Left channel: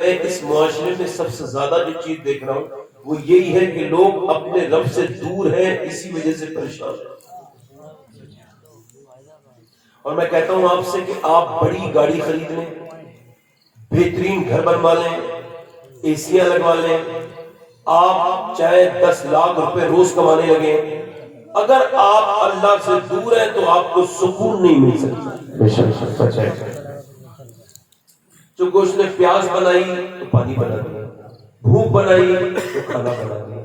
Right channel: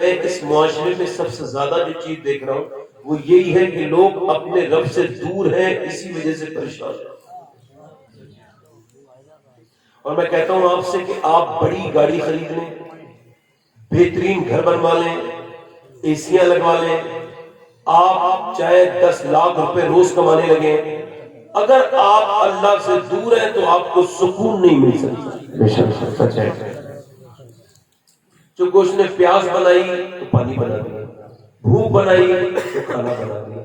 میں اس معاشرے میں سب سے زیادہ جو چیز دیکھ رہا ہوں وہ یہی ہے کہ لوگ اپنے رب سے دور ہیں، اسی وجہ سے پریشان ہیں۔ اور میں کہتا ہوں آپ سے کہ آپ بڑی گاڑی خرید لیں، بہترین گھر بنوا لیں، ایسیاں لگوا لیں، آپ چاہے 10 لاکھ روپے روز کمانے لگے، اگر آپ اللہ سے دور ہیں تو آپ کو سکون نہیں مل سکتا۔ بے شک سچ ہے۔ جو گوشت نے پیاس بنائی تو پانی بنا دیا، بھوک بنائی تو کھانا بنا دیا،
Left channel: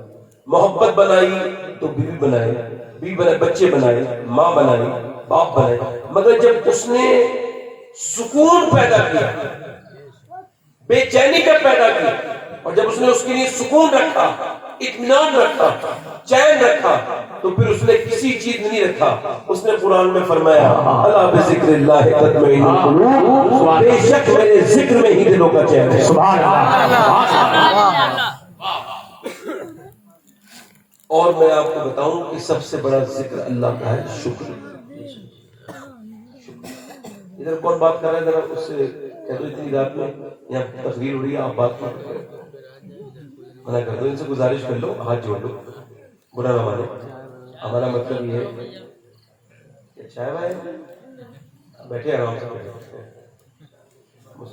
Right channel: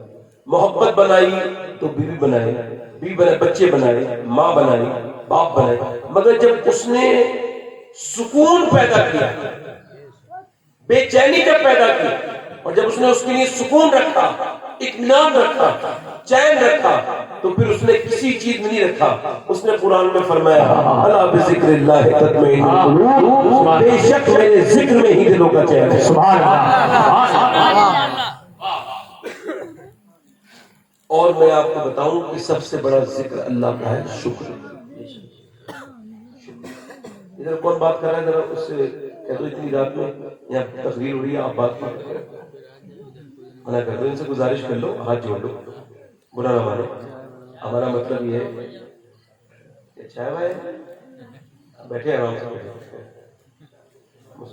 محبت بنائی تو بیوی بنائی، بچے بنائے، ماں بنائی، باپ بنائے، مگر جب اس نے سکون پیدا کیا، بے چینی جب پیدا کی، اور جب اس نے اس کے لیے سکون رکھا، اطمینان رکھا، چین رکھا، تو پھر اس نے کسی چیز میں نہیں رکھا۔ اس نے قرآن میں فرمایا الا بذکر اللہ تطمئن القلوب، بے شک میرے ذکر میں ہی دلوں کا چین ہے۔ سبحان اللہ۔ اور میں آپ کو بتاؤں کہ سب سے بڑا ذکر اللہ کا ہے شکر۔ ادھر کون بات کر رہا ہے؟ ذرا اس سے کہہ دو اتنی رات میں یہاں تقریر ہو رہی ہے، آپ بات کر رہے ہیں، منع کر دو، ان سے گزارش کر لو، ہاتھ جوڑ لو، برا نہ مانے۔ ہمارا مطلب یہ ہے کہ چائے بھائی بیٹھے آرام سے بیٹھے،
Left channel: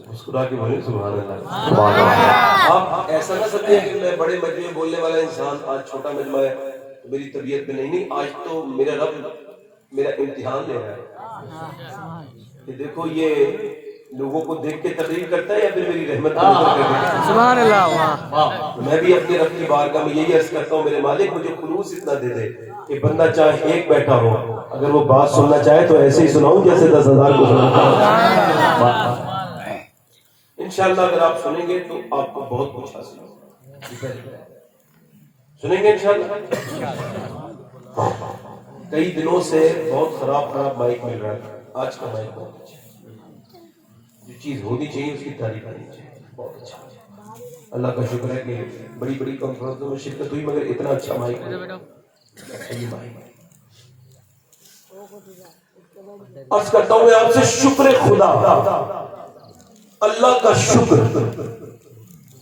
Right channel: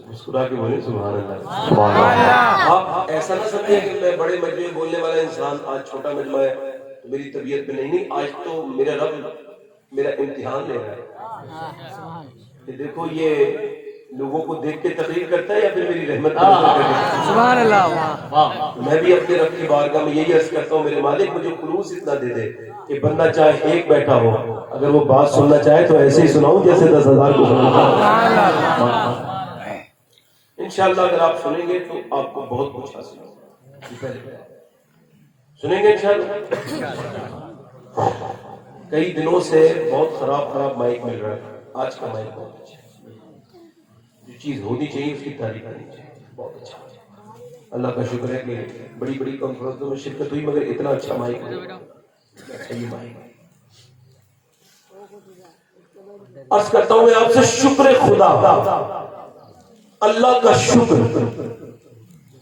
مسکرا کے بولے سبحان اللہ۔ آپ ایسا نہ سمجھیں کہ میں بڑے مجمع میں بولنے والا انسان، آج چھوٹا مجمع ہے میری طبیعت میں نہیں، آج تو میرا رب میرا امتحان لے رہا ہے کہ دیکھو یہ لوگوں کو دیکھ کے تقریر کرتا ہے یا پھر میری رحمت کا نظر کر کے۔ سبحان اللہ۔ میں بھی اپنے رب کی بارگاہ میں یہی عرض کرتا ہوں، میرے مالک مجھے خلوص اتنا دے دے کہ بندہ چاہے ایک بیٹھا ہو، اگر وہ بات سننا چاہے تو ایسے ہی سناؤں جیسے 10,000 کو سناتا۔ انشاءاللہ اگر آپ سنیں گے تو آپ کو بہت کچھ حاصل ہوگا۔ سنیں گے انشاءاللہ۔ کئی دنوں سے بہت خراب مائک مل رہا ہے، آج کا مائک بہت اچھا ہے، جو چیز ہونی چاہیے اس کی تعریف کرنی چاہیے، بہت اچھا۔ اللہ کا شکر ہے کہ بڑی بڑی کانفرنسوں میں شرکت ہوئی مگر اتنا اچھا مائک عرض کرتا ہوں میں آپ سے شکر خدا، اللہ کا شکر۔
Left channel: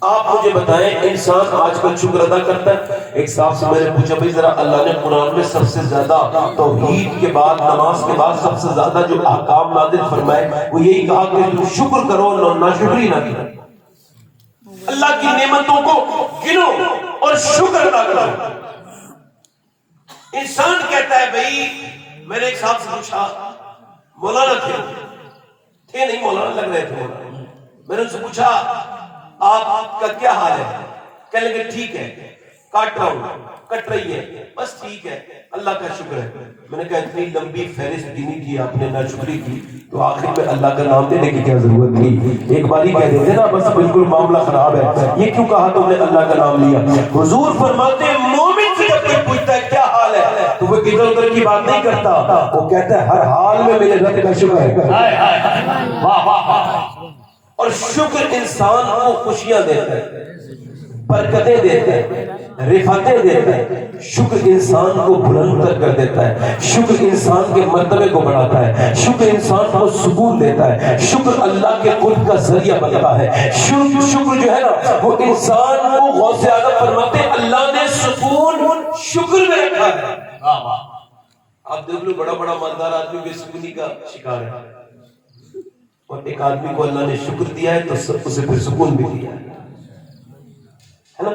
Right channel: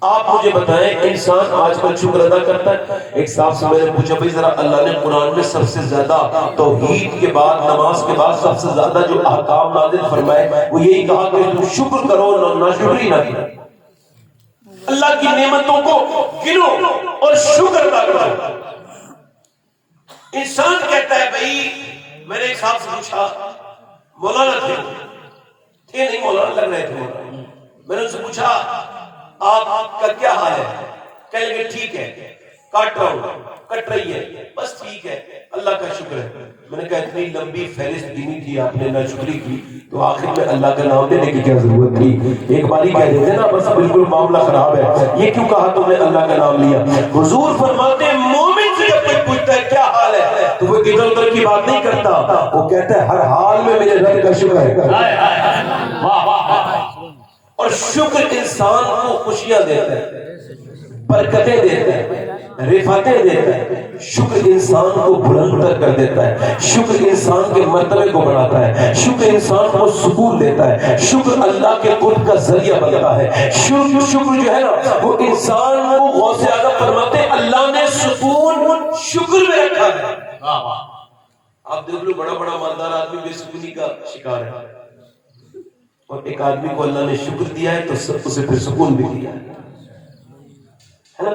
آپ مجھے بتائیں انسان آج کل شکر ادا کرتا ہے؟ ایک صاحب سے میں نے پوچھا بھائی ذرا اللہ نے قرآن میں سب سے زیادہ توحید کے بعد، نماز کے بعد سب سے زیادہ جو احکام نازل فرمائے وہ یہی کہا کہ تم شکر کرو، ناشکری نہ کرو، اللہ کی نعمتوں کو گنو اور شکر ادا کرو۔ انسان کہتا ہے بھائی، میں نے ایک صاحب سے پوچھا مولانا تھے نہیں، مولانا لگ رہے تھے، میں نے ان سے پوچھا آپ کا کیا حال ہے؟ کہنے لگے ٹھیک ہے، کٹ رہا ہوں، کٹ رہی ہے، بس ٹھیک ہے، اللہ کا شکر ہے۔ میں نے کہا اتنی لمبی فہرست دینی تھی آپ نے، ناشکری کی، تو آخر میں اللہ کا نام لینے کی کیا ضرورت تھی؟ ایک باری کہہ دیتے نا بس بالکل معاملہ خراب ہے، یہ کیوں کہا تم نے اللہ کا نام لیا؟ حضور فرماتے ہیں مومن سے جب کوئی پوچھتا ہے کیا حال ہے تو وہ ادھر ادھر کی بات نہیں کرتا، وہ کہتا ہے ہر حال میں میرے رب کا شکر ہے۔ اور شکر انسان کو خوشیاں دیتا ہے، برکتیں دیتا ہے، رفعتیں دیتا ہے۔ شکر انسان کو بلند کر دیتا ہے، شکر انسان کے مرتبے کو بڑھاتا ہے، شکر انسان کو سکون دیتا ہے، شکر اللہ کے قرب کا ذریعہ بنتا ہے۔ شکر جو ہے نا وہ انسان کو غوث اعظم فرماتے ہیں اللہ نے سکون شکر میں رکھا ہے۔ آپ دیکھ لو بڑا بڑا مالدار آدمی بے سکونی کا شکار ہے، اور ایک آدمی کو اللہ نے شکر دیا ہے تو اسے پھر سکون بھی دیا ہے نا؟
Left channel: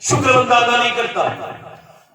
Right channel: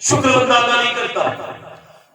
شکر بندہ ادا نہیں کرتا،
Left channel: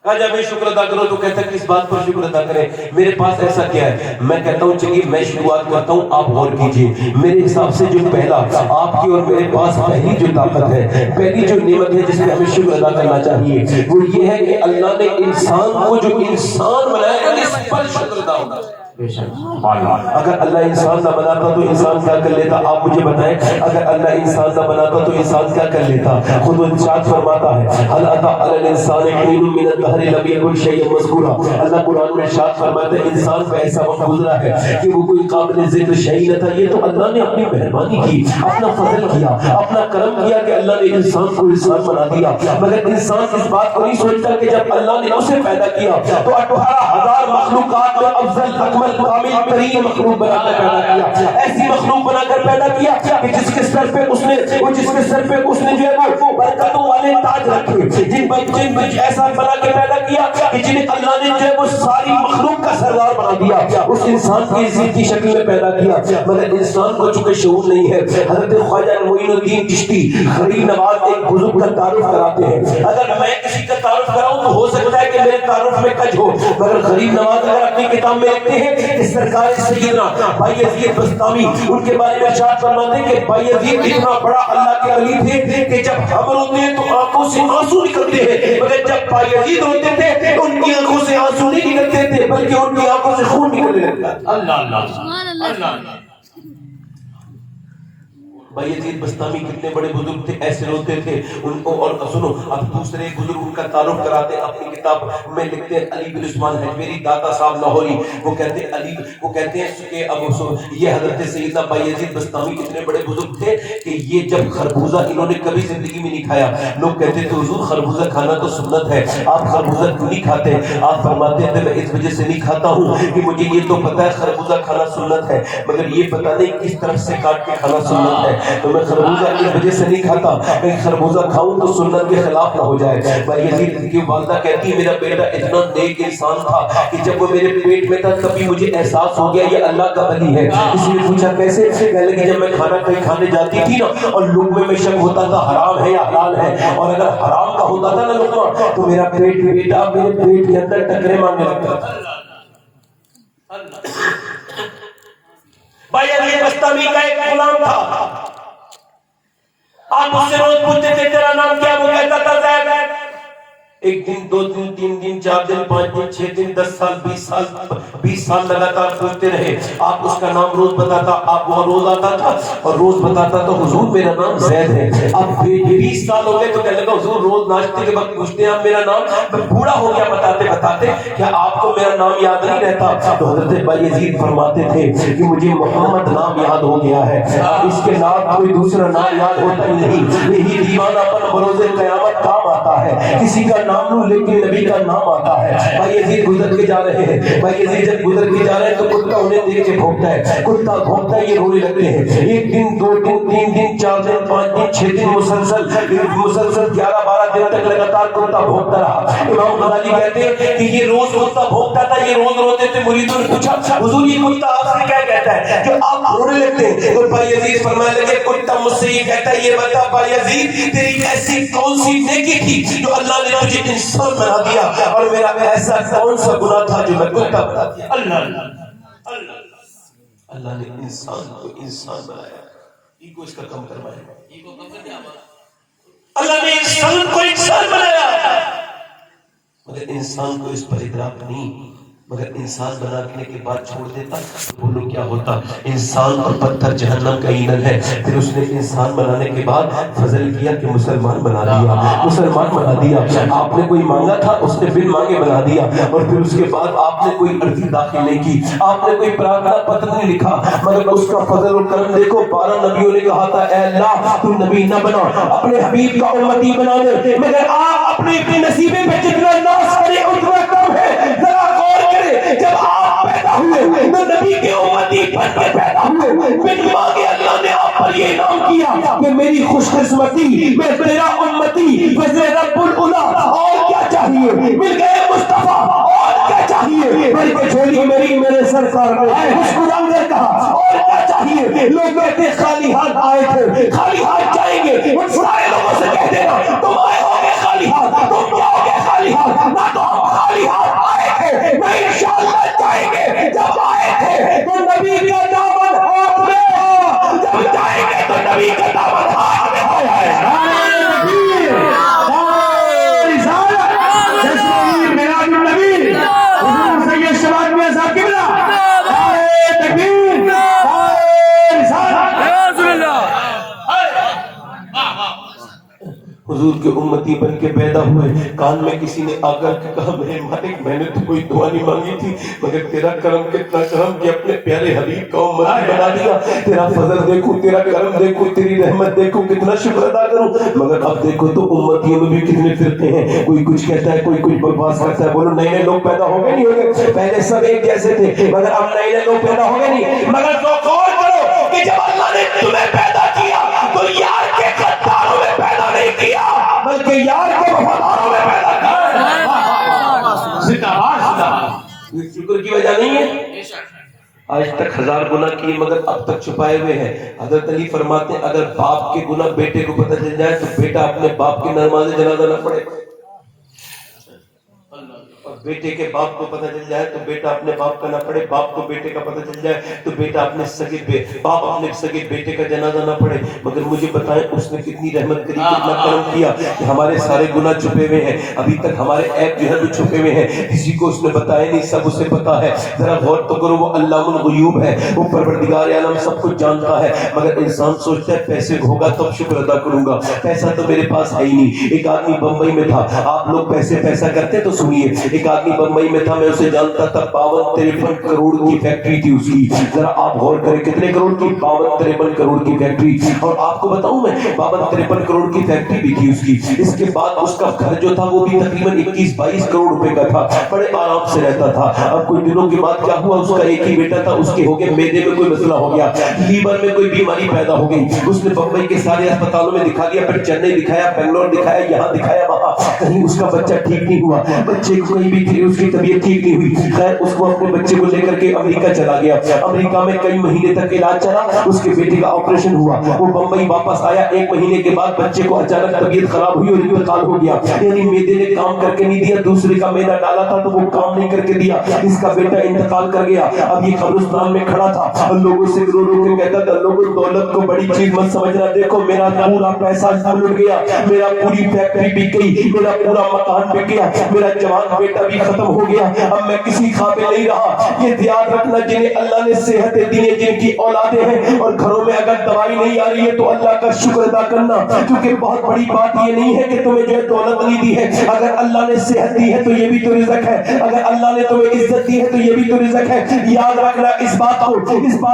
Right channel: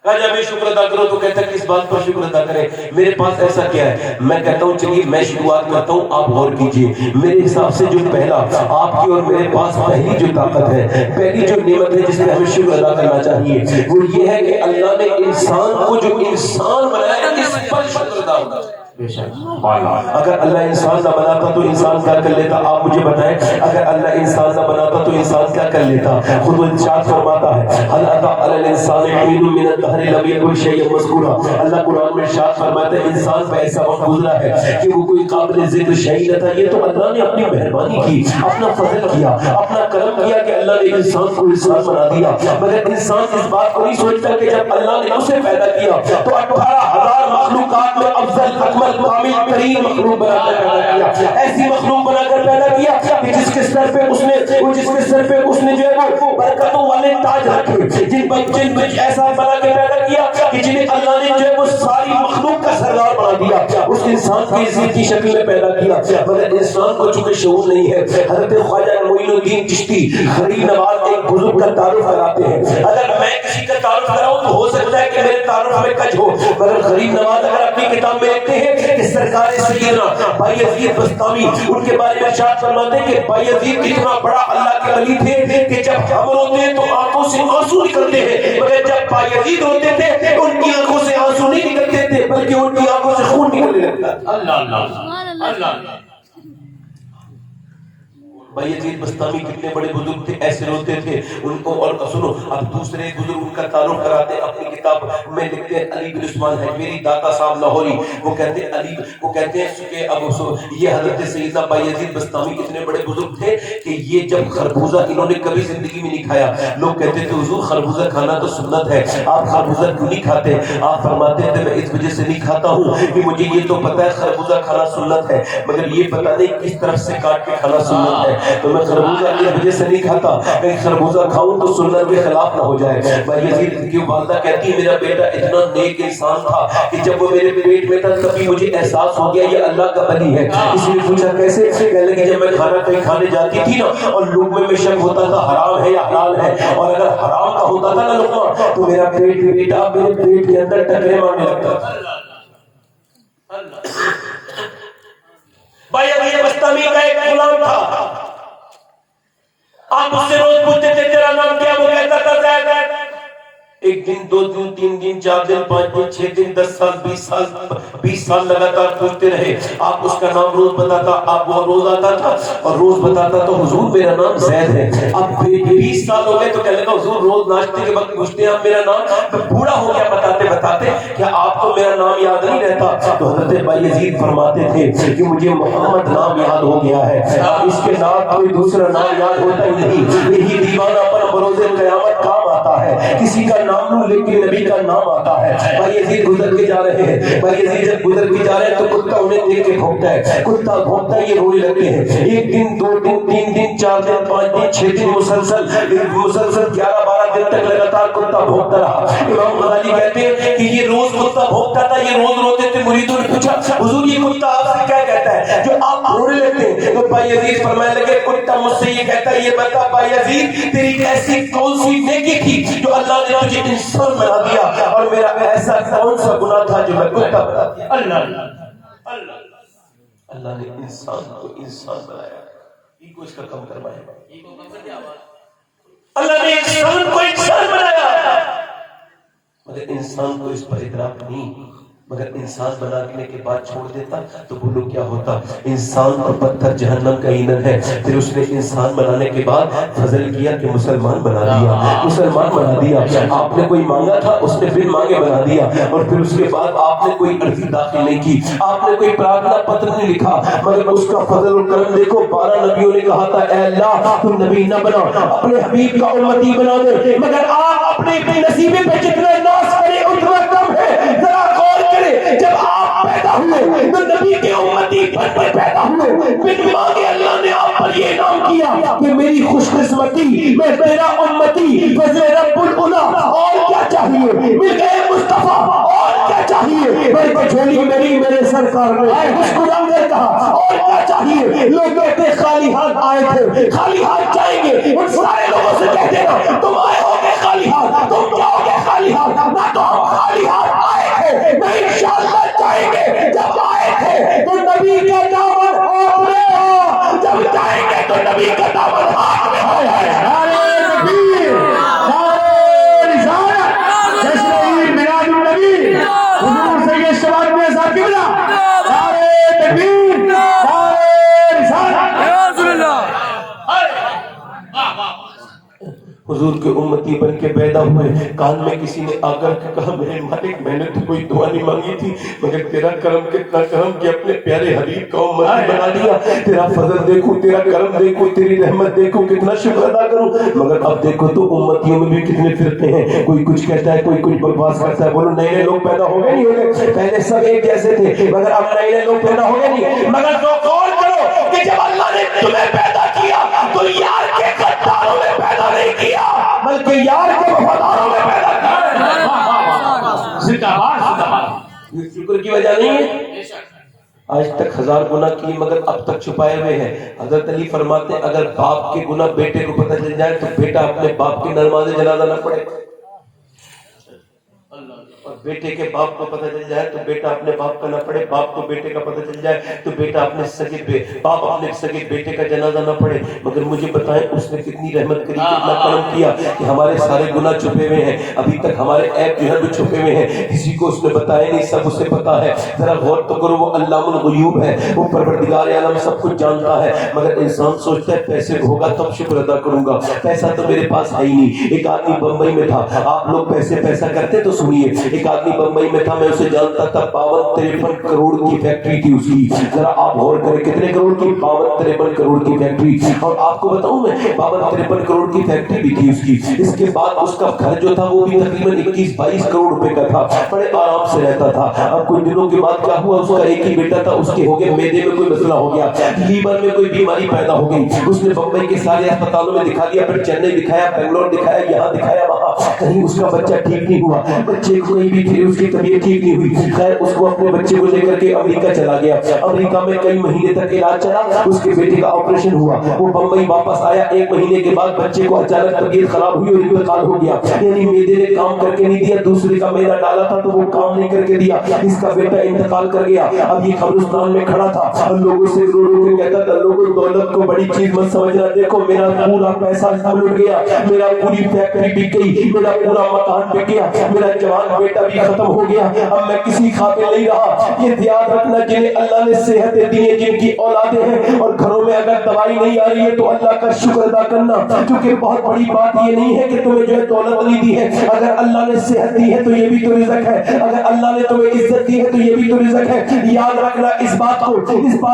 کہا جب شکر ادا کرو تو کہتا ہے کس بات پر شکر ادا کریں، میرے پاس ایسا کیا ہے؟ میں کہتا ہوں چلیے میں شروعات کرتا ہوں، آپ غور کیجئے۔ میرے حساب سے جو پہلا آپ کی اور میرے پاس پہلی جو طاقت ہے، پہلی جو نعمت ہے جس میں ہمیں شکر ادا کرنا چاہیے وہ یہ ہے کہ اللہ نے انسان کو جو انسان بنایا نا، اس پر شکر ادا ہوگا۔ اگر اللہ انسان نہ بناتا تو انسان کیا کر لیتا؟ آپ مجھے بتائیں، اگر اللہ انسان نہ بناتا تو انسان کیا کر لیتا؟ خود ارشاد فرماتا ہے هل اتى على الانسان حين من الدهر لم يكن شيئا مذكورا۔ اللہ قرآن میں ارشاد فرماتا ہے انسان پہ ایسا وقت گزرا ہے کہ وہ کوئی قابل ذکر شیء نہ تھا، یہ تو اللہ نے اپنی مہربانی کی، اپنا فضل کیا، اپنا کرم کیا کہ اللہ نے انسان کو انسان بنا دیا۔ مگر انسان اس بات کو نہیں سوچتا کہ جب اللہ نے اسے پیدا کیا تو 18,000 مخلوقات میں افضل پر کامل ترین مخلوق بنا کر پیدا کیا، ایسی مخلوق بنا کر پیدا کیا کہ جس کے سر پہ اس نے جو ہے وہ برکتوں والے تاج رکھے، جن میں ایسا بنا کے پیدا کیا کہ جنہیں اللہ نے جو ہے وہ ساری مخلوق کا سردار بنا دیا، اس انسان کو عزت کی شکل میں پیدا کیا، مگر انسان کو چونکہ شعور نہیں ہے۔ حضرت خواجہ معین الدین چشتی غریب نواز ایک بزرگ کا تعارف کراتے ہیں، اگر میں کسی کا تعارف کراؤں تو ہو سکتا ہے کہ میرے تعارف میں کج ہو، مگر غریب نواز اگر اپنی کتاب میں لکھتے ہیں کہ سرکار سیدنا بھائی یزید بستامی ان کے بارے میں ارشاد فرماتے ہیں کہ بھائی یزید اتنا بڑا اللہ کے ولی تھے کہ جب ہم روتے ہیں تو آنکھوں سے آنسو نکلتے ہیں، مگر جب بھائی یزید روتے تھے ان کی آنکھوں سے آنسو نہیں نکلتے تھے بلکہ ان کی آنکھوں سے خون نکلنے لگتا ہے۔ اللہ اللہ اللہ۔ بھائی یزید بستامی کتنے بڑے بزرگ تھے، ایسے روتے تھے ان کو۔ اور سنو اب دوسرے بزرگ ان کا تعارف کراتے ہیں، اپنی کتاب میں لکھتے ہیں علی بن عثمان ہے میری داتا صاحب لاہوری، وہ کہتے ہیں علی وہ کہتے ہیں کہ اب یہ حضرت سیدنا بھائی یزید بستامی کتنے بڑے بزرگ تھے کہ یہ جب خربوزہ انہوں نے کبھی زندگی میں نہیں کھایا، لوگ کہتے تھے حضور خربوزہ کھانا تو سنت ہے، آپ خربوزہ کیوں نہیں کھاتے؟ آپ فرماتے تھے میں اس وجہ سے نہیں کھاتا ہوں کہ مجھے یہ تو پتہ ہے خربوزہ کھانا سنت ہے، مگر یہ پتہ نہیں کس طرف سے کاٹ کے کھانا سنت ہے، تو میں خربوزہ اس وجہ سے نہیں کھاتا کہ خربوزہ کھاؤں تو سنت کے خلاف نہ ہو جائے۔ بھائی یزید کی والدہ کہتی ہے میرا بیٹا اتنا نیک انسان تھا کہ جب وہ میرے پیٹ میں تھا کبھی مجھے احساس ہو گیا یہ اللہ کا ولی ہے۔ اس نے پوچھا کیسے؟ کہنے لگی جب میں کھانا کہیں کھانے جاتی تھی نا اور لقمے میں شک ہوتا تھا حرام ہے یا حلال ہے، اور اگر حرام کا ہوتا تھا نا لقمہ تو میرا بیٹا میرے پیٹ کے اندر ٹکرے مارنے لگتا تھا۔ بھائی علی بستامی کا ایک غلام تھا، آپ اس سے روز پوچھتے تھے تیرا نام کیا؟ وہ کہتا تھا زید۔ ایک دن، دو دن، تین دن، 4 دن، 5 دن، 6 دن، 10 سال، 20 سال لگاتار پوچھتے رہے، آپ اس کا نام روز بتاتا، آپ وہ روز آتا تھا اور روز بتاتا تو حضور میرا نام زید ہے۔ اب 20 سال ہو گئے تو کہنے لگا حضور روز ناشتے کے وقت پوچھتے ہیں آپ میرا نام، میں بوڑھا ہو گیا بتاتے بتاتے، کیا آپ کو میرا نام یاد نہیں رہتا؟ تو حضرت بھائی یزید فرماتے تھے کہ مجھے محمد نام یاد ہو گیا ہے، اس کے نام کوئی دوسرا نام یاد ہوتا ہی نہیں، یہی دیوانہ پر بروز قیامت کام آتا ہے، کسی کا نام لوں لیکن نبی کا نام آتا ہے۔ بھائی یزید گزر کے جا رہے ہیں، بھائی یزید جب گزر کے جا رہے ہیں تو کتا انہیں دیکھ کے بھونکتا ہے، کتا بھونکتا یہ رونے لگتے ہیں، 1 دن، 2 دن، 3 دن، 4 دن، 5 دن، 6 دن، مسلسل 11-12 دن تک لگاتار کتا بھونکتا رہا۔ امام غزالی کہتے ہیں کہ یہ روز کتا بھونکتا تھا، یہ روز روتے تھے، مریدوں نے پوچھا حضور یہ کتا آپ سے کیا کہتا ہے جو آپ رونے لگتے ہیں؟ تو بھائی یزید فرمانے لگے کتا مجھ سے یہ کہتا ہے یہ بتا بھائی یزید تیری ایسی کون سی نیکی تھی جو اللہ نے تجھے انسان بنا دیا، اور میرا ایسا کون سا گناہ تھا جو میں کتا بنا دیا؟ اللہ نے انسان کو انسان بنایا، ایگو اس کا کم کروایا، اللہ نے انسان کو انسان بنایا، مگر انسان کو اس پر ادراک نہیں، مگر انسان بنانے کے بعد چھوڑ دیتا تو بولو کیا ہوتا؟ انسان اور پتھر جہنم کا ایندھن ہے۔ پھر اس نے انسان بنانے کے بعد فضل کیا کہ مسلمان بنا دیا، مسلمان بنا دیا، آپ نے کوئی مانگا تھا اس نے بن مانگے بنا دیا، اور پھر اس کے بعد آپ نے کوئی عرضی داخل نہیں کی، آپ نے کوئی پرارتھنا پتر نہیں لکھا، مگر اس کا فضل و کرم دیکھو 12 نبیوں نے کہا تھا اے اللہ تو نبی نہ بنا، اپنے حبیب کا امتی بنا دے، مگر آپ اپنے نصیبے پہ جتنا ناز کرے اتنا کم ہے۔ ذرا غور کرے، جب آپ پیدا ہوئے تو نبی کے امتی بن کے پیدا ہوئے، بن مانگے اللہ نے آپ پر یہ انعام کیا کہ میری خوش قسمتی میں تیرا امتی فضل رب العلا، اور کیا چاہیے؟ مل گئے مصطفیٰ، اور کیا چاہیے؟ بلکہ جھولی میری میرے سرکار نے مسکرا کر کہا اور کیا چاہیے؟ لوگ کہتے خالی ہاتھ آئے تھے، خالی ہاتھ جائیں گے، ان سارے لوگوں سے کہہ دینا تم آئے ہو گے خالی ہاتھ، تم جاؤ گے خالی ہاتھ، نہ تو ہم خالی ہاتھ آئے تھے نہ انشاءاللہ جائیں گے، جب آئے تھے تو نبی کا دامن ہاتھ میں ہو، جب جائیں گے تو نبی کا دامن ہاتھ میں ہو۔ نعرہ تکبیر، نعرہ رسالت، جشن میلاد النبی، حضور سید شباب میں صاحب قبلہ، نعرہ تکبیر، نعرہ رسالت، یا رسول اللہ، حضور کے امتی بن کے پیدا ہوئے. کان میں کسی نے آ کر کے کہا میرے مالک میں نے تو کوئی دعا نہیں مانگی تھی مگر تیرا کرم کتنا کرم کہ اپنے پیارے حبیب کا امتی بنا دیا. تیرا فضل دیکھو, تیرا کرم دیکھو, تیری رحمت دیکھو, کتنا شکر ادا کروں. مگر اب دیکھو تو امتیوں میں بھی کتنے فرقے ہیں, کوئی کچھ کہتا ہے, کوئی کچھ بکواس کرتا ہے. بولو نئے نئے لوگ پیدا ہو گئے نہیں ہو گئے؟ پہلے سب ایک جیسے تھے مگر اب نئے نئے لوگ پیدا ہو گئے نہیں. مگر تو غور کرو کہ جب اللہ نے تمہیں پیدا کیا تو یار کے غداروں میں پیدا نہیں کیا بلکہ یار کے وفاداروں میں پیدا کیا. شکر کی وجہ نہیں ہے. آج تک 1000 گناہ کیے مگر اب تک چھپائے ہوئے ہیں. حضرت علی فرماتے ہیں اگر باپ کے گناہ بیٹے کو پتہ چل جائے تو بیٹا اپنے باپ کی نماز جنازہ نہ پڑھے, اور بیٹے کے باپ کو پتہ چل جائے تو بیٹا اپنے باپ کا نہ پڑھے. باپ کو بیٹے کا پتہ چل جائے تو بیٹا اپنے باپ اپنے سگے بیٹے کا جنازہ نہ پڑھے. مگر مجھے بتائیں اس نے کتنی رحمت کری, کتنا کرم کیا کہ ہمارے سارے گناہ چھپے ہوئے ہیں. ابھی تک ہمارے عیب جو ہے وہ چھپے ہوئے ہیں, کسی کو اس نے بتایا نہیں, سب اسے پتا ہے. ذرا غور تو کرو, وہ علام الغیوب ہے, وہ پروردگار عالم سب کچھ جانتا ہے. مگر انسان سوچتا ہے پیسے ہوگا تب شکر ادا کروں گا, پیسہ تو میرے پاس ہے ہی نہیں. ایک آدمی بمبئی میں تھا, آپ لوگ پیسہ کرتے تو سنیے. ایک آدمی بمبئی میں تھا, میں اسے جانتا تھا. 52-53 کروڑ کی فیکٹری تھی اس کی. ذرا آپ غور کریں کتنے کروڑ کی, 52-53 کروڑ کی فیکٹری. اور آپ کو بتاؤں میں 52-53 کروڑ کی فیکٹری بھی تھی اس کی. اس کے بعد اس کا گھر جو تھا وہ بھی تقریباً 21-22 کروڑ روپے کا تھا. بڑے آرام سے رہتا تھا. اب کچھ دنوں کے بعد کیا ہوا, اس کا ایک ہی بیٹا تھا, اس کے ہو گئے میدے میں کوئی مسئلہ ہو گیا, لیور میں کوئی بیماری پیدا ہو گئی. اس نے بمبئی کے سارے اسپتالوں میں دکھا دیا, پھر چنئی دکھایا, بنگلور دکھایا, یہاں دکھایا, وہاں, کہیں اس کا بچہ ٹھیک نہیں ہوا. بچے کو کہیں بھی اس کی طبیعت ٹھیک نہیں ہوئی. خیر اس کو اپنے بچے کو لے کر کے امریکہ چلا گیا. امریکہ میں کئی مہینے تک علاج چلا. اس کے بیٹے کا آپریشن ہوا, وہ بمبئی واپس آیا. 1 مہینے کے بعد بچے کو اچانک طبیعت خراب ہوئی اور انتقال ہو گیا. یعنی میدے نے کام کر کے نہیں دیا, دوسرے کا میدا ڈالا تھا تو وہ کام نہیں کر کے دیا. اس کا بیٹا انتقال کر گیا. اب یہ قبرستان میں کھڑا تھا اور لوگوں سے رو رو کے کہتا تھا, لوگوں دولت کو بڑی چیز مت سمجھنا, دیکھو میرا پورا پیسہ لٹ گیا, میرا پوری فیکٹری بک گئی, میرا پورا مکان بک گیا, میرا جوان بیٹا بھی ختم ہو گیا, اب میں کسی قابل نہیں رہا. یہ یاد رکھنا, جنہیں اللہ نے صحتیں دی ہیں, جن کی اولادیں ہیں اور گھروں میں اگر دوائی نہیں آ رہی ہے تو اللہ کا شکر ادا کرنا, کیونکہ بہت بڑی بات یہ نہیں ہے کہ تمہیں جو ہے دولت نہیں دی ہے. اگر اللہ نے صحت دی ہے تو یہ بھی تو رزق ہے, اگر اللہ نے تمہیں عزت دی ہے تو یہ بھی تو رزق ہے. یاد رکھنا اس بات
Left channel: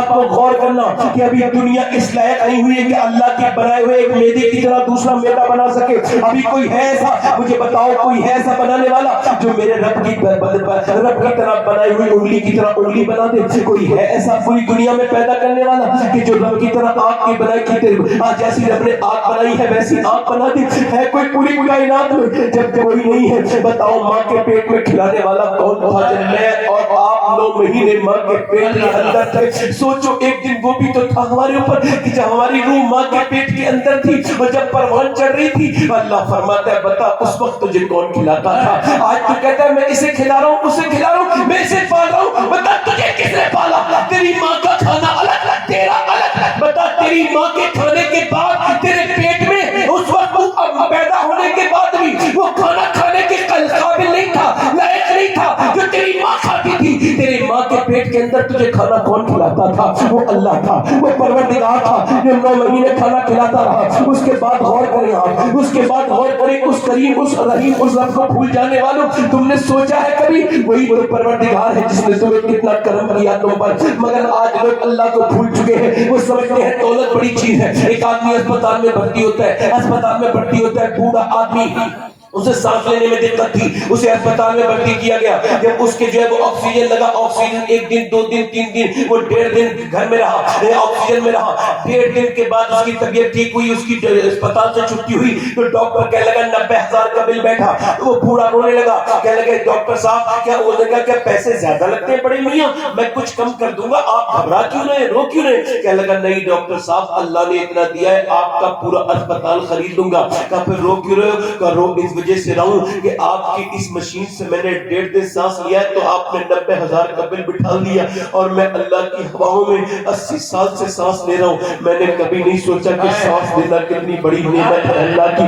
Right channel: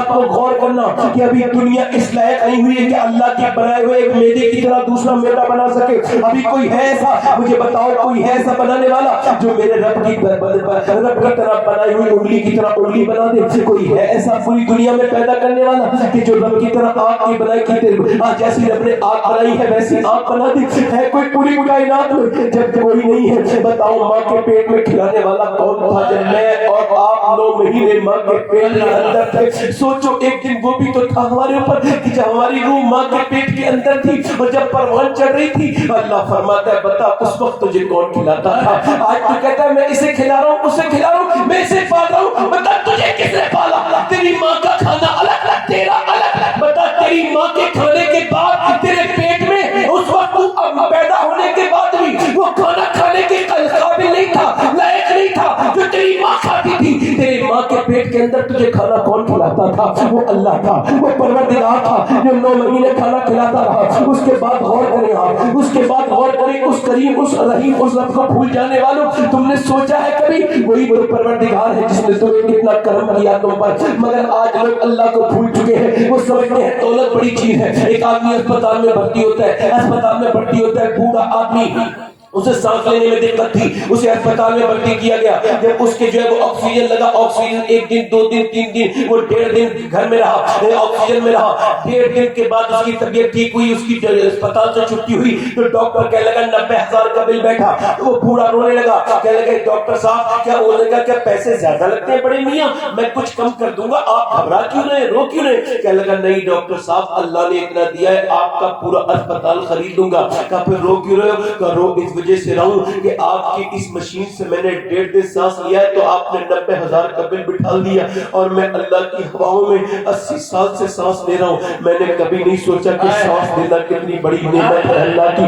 کو غور کرنا کہ ابھی دنیا اس لائق نہیں ہوئی ہے کہ اللہ کے بنائے ہوئے ایک میدے کی طرح دوسرا میدا بنا سکے. ابھی کوئی ہے ایسا, مجھے بتاؤ, کوئی ہے ایسا بنانے والا جو میرے رب کی طرح بنائی ہوئی انگلی کی طرح انگلی بنا دے؟ کوئی ہے ایسا پوری دنیا میں پیدا کرنے والا کہ جو رب کی طرح آنکھ کی بنائی کی, جیسی رب نے آنکھ بنائی ہے ویسی آنکھ بنا دی ہے کوئی پوری کائنات میں؟ جب کوئی نہیں ہے, بتاؤ ماں کے پیٹ میں کھلانے والا کون تھا جب میں اور آپ 9 مہینے ماں کے پیٹ کے اندر تھے؟ سوچو ایک دن وہ بھی تو تھا ہمارے اوپر کہ جب ہماری روح ماں کے پیٹ کے اندر تھی اور جب پروان چڑھ رہی تھی, اللہ فرماتا ہے بتا اس وقت تجھے کون کھلاتا تھا؟ آج تو کہتا ہے میں اسے کھلا رہا ہوں, اسے کھلا رہا ہوں, میں اسے پال رہا ہوں. بتا تجھے کس نے پالا؟ تیری ماں کا کھانا الگ, تیرا الگ. بتا تیری ماں کے کھانے کے بعد تیرے پیٹ میں اس وقت پیدا ہونے کے بعد بھی وہ کھانا کھانے کے قابل نہیں تھا, لائق نہیں تھا جو تیری ماں کھاتی تھی. تیری ماں کے پیٹ کے اندر تجھے کھانا کون کھلاتا تھا؟ وہ اللہ تھا, وہ پروردگار تھا جو 9 مہینے کھانا کھلاتا رہا. اس کے بعد غور کریں آپ, اس کے بعد غور کریں اس کریم, اس رحیم, اس رب کو بھول جانے والوں, تم نے سوچا ہے کبھی وہی وہ پروردگار ہے جس نے تمہیں کتنا کرم کیا تم پر؟ مگر آج لوگ اللہ کو بھول چکے ہیں. وہ سمجھتے ہیں دولت بڑی چیز ہے. ایک آدمی اسپتال میں بھرتی ہوتا ہے, بوڑھا آدمی, اسے سانس لینے میں دقت تھی, اسے اسپتال میں بھرتی کیا گیا. جب اس کے جو ہے وہ آکسیجن لگا, آکسیجن 1 دن 2 دن 3 دن, وہ 1.5 دن گھر میں رہا, آکسیجن میں رہا. 1.5 دن کے بعد اس کی طبیعت ٹھیک ہوئی, اس کی اسپتال سے چھٹی ہوئی تو ڈاکٹر کہنے لگا 90,000 کا بل بیٹھا. وہ بوڑھا رونے لگا, کہنے لگے ڈاکٹر صاحب کیا ہونے کا, کیا پیسے زیادہ لگتے ہیں بڑے میاں, میں کچھ کم کر دوں گا, آپ گھبرا کیوں رہے, رو کیوں رہے؟ کہنے لگا نہیں ڈاکٹر صاحب اللہ نے اتنا دیا ہے, آپ کا پورا اسپتال خرید دوں گا. کہا پھر رو کیوں رہے ہو؟ کہا رو اس وجہ سے رہا ہوں کہ آپ کی اس مشین سے میں نے 1.5 سانس لیا ہے تو آپ نے 90,000 کا بل بٹھا دیا، اور میں اللہ کی ہواؤں میں 80 سال سے سانس لے رہا ہوں۔ میں نے کبھی نہیں سوچا کہ سانس لینا کتنی بڑی نعمت ہے اللہ کی۔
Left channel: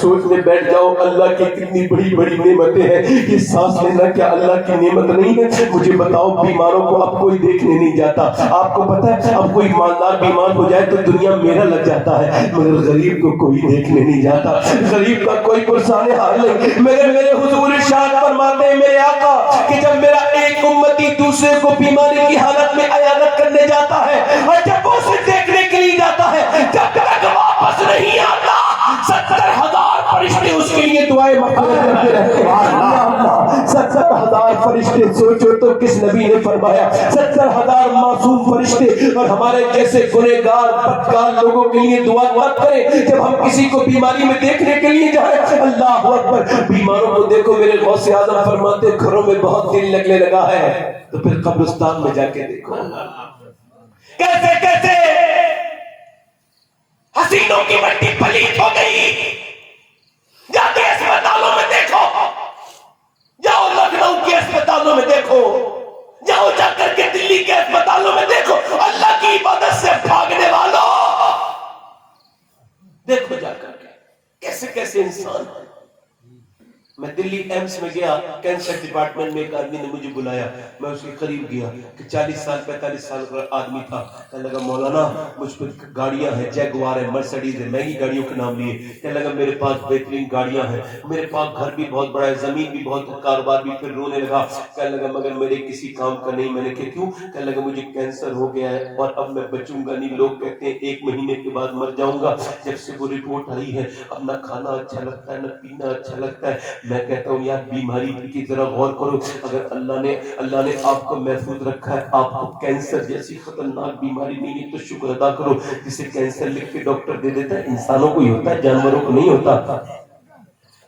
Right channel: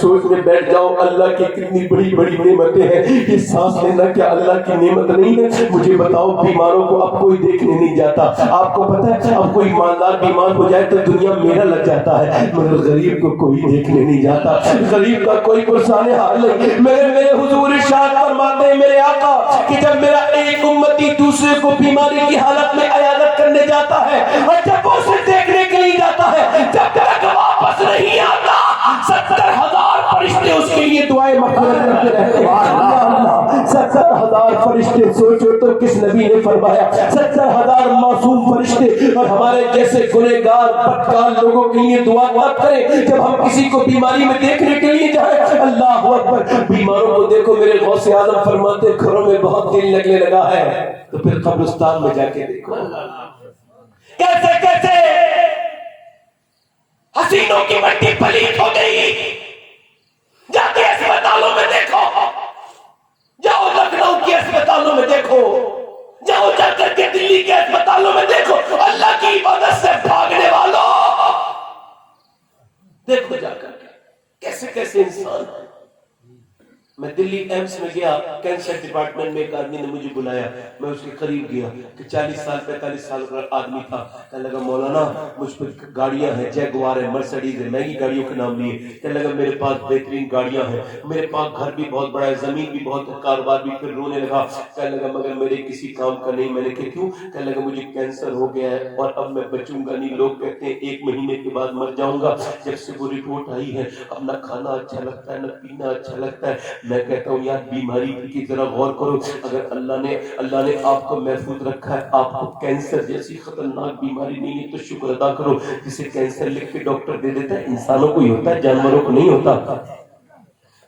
سوچنے بیٹھ جاؤ اللہ کی کتنی بڑی بڑی نعمتیں ہیں۔ یہ سانس لینا کیا اللہ کی نعمت نہیں ہے؟ مجھے بتاؤ، بیماروں کو اب کوئی دیکھنے نہیں جاتا۔ آپ کو پتہ ہے اب کوئی ایماندار بیمار ہو جائے تو دنیا میرا لگ جاتا ہے، مگر غریب کو کوئی دیکھنے نہیں جاتا، غریب کا کوئی پرسان حال نہیں۔ میرے حضور ارشاد فرماتے ہیں میرے آقا کہ جب میرا ایک امتی دوسرے کو بیماری کی حالت میں عیادت کرنے جاتا ہے اور جب وہ اسے دیکھنے کے لیے جاتا ہے، جب تک واپس نہیں آتا 70,000 فرشتے اس کے لیے دعائیں مغفرت کرتے رہتے ہیں۔ 70,000 فرشتے، سوچو تو کس نبی نے فرمایا 70,000 معصوم فرشتے، اور ہمارے جیسے گنہگار بدکار لوگوں کے لیے دعا مت کریں جب ہم کسی کو بیماری میں دیکھنے کے لیے جائیں۔ اللہ اکبر، بیماروں کو دیکھو، میرے غوث اعظم فرماتے گھروں میں بہت دل لگنے لگا ہے تو پھر قبرستان میں جا کے دیکھو کیسے کیسے حسینوں کی مٹی پلیت ہو گئی۔ جا کے اسپتالوں میں دیکھو، جاؤ لکھنؤ کے اسپتالوں میں دیکھو، جاؤ جا کر کے دلی کے اسپتالوں میں دیکھو، اللہ کی عبادت سے بھاگنے والوں دیکھو جا کر کے کیسے کیسے انسان ہیں۔ میں دلی ایمس میں گیا، کینسر ڈپارٹمنٹ میں ایک آدمی نے مجھے بلایا، میں اس کے قریب گیا کہ 40 سال 45 سال کا آدمی تھا۔ کہنے لگا مولانا مجھ پہ گاڑیاں ہیں، جیگوار ہے، مرسڈیز ہے، مہنگی گاڑیوں کے نام لیے۔ کہنے لگا میرے پاس بہترین گاڑیاں ہیں، میرے پاس گھر بھی بہت بڑا ہے، زمین بھی بہت ہے، کاروبار بھی۔ پھر رونے لگا، کہنے لگا مگر میرے کسی کام کا نہیں۔ میں نے کہا کیوں؟ کہنے لگا مجھے کینسر ہو گیا ہے اور اب میں بچوں گا نہیں، لوگ کہتے ہیں 1 مہینے کے بعد مر جاؤں گا۔ جب سے وہ رپورٹ آئی ہے اب نہ کھانا اچھا لگتا ہے نہ پینا اچھا لگتا ہے۔ میں کہتا ہوں یار بیماری کی ذرا غور کرو، اگر اللہ نے آپ کو محفوظ رکھا ہے، آپ کو کینسر جیسی خطرناک بیماری نہیں ہے تو شکر ادا کرو۔ جسے کینسر لکھ کے ڈاکٹر دے دیتا ہے، انسانوں کو ہی ہوتا ہے، جانوروں کو نہیں ہوتا۔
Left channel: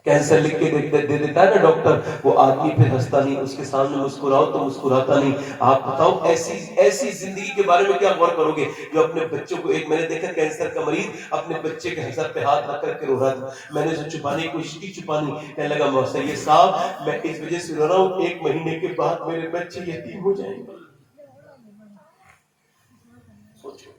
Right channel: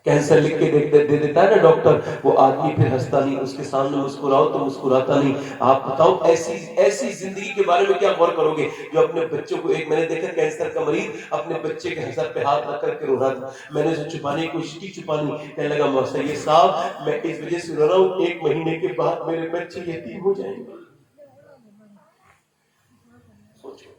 کینسر لکھ کے دے دیتا ہے نا ڈاکٹر، وہ آدمی پھر ہنستا نہیں، اس کے سامنے مسکراؤ تو مسکراتا نہیں۔ آپ بتاؤ ایسی زندگی کے بارے میں کیا غور کرو گے جو اپنے بچوں کو، ایک میں نے دیکھا کینسر کا مریض اپنے بچے کے سر پہ ہاتھ رکھ کر کے رو رہا تھا۔ میں نے اسے چھپانے کی کوشش کی، چھپانی، کہنے لگا موسیٰ صاحب میں اس وجہ سے رو رہا ہوں 1 مہینے کے بعد میرے بچے یتیم ہو جائیں گے۔ سوچو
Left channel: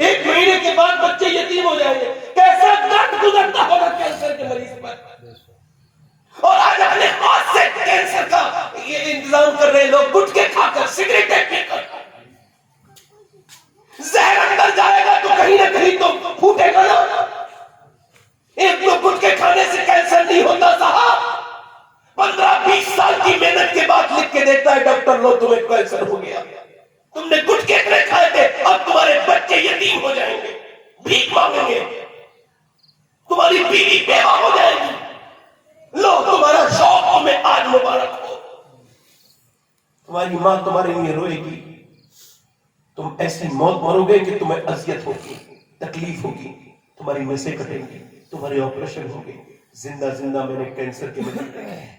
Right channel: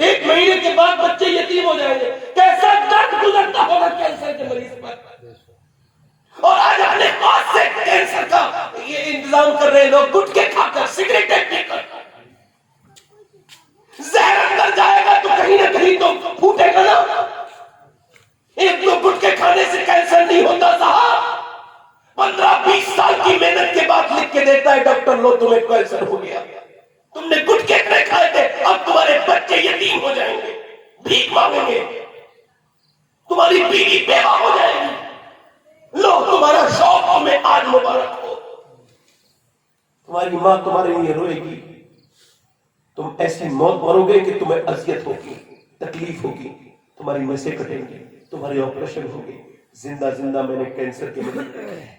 1 مہینے کے بعد بچے یتیم ہو جائیں گے، کیسا درد گزرتا ہوگا کینسر کے مریض پر۔ اور آج اپنے ہاتھ سے کینسر کا یہ انتظام کر رہے لوگ، گٹکے کھا کر، سگریٹیں پی کر۔ زہر اندر جائے گا تو کہیں نہ کہیں تو پھوٹے گا نا۔ 1-2 گٹکے کھانے سے کینسر نہیں ہوتا صاحب، 15-20 سال کی محنت کے بعد لکھ کے دیتا ہے ڈاکٹر لو تمہیں کینسر ہو گیا، تم نے گٹکے اتنے کھائے تھے، اب تمہارے بچے یتیم ہو جائیں گے، بھیک مانگیں گے، تمہاری بیوی بیوہ ہو جائے گی، لو تمہارا شوق تمہیں آج مبارک ہو، تمہاری ماں تمہارے لیے روئے گی، تم ایسی موت مرو گے کہ تمہیں اذیت ہوگی، تکلیف ہوگی، تمہاری نسیں کٹیں گی، تمہارے آپریشن ہوگی۔ زندہ میں نے کینسر کے بدل دیکھے ہیں۔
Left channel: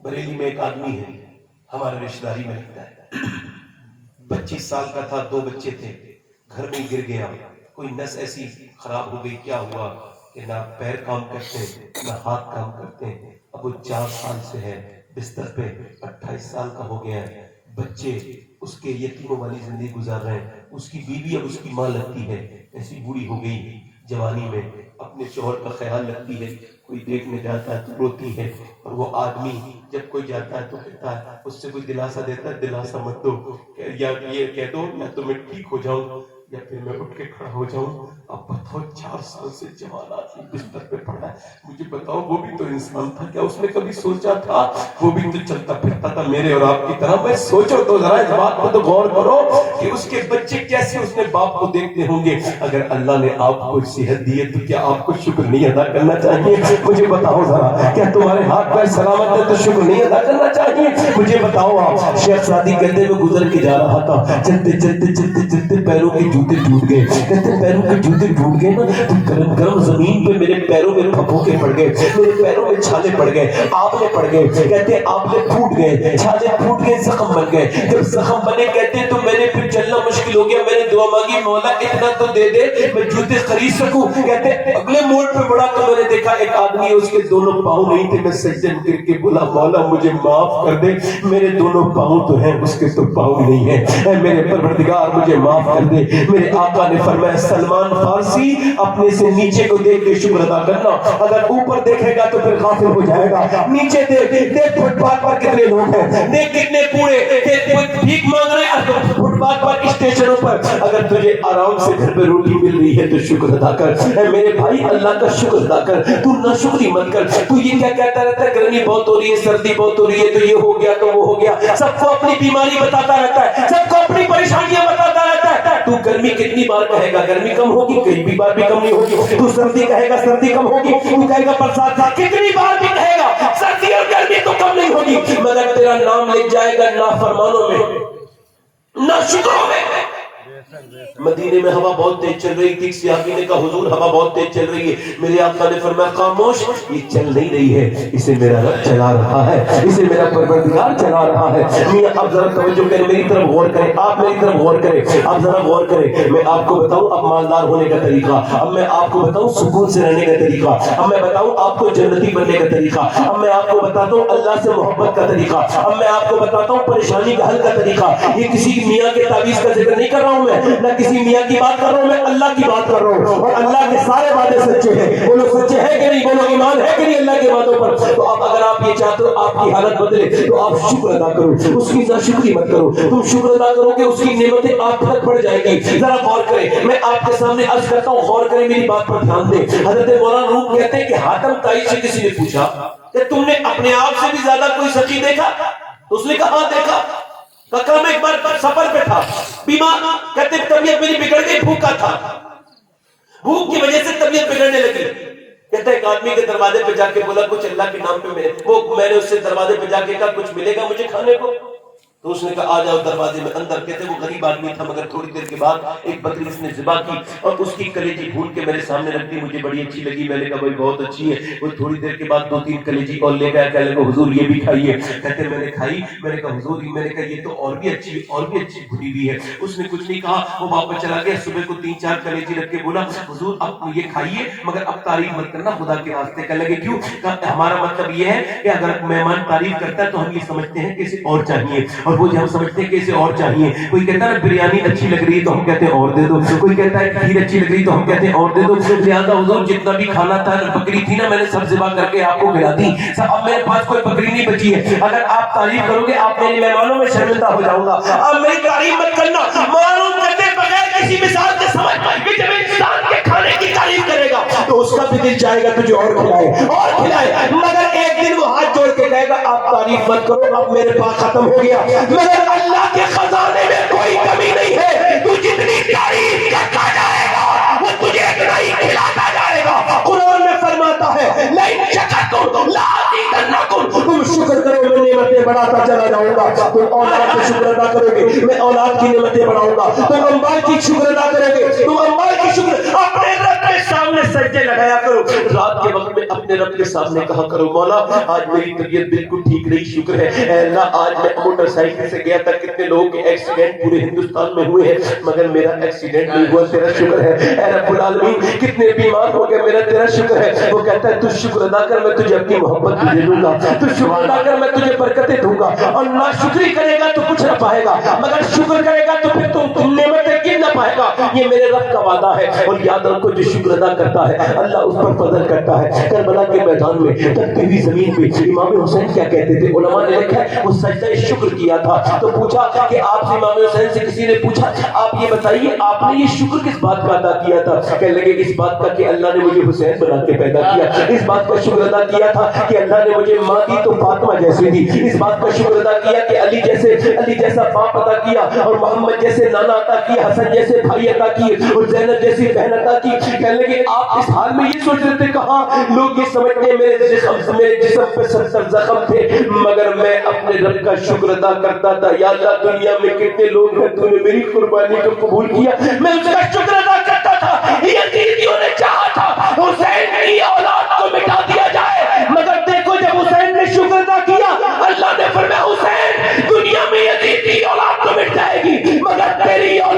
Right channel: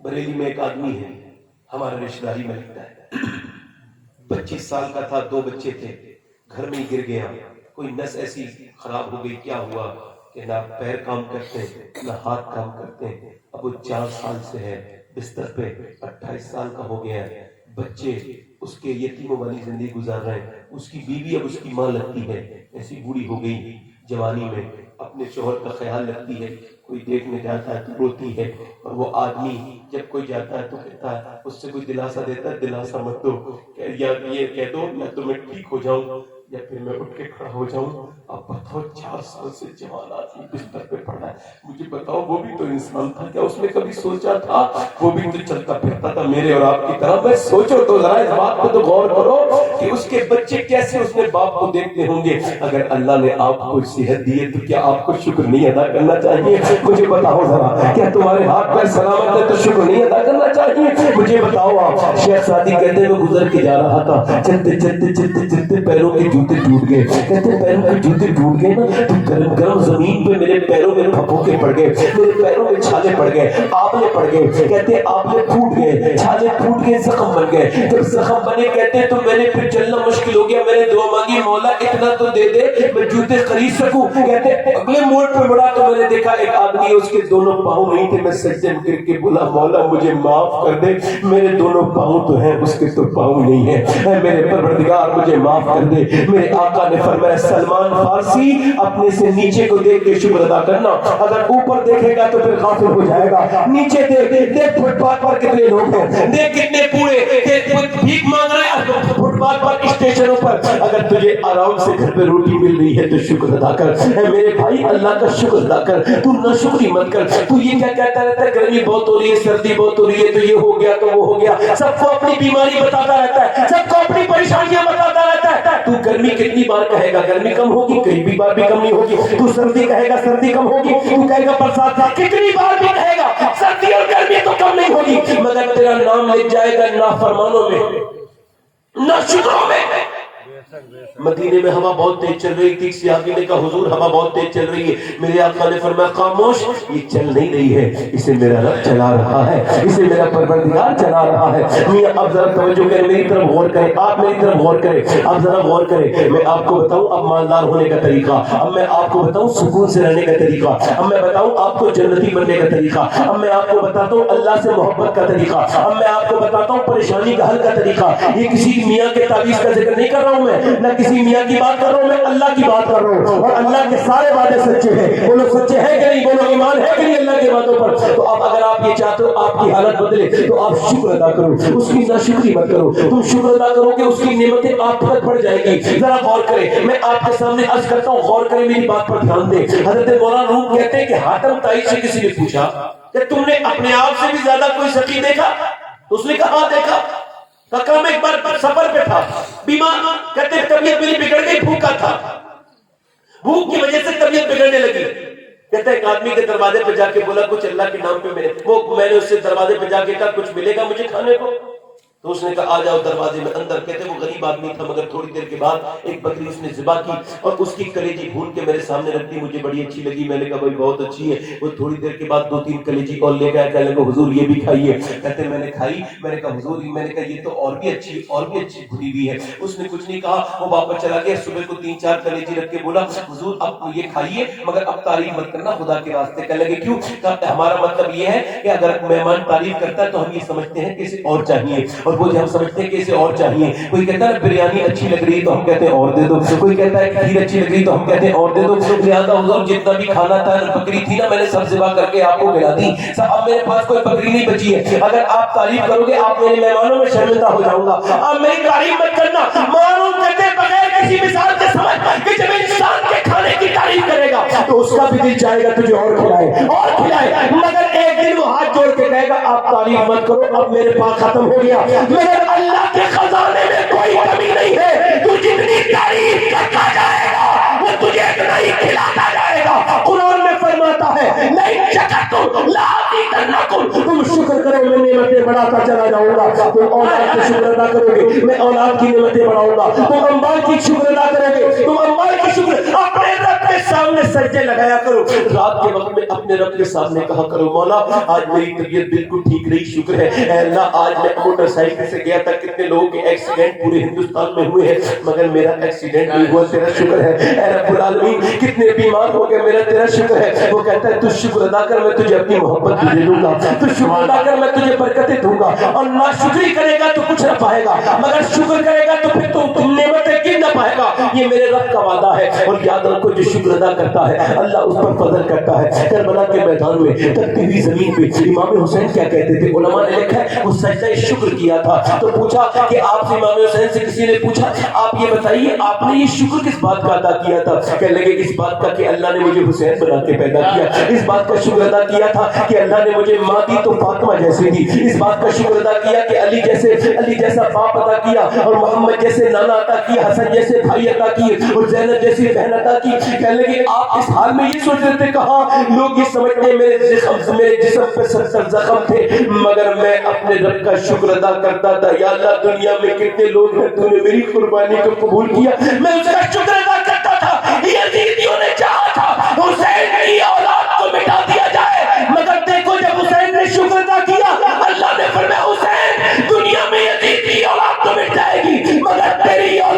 بریلی میں ایک آدمی ہے، ہمارے رشتہ داری میں لگتا ہے، 25 سال کا تھا، 2 بچے تھے، گھر میں گر گیا، کوئی نس ایسی خراب ہو گئی، کیا ہوا کہ نہ پیر کام کرتے نہ ہاتھ کام کرتے۔ اب وہ 4 سال سے ہے بستر پہ، 28 سال کا ہو گیا ہے، بچے اس کے یتیموں والی زندگی گزار رہے ہیں۔ اس کی بیوی اب اس کی ماں لگتی ہے، ایسی بوڑھی ہو گئی جوانی میں، اپنے شوہر کا خیال رکھتی ہے، کوئی دیکھنے جاتا ہے تو روتی ہے، اور وہ آدمی جب کوئی جاتا ہے تو کہتا ہے، اس سے کوئی دلاسا دیتا ہے، دلاسا مت دو، یا یہ کہہ دو یا تو میں ٹھیک ہو جاؤں یا پھر میں اٹھ کے کھڑا ہو جاؤں۔ اب بتاؤ 4 سال سے جوان آدمی بستر پہ پڑا ہے، مجھے بتاؤ وہ بھی تو انسان تھا، کیا اس نے کبھی سوچا تھا وہ بھی تو چلتا پھرتا تھا میرے اور آپ کی طرح؟ میں سوچو تو ذرا اس بات پہ تو غور کرو کہ اس کے بچے کیسے اس نے باپ کو دیکھتے ہوں گے۔ اگر اللہ نے آپ کو صحت دی ہے تو کیا آپ کو شکر نہیں ادا کرنا چاہیے؟ مجھے بتاؤ ذرا، کیا تمہارے ہاتھ پیر سلامت ہے تو شکر نہیں ادا کرنا چاہیے؟ مجھے بتاؤ آپ، شیخ سعدی کہتے ہیں میں گزر کے جا رہا تھا، چلتے چلتے چلتے چلتے پیروں کے جوتے ٹوٹ گئے، کہتے پیروں کے جوتے ٹوٹ گئے نا تو گرم گرم زمین پہ میرے پیروں میں پھپھوکے پڑ گئے، میرے پیروں میں چھالے پڑ گئے، آبلے پڑ گئے، کہتے آبلے پھوٹ گئے، چھالے پھوٹ گئے، زخم بن گئے، جب زخم بنے کہتے تو میں نے پھر چلنا اتنا مشکل ہو گیا, میں نے دعا مانگی مولا اتنا تو دے دے میں جوتے خرید سکوں. کہتے اگلے موڑ پہ مڑا تو میں نے دیکھا ایک آدمی اس کے دونوں پاؤں نہیں تھے. میں سجدے میں گر کے بولا مولا مجھے معاف کر دے, میرے دونوں پاؤں تو ہیں اس کے تو پاؤں نہیں ہیں, اے میرے پروردگار مجھے معاف کر دے. میرے آقا نے فرمایا سلمان فارسی اپنے سے نیچے کو دیکھ کے شکر ادا کرنا, اگر اوپر دیکھے گا تو پھر غافل ہو جائے گا. نیچے دیکھ فٹ پاتھ پر کتنے لوگ ہیں, دیکھ کتنے کوڑے, دیکھ بھیک مانگ رہے ہیں فٹ پاتھ پر اسٹیشنوں پر. اگر تجھے آرام سے گھر پہ روٹی مل رہی ہے تو شکر ادا کر. اے میرے بھائی اللہ کا شکر ادا کر, تو ناشکری مت کر. تو یہ کیا کہتا رہتا ہے گرمی بہت ہو رہی ہے, سردی بہت ہو رہی ہے, تو یہ ہو گیا تو وہ ہو گیا, سب کو اپنی بیماری بتاتا رہتا ہے, سب کو اپنی پریشانیاں بتاتا رہتا ہے. تو گرمی کتنی بار کہے گا گرمی کم ہوگی, کئی بھی بار بھی کم نہیں ہوگی. تو سردی کہے گا سردی کم ہوگی, تو کہے گا برسات کتنی بار بھی کہے گا سردی اور گرمی تو کم نہیں ہوگی, مگر تیرا نام لکھ جائے گا نافرمانوں میں, ناشکروں میں. مدینے میں ہوا بہت تیز چل رہی تھی. صحابی نے کہا حضور ہوا بہت تیز چل رہی ہے. میرے آقا نے فرمایا خاموش, یہ چل نہیں رہی ہے, اسے میرا رب چلا رہا ہے, اسے میرا پروردگار چلا رہا ہے. میاں اب ذرا توجہ کریں, میری طرف غور کریں, آپ میری طرف غور کریں, اب ذرا غور کریں. میں آپ کو بتاؤں اب مالدار ہونے کا طریقہ, اب میں آپ کو بتاؤں سکون سے رہنے کا طریقہ, اب میں بتاؤں آپ کو جنتی بننے کا طریقہ, اب میں آپ کو بتاتا ہوں اللہ سے محبت کا طریقہ, اب میں آپ کو بتاتا ہوں پریشانی کا حل کا طریقہ. یہ کسی میاں کے تعویذ کا ذکر نہیں کر رہا ہوں میں, نہ کسی میاں کی بات کر رہا ہوں, میں اللہ کی بات کر رہا ہوں. اور اللہ کے سارے وعدے سچے ہیں. بولو سچے ہیں کہ نہیں, بولو ایمان ہے کہ نہیں اللہ کے وعدوں پر. تو اب اگر آپ یہ چاہتے ہو آپ کی حالت بدلے تو آپ شکر ادا کرو, اس کی ناشکری مت کرو. تم شکر ادا کرو کہ اس کی نعمتیں آپ تک بڑھ جائے گی. ذرا غور کریں, میں آپ کے سامنے عرض کرتا ہوں, غور کریں, میری بات پر دھیان دیں. حضرت مولانا روم کہتے ہیں کہ حاتم تائی سے کسی نے پوچھا کہ تم نے اپنے آپ سے بھی زیادہ کوئی سچی دیکھا؟ اس نے کہا ہاں دیکھا. میں ایک بار سفر پہ تھا, بیمار, کہتے طبیعت میری بگڑ گئی, بھوکا تھا, بھوک کی وجہ سے طبیعت بگڑنے لگی. کہتے ایک آدمی کے دروازے پہ جا کے بولا کچھ اللہ کے نام پہ ملے. میں نے اس سے دروازے پہ جا کے کہا کچھ ملے گا مجھے کھانے کو؟ تو اس نے کہا آ جاؤ دروازے میں اندر. کہتے وہ غریب آدمی تھا, مگر تھوڑی دیر کے بعد ایک بکری اس نے ذبح کی اور اس کی کلیجی بھون کے میرے سامنے رکھ دی. مجھے بڑی اچھی لگی, میں نے کہا بھائی بہت اچھی ہے. وہ تھوڑی دیر کے بعد 2-3 کلیجی اور لے گیا, کہنے لگا حضور یہ بھی کھائیے. کہتے میں نے کھائی, میں نے کہا حضور, میں نے کہا یہ تو اور بھی اچھی بھنی ہوئی ہے. اس نے کچھ نہیں کہا, وہ واپس چلا گیا. صبح کو 3-4 کلیجی رکھ کے بولا حضور اب یہ کھائیے, مگر اب تعریف مت کرنا خدا کے راستے. کہنے لگے کیوں؟ کہا ہمارا مطلب یہ ہے کہ اگر مہمان تعریف کرتا ہے تو ہم یہ سمجھتے ہیں کہ اسے اور چاہیے, اور وہ جو ہم سمجھتے ہیں کہ اسے اور چاہیے. کوئی کہتا ہے نا بریانی اچھی لگ رہی ہے تو ہم کہتے ہیں اور دے دو, کوئی کہتا ہے کھیر اچھی لگ رہی تو ہم کہتے ہیں اور دے دو. لہٰذا حضور جتنا بھی کھانا تھا, بکری تھی نا, میں نے سب ذبح کر کے آپ کو کھلا دی. اب میرے پاس کوئی بکری نہیں بچی ہے. اگر آپ تعریف کرو گے آپ میرے مہمانوں میں شرمندہ ہو جاؤں گا. آپ میری تعریف مت کرنا. معلوم کرتے بغیر کسی مثال کے سمجھ کہ جب انسان کے کھانے کی تعریف کرے گا تو اس کا بھی دل چاہے گا تجھے اور کھلائے, مگر ایک دن وہ ہاتھ جوڑ کے کہے گا آپ تعریف مت کرو, اب میرے پاس ختم ہو گیا. مگر اللہ کے خزانے میں کوئی کمی نہیں ہے. تو جتنی تعریف کرتا جائے گا وہ تجھے اتنا ہی کھلاتا جائے گا. قرآن میں فرماتا ہے لئن شکرتم لازیدنکم, تم شکر کرو میں نعمتیں بڑھاتا چلا جاؤں گا. تم اولاد کی شکر ادا کرو گے میں اولاد کی نعمتیں بڑھاؤں گا. تم اموال کی شکر ادا کرو گے, تم اموال کی شکر. اپنے رب کے سامنے سجدے لگایا کرو. رات کے وقت میں اپنے رب کے سامنے کہا کرو مولا آج میری طبیعت بالکل ٹھیک رہی, شکر ہے. اے اللہ آج میں موٹر سائیکل سے گیا تھا, کتنے لوگوں کے ایکسیڈنٹ پورے ہندوستان میں ہوئے ہیں, مگر میرا ایکسیڈنٹ نہیں ہوا, تیرا شکر ہے. اے رب العالمین کتنے بیمار ہو گئے, میرا تیرا شکر ہے. وہ کہتا ہے تو شکر ادا کر, میں تجھے اپنی محبت تجھے دوں گا. تو شکر ادا کر, میں تجھے برکتیں دوں گا. اور ناشکری کرے گا تو کچھ نہ پائے گا, مگر شکر کرے گا تو پھر تم نعمتیں گن نہ پائے گا. یہ میرے رب کا وعدہ ہے. اور یاد رکھو جو شکر ادا کرتا ہے اللہ اس پر فضل کرتا ہے. کربلا کے میدان میں تڑپتی ہوئی زمین پہ امام حسین کیا کہتے تھے, علماء نے لکھا ہے وہ سجدہ شکر کیا تھا. تو پوچھا کہ آپ سے امام حسین سے کسی نے پوچھا آپ یہ بتائیے آپ نے یہ شکر کس بات کا ادا کیا تھا؟ کہنے لگے اس بات کا کہ اللہ نے مجھے حسین بنا کے پیدا کیا. اس بات کا شکر ادا کیا تھا کہ اللہ نے مجھے ماں دی تو فاطمہ جیسی دی. اس بات کا شکر ادا کیا کہ علی جیسا باپ عطا کیا, اور محمد جیسے نانا عطا کیا, حسن جیسے بھائی عطا کیے, اور زینب جیسی بہن عطا کی. کہنے لگے آپ اس حال میں یہ سوچ رہے تھے, کہاں لوگ یہ سمجھتے میرے جسم پہ 70 زخم تھے, مگر میں اپنے رب کا شکر ادا کرتا تھا. یا اللہ دنیا میں کتنے لوگ ہیں, تو نے میری قربانی کو قبول کیا, میں اس کا شکر ادا کرتا تھا. یزیدیوں نے چاہا تھا حسین کی اولاد کو مٹا دیا جائے, مگر دیکھو جب حسین نے شکر ادا کیا اللہ نے فرمایا حسین دنیا میں یزیدی اولاد تو مٹ جائے گی مگر تیری اولاد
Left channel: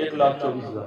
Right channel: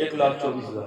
1,24,000,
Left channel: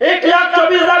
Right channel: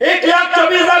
1,24,000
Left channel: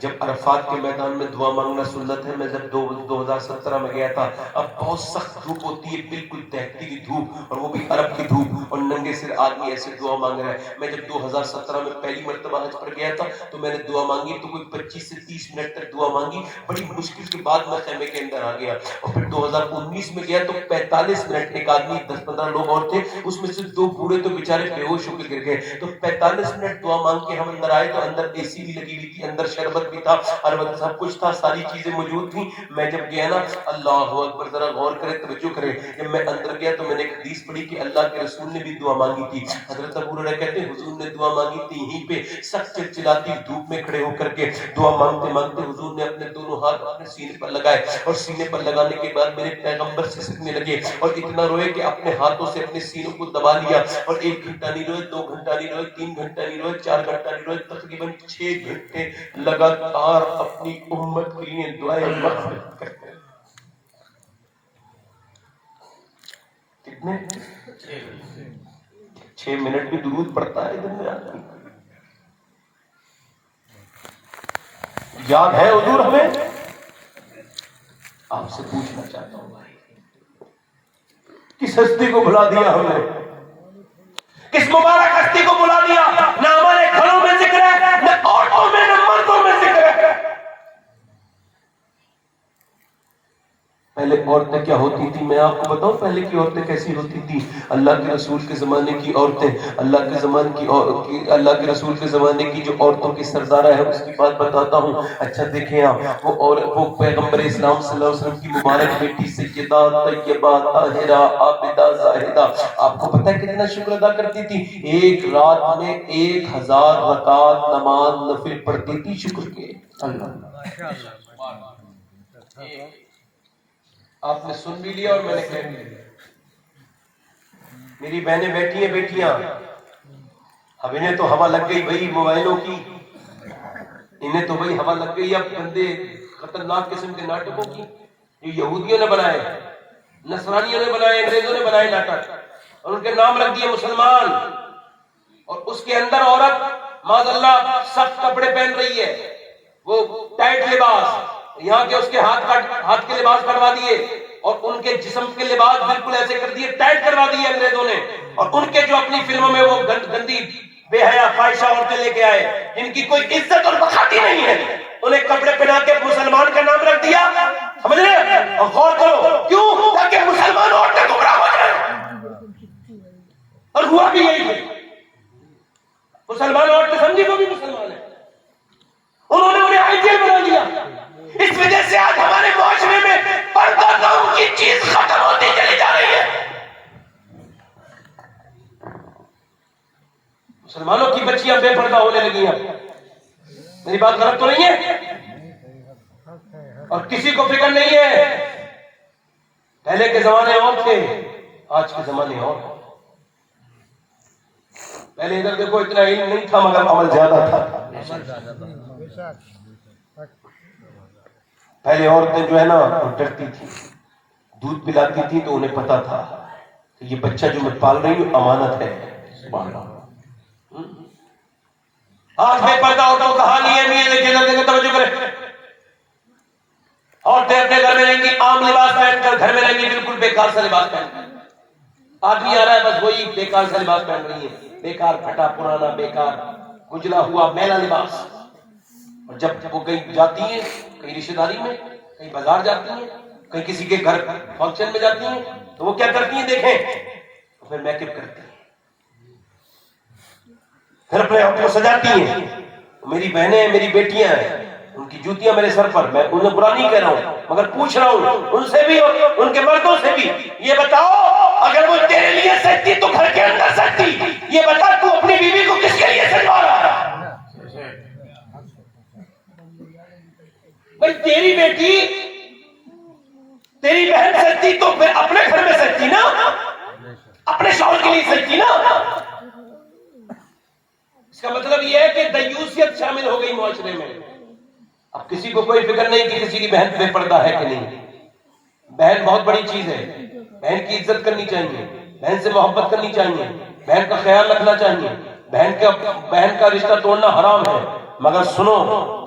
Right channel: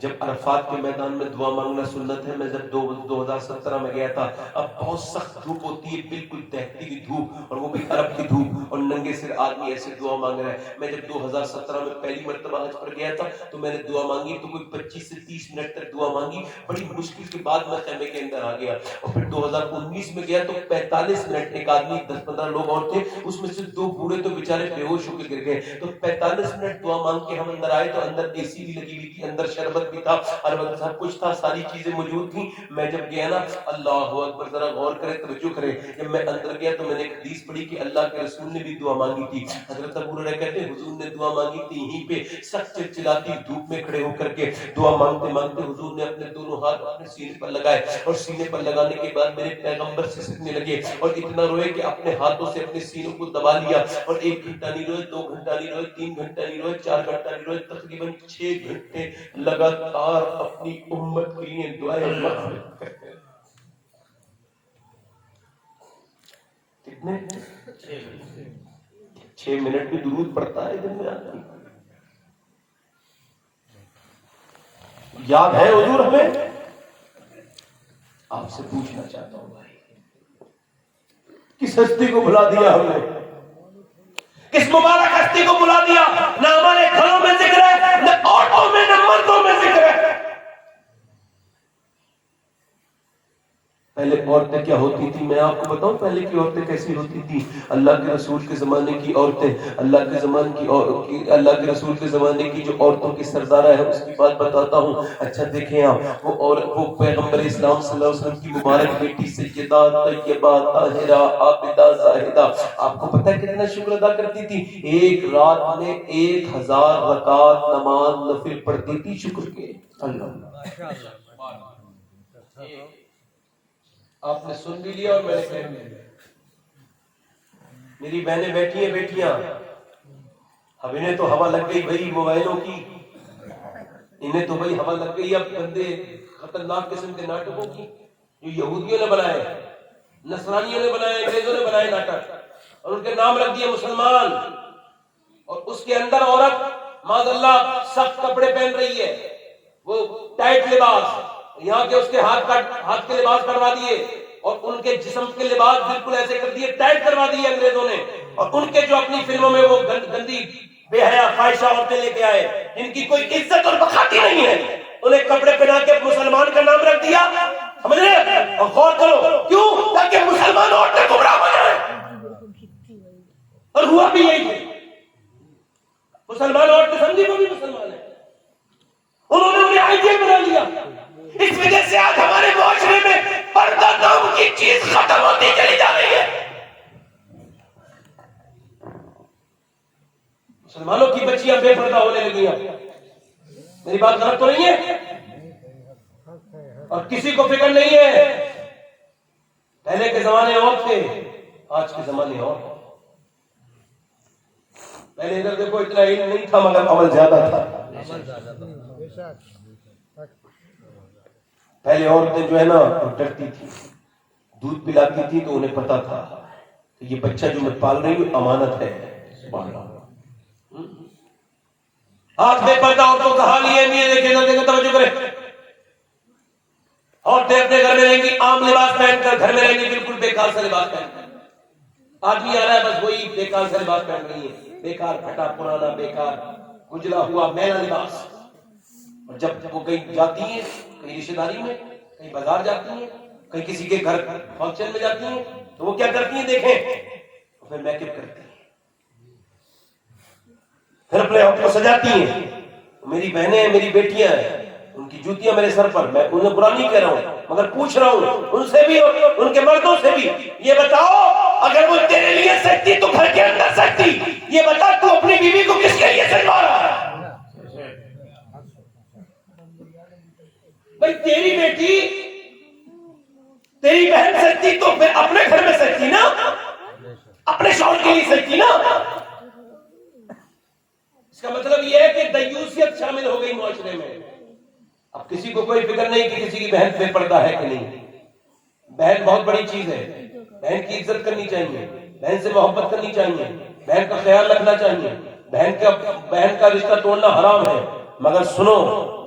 جب عرفات کے میدان میں دعا مانگنا سنت ہے. میں جب 2017 میں گیا تھا, اب بہت سخت دھوپ ہوتی ہے, بالکل تہتی ہوئی دھوپ, اور وہ بھی عرب کی دھوپ, اور ننگے سر آدمی ایسے دعا مانگ رہا ہے. میں جب 2017 میں پہلی مرتبہ حج پر گیا تھا تو میں نے دعا مانگی تو کوئی 25 سے 30 منٹ تک دعا مانگی. بڑی مشکل کے بعد میں خیمے کے اندر آ گیا. اور پھر 2019 میں گیا تو 45 منٹ, ایک آدمی 10-15 لوگ اور تھے, اس میں سے 2 بوڑھے تو بیچارے بے ہوش ہو کے گر گئے. تو 45 منٹ دعا مانگ کے ہم اندر آئے تو اندر اے سی بھی لگی ہوئی تھی, اندر شربت بھی تھا, اور سب کچھ تھا, ساری چیزیں موجود تھیں. میں جب گیا نا, اللہ اکبر, ذرا غور کرے, توجہ کرے, جب میں اندر گیا تو میں نے ایک حدیث پڑھی کہ اللہ کے رسول نے بھی دعا مانگی تھی. حضرت ابو ہریرہ کہتے ہیں حضور نے دعا مانگی تھی یہیں پہ سخت چلچلاتی دھوپ میں کھڑے ہو کر کے. دعا مانگتے مانگتے حضور نے اپنے دونوں ہاتھ اپنے سینے پر لگائے, اور سینے پر لگانے کے بعد میرے پیغمبر سسکنے لگے, اور اتنا روئے کہ اپنے ہاتھوں سے اپنے سینوں کو دبا لیا. اور 1 گھنٹہ نہیں روئے, 2 گھنٹہ نہیں روئے, 3 گھنٹہ نہیں روئے, 4 گھنٹہ نہیں روئے, تقریباً 6 گھنٹے لگاتار اپنی امت کے لیے دعائیں مغفرت کرتے. کتنے 6 منٹ بھی درود پڑتا ہے دن میں آدمی. یاد ہے حضور ہمیں؟ آپ سے پوچھنا چاہتا ہوں بھائی, کس ہستی کو بھلا دیا ہم نے, کس مبارک ہستی کو بھلا دیا؟ نہ ہمارے گھروں میں ذکر ہے, نہ عورتوں میں, نہ مردوں میں ذکر ہے. پہلے عورتیں کیا ہوتی تھی میں آپ کو بتاؤں, پہلے کی عورتیں کیسی ہوتی تھی؟ اللہ کے رسول کے زمانے کی عورتیں, اللہ کے رسول کے زمانے کی جو عورتوں کی سردارہ ہے اس کی بات بتاتا ہوں. اچھا دیکھیں آپ, وہ پیغمبر اسلام صلی اللہ علیہ وسلم کی مبارک بیٹی سیدہ طیبہ طاہرہ عابدہ زاہدہ, آپ کو پتہ ہے کتنا شکر ادا کرتی تھی؟ ایک رات میں 1000 رکعت نماز نفل پڑھتی تھی شکر کے. اللہ آپ نے سن بھی لیا اور میں نے کہہ دیا. میری بہنیں بیٹھی ہیں بیٹیاں, اب انہیں تو ہوا لگ گئی بھائی موبائلوں کی, انہیں تو بھائی ہوا لگ گئی اب گندے خطرناک قسم کے ناٹکوں کی جو یہودیوں نے بنائے, نصرانیوں نے بنائے, انگریزوں نے بنائے ناٹک, اور ان کے نام رکھ دیے مسلمان. اور اس کے اندر عورت معاذ اللہ سخت کپڑے پہن رہی ہے, وہ ٹائٹ لباس, یہاں کے اس کے ہاتھ کے لباس کروا دیے, اور ان کے جسم کے لباس بالکل ایسے کر دیے, ٹائٹ کروا دیے انگریزوں نے. اور ان کے جو اپنی فلموں میں وہ گندی بے حیا فاحشہ عورتیں لے کے آئے جن کی کوئی عزت اور وقار ہی نہیں ہے, انہیں کپڑے پہنا کے مسلمان کا نام رکھ دیا. سمجھ رہے؟ اور غور کرو کیوں, تاکہ مسلمان عورتیں گمراہ ہو جائیں. اور ہوا بھی یہی ہے, مسلمان عورتیں سمجھی وہ بھی مسلمان ہیں, انہوں نے انہیں آئیڈیل بنا لیا. اس وجہ سے آج ہمارے معاشرے میں پردہ نام کی چیز ختم ہوتی چلی جا رہی ہے. مسلمانوں کی بچیاں بے پردہ ہونے لگی ہیں. میری بات غلط تو نہیں ہے؟ اور کسی کو فکر نہیں ہے. پہلے کے زمانے اور تھے, آج کے زمانے اور. پہلے ادھر دیکھو اتنا علم نہیں تھا مگر عمل زیادہ تھا. پہلے عورتیں جو ہے نا ڈرتی تھی, دودھ پلاتی تھی تو انہیں پتا تھا کہ یہ بچہ جو میں پال رہی ہوں امانت ہے. آنکھ میں پردہ عورتوں کا حال یہ نہیں ہے, توجہ کریں. عورتیں اپنے گھر میں رہیں گی عام لباس پہن کر, گھر میں رہیں گی بالکل بیکار سا لباس پہن کر. آدمی آ رہا ہے بس وہی بیکار سا لباس پہن رہی ہے, بیکار پھٹا پرانا بیکار کجلا ہوا میلا لباس. اور جب وہ کہیں جاتی ہیں, کہیں رشتہ داری میں, کہیں بازار جاتی ہیں, کہیں کسی کے گھر فنکشن میں جاتی ہیں, تو وہ کیا کرتی ہیں دیکھیں, پھر میک اپ کرتی ہیں, پھر اپنے آپ کو سجاتی ہیں. میری بہنیں میری بیٹیاں ہیں, ان کی جوتیاں میرے سر پر, میں انہیں برا نہیں کہہ رہا ہوں مگر پوچھ رہا ہوں ان سے بھی اور ان کے مردوں سے بھی, یہ بتاؤ اگر وہ تیرے لیے سجتی تو گھر کے اندر سجتی, یہ بتا تو اپنی بیوی کو کس کے لیے سجوا رہا ہے؟ بھائی تیری بیٹی تیری بہن سجتی تو پھر اپنے گھر میں سجتی نا, اپنے شوہر کے لیے سجتی نا. اس کا مطلب یہ ہے کہ دیوسیت شامل ہو گئی معاشرے میں. اب کسی کو کوئی فکر نہیں کہ کسی کی بہن بے پردہ ہے کہ نہیں. بہن بہت بڑی چیز ہے, بہن کی عزت کرنی چاہیے, بہن سے محبت کرنی چاہیے, بہن کا خیال رکھنا چاہیے. بہن کا رشتہ توڑنا حرام ہے. مگر سنو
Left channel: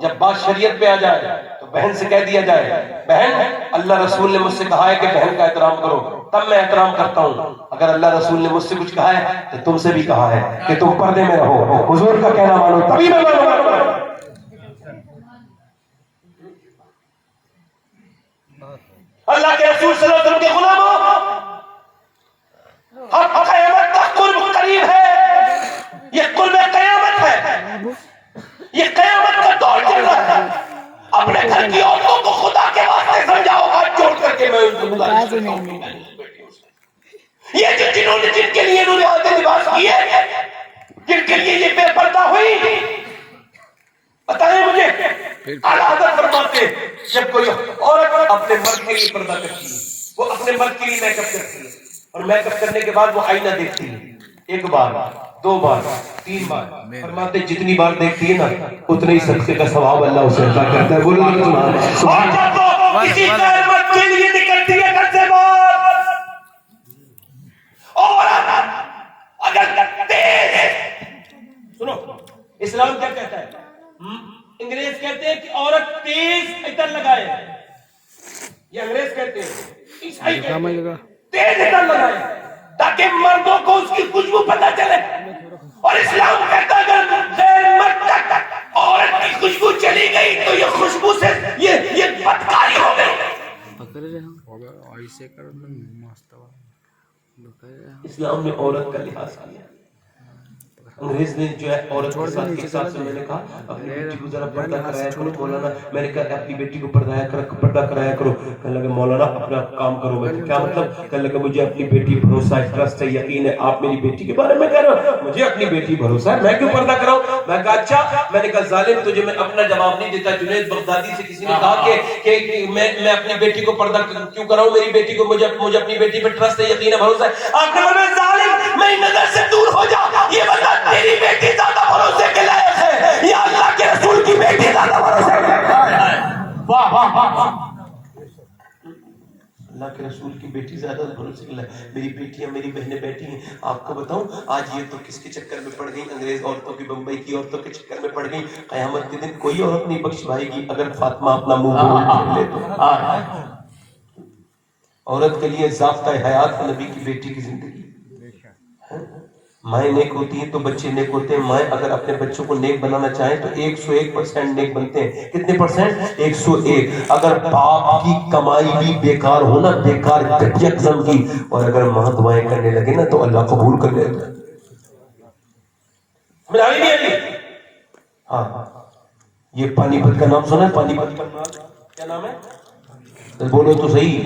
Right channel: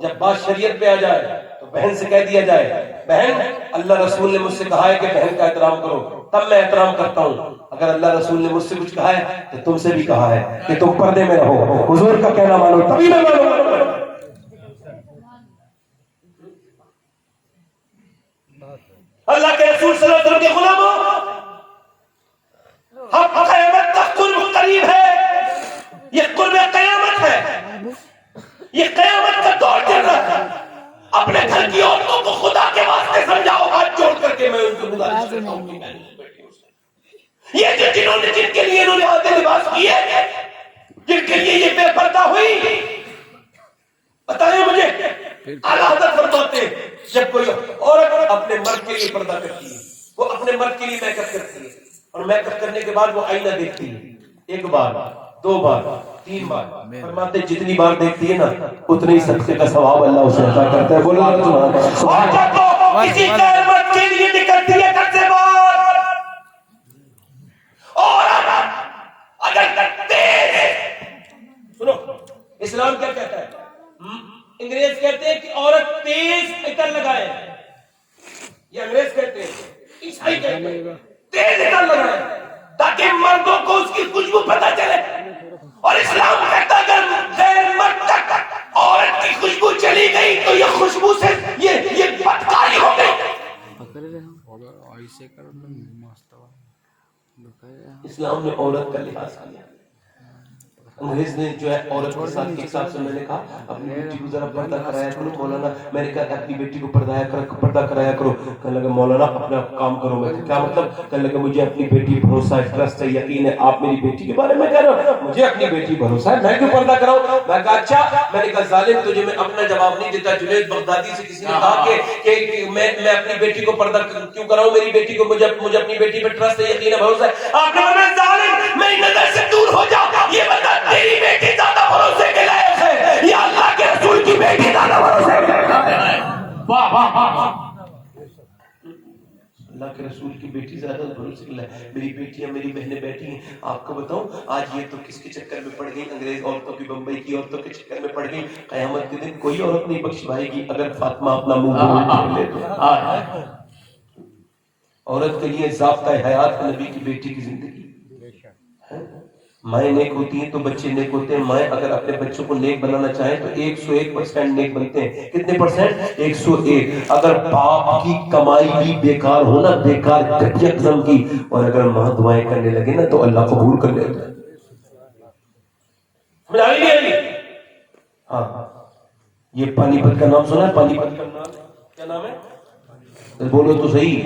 جب بات شریعت پہ آ جائے تو بہن سے کہہ دیا جائے بہن اللہ رسول نے مجھ سے کہا ہے کہ بہن کا احترام کرو، تب میں احترام کرتا ہوں۔ اگر اللہ رسول نے مجھ سے کچھ کہا ہے تو تم سے بھی کہا ہے کہ تم پردے میں رہو، حضور کا کہنا مانو، تبھی میں مانوں۔ اللہ کے رسول صلی اللہ علیہ وسلم کے غلاموں، ہم قیامت تک قرب قریب ہے، یہ قرب قیامت ہے، یہ قیامت کا دور چل رہا ہے۔ اپنے گھر کی عورتوں کو خدا کے واسطے سمجھاؤ، ہاتھ جوڑ کر کے میں ان کو گزارش کرتا ہوں، یہ جنہوں نے جن کے لیے انہوں نے آدھے لباس کیے، جن کے لیے یہ بے پردہ ہوئی، بتائیں مجھے اعلیٰ حضرت فرماتے ہیں جب کوئی عورت اپنے مرد کے لیے پردہ کرتی ہے، وہ اپنے مرد کے لیے میک اپ کرتی ہے، اور میک اپ کرنے کے بعد وہ آئینہ دیکھتی ہے، ایک بار، دو بار، تین بار، فرماتے جتنی بار دیکھتی ہے نا اتنے ہی صدقے کا ثواب اللہ اسے عطا کرتا ہے۔ بولو سبحان اللہ۔ کسی مرد کے لیے نکلتی ہے گھر سے باہر، اور اگر تیز ہے، سنو اسلام کیا کہتا ہے؟ انگریز کہتے ہیں کہ عورت تیز عطر لگائے، یہ انگریز کہتے ہیں، عیسائی کہتے ہیں تیز عطر لگائے تاکہ مردوں کو اس کی خوشبو پتہ چلے، اور اسلام کہتا ہے اگر غیر مرد تک عورت کی خوشبو چلی گئی تو یہ خوشبو سے یہ بدکاری ہو گئی۔ اسلام نے عورت کا لحاظ کیا، انگریز نے جو ہے عورت کے ساتھ کے حساب سے میں نے کہا اپنی بیٹی کو ذرا پردہ کرایا کرو مولانا، میں نے کہا اپنی بیٹی کو پردہ کرایا کرو، کہنے لگا مولانا اپنا کام کرو، میں کیا مطلب؟ کہنے لگا مجھے اپنی بیٹی بھروسہ ہے، ٹرسٹ ہے، یقین ہے، آپ میری بیٹی کے بارے میں کہہ رہے ہو، مجھے اپنی بیٹی بھروسہ ہے، میں کیوں پردہ کراؤں؟ میں کہا اچھا، میں نے کہا ظالم تجھے میں اپنا جواب نہیں دیتا، جنید بغدادی سے کسی نے کہا کہ میں اپنی بیٹی کو پردہ کیوں کراؤں، میری بیٹی کو مجھے اپنی بیٹی پہ ٹرسٹ ہے، یقین ہے، بھروسہ ہے۔ آپ نے میں ظالم میں نظر سے دور ہو جا، یہ بتا تیری بیٹی زیادہ بھروسے کے لائق ہے یا اللہ کے رسول کی بیٹی زیادہ بھروسے کے لائق ہے؟ واہ واہ واہ، اللہ کے رسول کی بیٹی زیادہ بھروسے کے لائق ہے۔ میری بیٹیاں میری بہنیں بیٹھی ہیں، آپ کو بتاؤں آج یہ تو کس کے چکر میں پڑ گئی؟ انگریز عورتوں کی، بمبئی کی عورتوں کے چکر میں پڑ گئی۔ قیامت کے دن کوئی عورت نہیں بخش پائے گی اگر فاطمہ اپنا منہ کھول لے تو۔ عورت کے لیے ضابطہ حیات نبی کی بیٹی کی زندگی۔ مائیں نیک ہوتی ہیں تو بچے نیک ہوتے ہیں، مائیں اگر اپنے بچوں کو نیک بنانا چاہیں تو 101% نیک بنتے ہیں۔ کتنے پرسنٹ؟ 101۔ اگر باپ کی کمائی بھی بیکار ہونا، بیکار گھٹیا قسم کی، اور اگر ماں دعائیں کرنے لگے نا تو اللہ قبول کر لیتا ہے۔ ملائی نہیں آئی؟ ہاں، یہ پانی پت کا نام سنا ہے؟ پانی پت کا نام کیا نام ہے؟ بولو تو صحیح،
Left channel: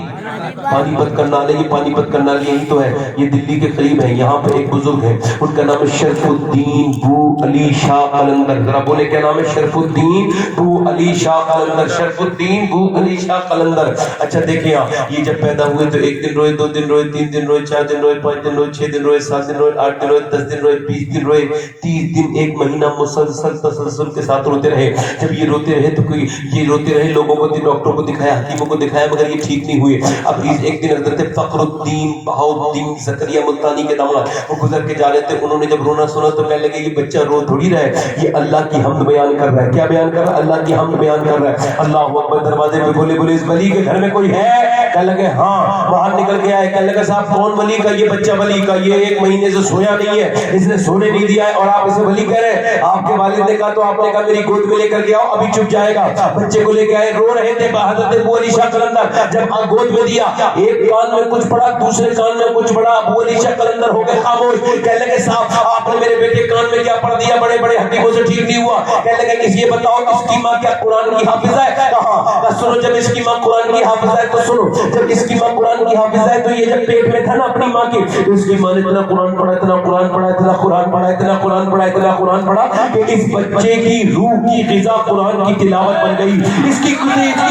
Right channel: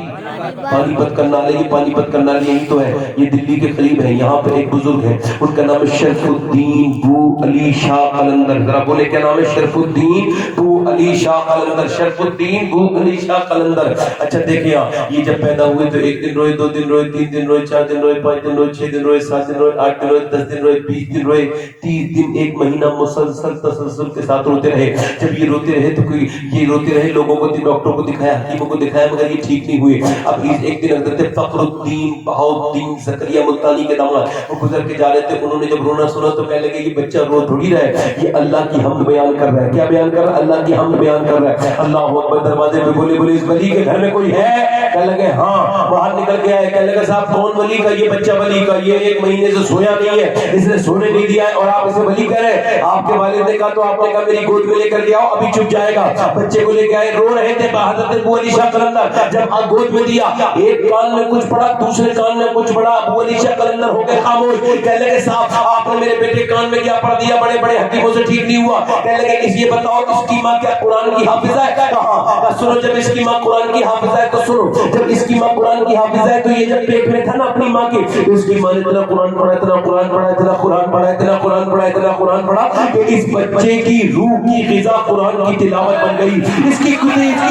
پانی پت کرنالے، یہ پانی پت کرنالے یہی تو ہے، یہ دلی کے قریب ہے۔ یہاں پہ ایک بزرگ ہے، ان کا نام ہے شرف الدین بو علی شاہ قلندر۔ ذرا بولے کیا نام ہے؟ شرف الدین بو علی شاہ قلندر، شرف الدین بو علی شاہ قلندر۔ اچھا دیکھیں آپ، یہ جب پیدا ہوئے تو 1 دن روئے، 2 دن روئے، 3 دن روئے، 4 دن روئے، 5 دن روئے، 6 دن روئے، 7 دن روئے، 8 دن روئے، 10 دن روئے، 20 دن روئے، 30 دن، 1 مہینہ مسلسل تسلسل کے ساتھ روتے رہے۔ جب یہ روتے رہے تو یہ روتے رہے، لوگوں کو، ڈاکٹروں کو دکھایا، حکیموں کو دکھایا، مگر یہ ٹھیک نہیں ہوئے۔ اب ایک دن حضرت فخر الدین بہاؤالدین زکریا ملتانی کے داماد وہ گزر کے جا رہے تھے، انہوں نے جب رونا سنا تو کہنے لگے یہ بچہ رو تھوڑی رہا ہے، یہ اللہ کی حمد بیان کر رہا ہے۔ کیا بیان کر رہا ہے؟ اللہ کی حمد بیان کر رہا ہے۔ اللہ اکبر، دروازے پہ بولے اس ولی کے گھر میں کوئی ہے؟ کہنے لگے ہاں، باہر نکل کے آئے، کہنے لگے صاحب کون ولی کا؟ یہ بچہ ولی کا، یہ 1 مہینے سے سویا نہیں ہے، اس نے سونے نہیں دیا ہے اور آپ اسے ولی کہہ رہے ہیں۔ آپ کے والد نے کہا تو آپ نے کہا میری گود میں لے کر کے آؤ، ابھی چپ جائے گا۔ بچے کو لے کے آئے، رو رہے تھے، حضرت ابو علی شاہ قلندر جب گود میں دیا، ایک کان میں کچھ پڑا، دوسرے کان میں کچھ پڑا، ابو علی شاہ قلندر ہو گئے خاموش۔ کہنے لگے صاحب آپ نے میرے بیٹے کان میں کیا پڑھ دیا؟ بڑے بڑے حکیموں سے ٹھیک نہیں ہوا۔ کہنے لگے اس یہ بتاؤ اس کی ماں کیا قرآن کی حافظہ ہے؟ کہا سنو، جب اس کی ماں قرآن کی حافظہ ہے تو سنو، جب اس کی ماں قرآن کی حافظہ ہے تو یہ جب پیٹ میں تھا نا اپنی ماں کے، اس کی ماں نے اتنا قرآن پڑھا، اتنا قرآن پڑھا، اتنا قرآن پڑھا، اتنا قرآن پڑھا، اتنا قرآن پڑھا کہ اس بچے کی روح کی غذا قرآن کی تلاوت بن گئی۔ اس کی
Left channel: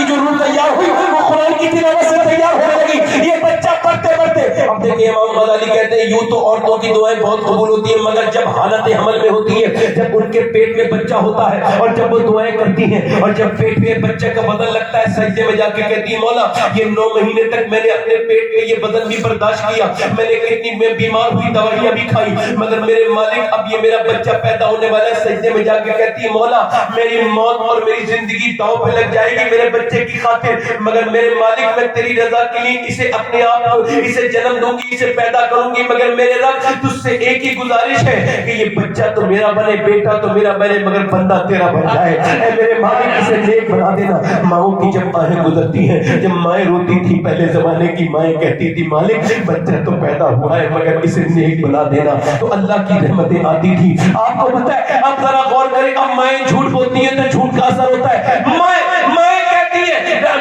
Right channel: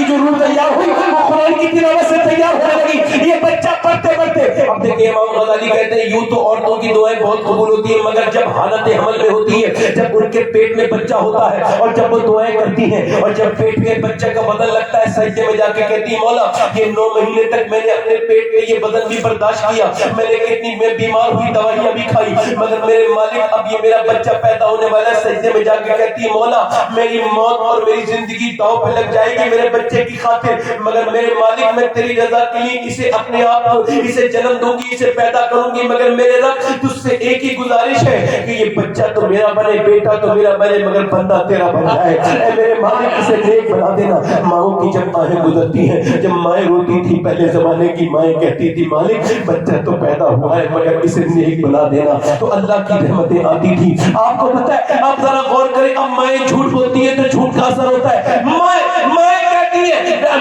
جو روح تیار ہوئی وہ قرآن کی تلاوت سے تیار ہونے لگی۔ یہ بچہ پڑھتے پڑھتے، اب دیکھیں یہ امام غزالی کہتے ہیں یوں تو عورتوں کی دعائیں بہت قبول ہوتی ہیں مگر جب حالت حمل میں ہوتی ہے, جب ان کے پیٹ میں بچہ ہوتا ہے اور جب وہ دعائیں کرتی ہیں اور جب پیٹ میں بچہ کا بدن لگتا ہے سجدے میں جا کے کہتی ہے مولا یہ 9 مہینے تک میں نے اپنے پیٹ میں یہ بدن بھی برداشت کیا, میں نے کتنی میں بیمار ہوئی دوائیاں بھی کھائی مگر میرے مالک اب یہ میرا بچہ پیدا ہونے والا ہے. سجدے میں جا کے کہتی ہے مولا میری موت اور میری زندگی داؤ پہ لگ جائے گی میرے بچے کی خاطر مگر میرے مالک میں تیری رضا کے لیے اسے اپنے آپ اسے جنم دوں گی اسے پیدا کروں گی مگر میرے رب تجھ سے ایک ہی گزارش ہے کہ یہ بچہ تو میرا بنے بیٹا تو میرا بنے مگر بندہ تیرا بن جائے. اے میرے مالک اسے نیک بنا دینا. ماؤں کی جب آہیں گزرتی ہیں جب مائیں روتی تھی پہلے زمانے کی مائیں کہتی تھی مالک بچہ تو پیدا ہوا ہے مگر اسے نیک بنا دینا تو اللہ کی رحمتیں آتی تھی. آپ کو پتہ ہے آپ ذرا غور کریں اب مائیں جھوٹ بولتی ہے تو جھوٹ کا اثر ہوتا ہے. مائیں کہتی ہے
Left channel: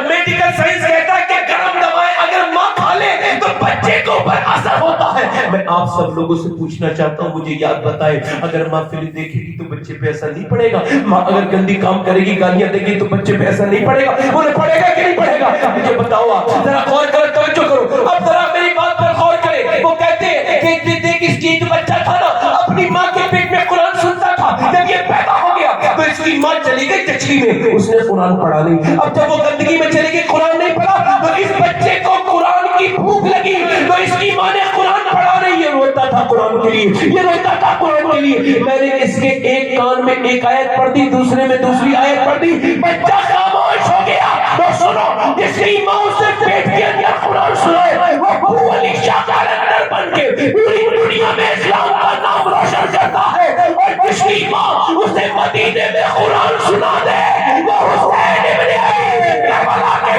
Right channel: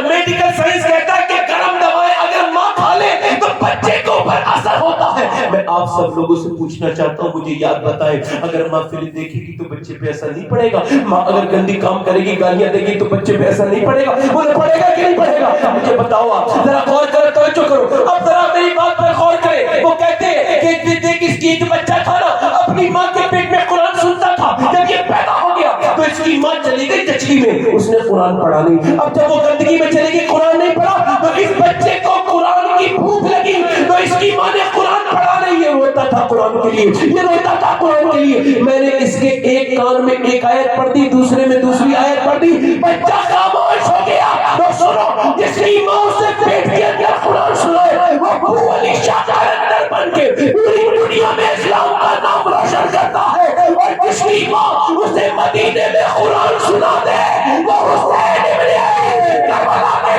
میڈیکل سائنس کہتا ہے کہ گرم دوائیں اگر ماں کھا لے تو بچے کو اوپر اثر ہوتا ہے. میں آپ سب لوگوں سے پوچھنا چاہتا ہوں مجھے یاد بتائیں اگر ماں فلم دیکھے گی تو بچے پہ اثر نہیں پڑے گا؟ ماں اگر گندی کام کرے گی گالیاں دے گی تو بچے پہ اثر نہیں پڑے گا؟ انہیں پڑے گا کہ نہیں پڑے گا؟ مجھے بتاؤ آپ ذرا غور کرو توجہ کرو اب ذرا میری بات پر غور کرے. وہ کہتے ہیں کہ دیکھ اس کی جو بچہ تھا نا اپنی ماں کے پیٹ میں قرآن سنتا تھا جب یہ پیدا ہو گیا تو اس کی ماں چلی گئی چچلی میں اس نے قرآن پڑھا نہیں. اب جب وہ گندگی میں چلی گئی قرآن نہیں پڑھا تو اس بچے کو قرآن کی بھوک لگی تو اس کی ماں نے قرآن پڑھا نہیں. یہ روتا تھا قرآن کے لیے یہ روتا تھا قرآن کے لیے. میں نے اس کے ایک کان میں ایک آیت پڑھ دی دوسرے میں دوسری آیت پڑھ دی بچہ خاموش ہو گیا. تو سنو جس کی ماں اسے پیٹ کے اندر قرآن سنائے وہ ابو علی شاہ کلندر بن کے پوری دنیا میں اسلام کا نام روشن کرتا ہے اور جس کی ماں اسے مدینے میں قرآن سنا دے وہ حسین ابن علی کربلا کے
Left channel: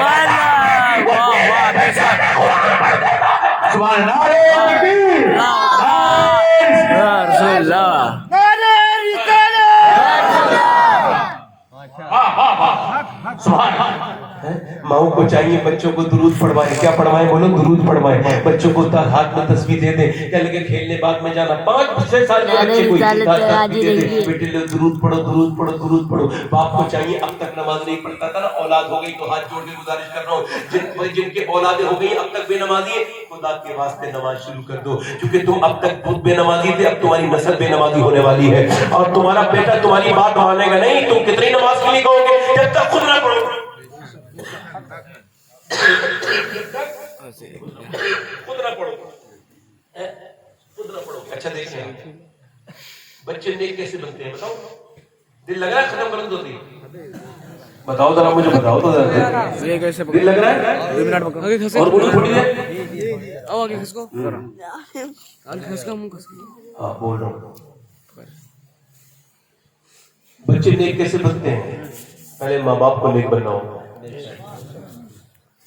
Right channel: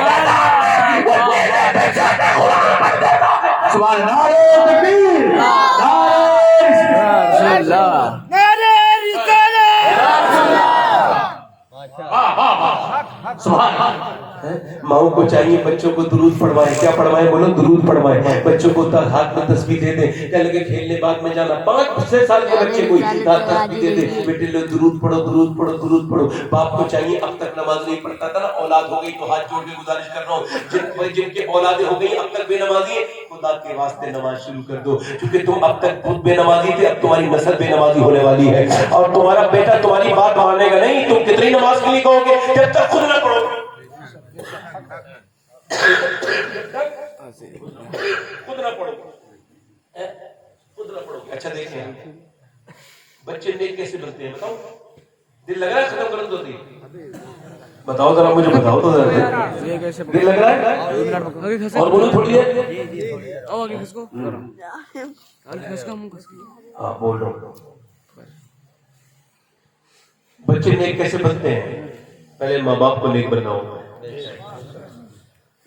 قرآن پڑھ دیتا ہے. سبحان اللہ تکبیر رسول اللہ ماؤں کو چاہیے بچوں کو درود پڑھوائیں. کیا پڑھوائیں بولو درود پڑھوائیں. بچوں کو ہاتھ میں تسبیح دے دیں. کیا لگے کھیلنے بعد میں جانا 5-6 سال کے بچے کو تسبیح دے دیں بیٹے لو درود پڑھو درود پڑھو درود پڑھو. باپ کو چاہیے اب تک نماز نہیں پڑھتا تھا نا اولاد ہو گئی تو ہاتھ جوڑ کے گزارش کر رہا ہوں جن کے اولادیں ہو گئی اب تک بے نمازی ہے خدا کے واسطے نماز شروع کر دو کیونکہ تم اب تک خود بے نمازی تھے اب تمہاری نسل بے نمازی ہونے والی ہے اور تمہارا بیٹا تمہاری بات مانے گا نہیں. تم کتنی نماز کے لیے کہو گے جب تک خود نہ پڑھو خود نہ پڑھو خود نہ پڑھو. اچھا دیکھیں بچے نیک کیسے بنتے ہیں بتاؤ. دل لگ رہا ہے ختم کرن ہوتی بتاؤ ذرا مجھے بتاؤ تو ذرا دل لگ رہا ہے اور بولو تھوڑی دیر آگے کس کو آگے کس کا منہ کس کی ہاں بول رہا ہوں. بچے نیک کیسے بنتے ہیں؟ پہلے ماں باپ کو نیک بننا ہوگا.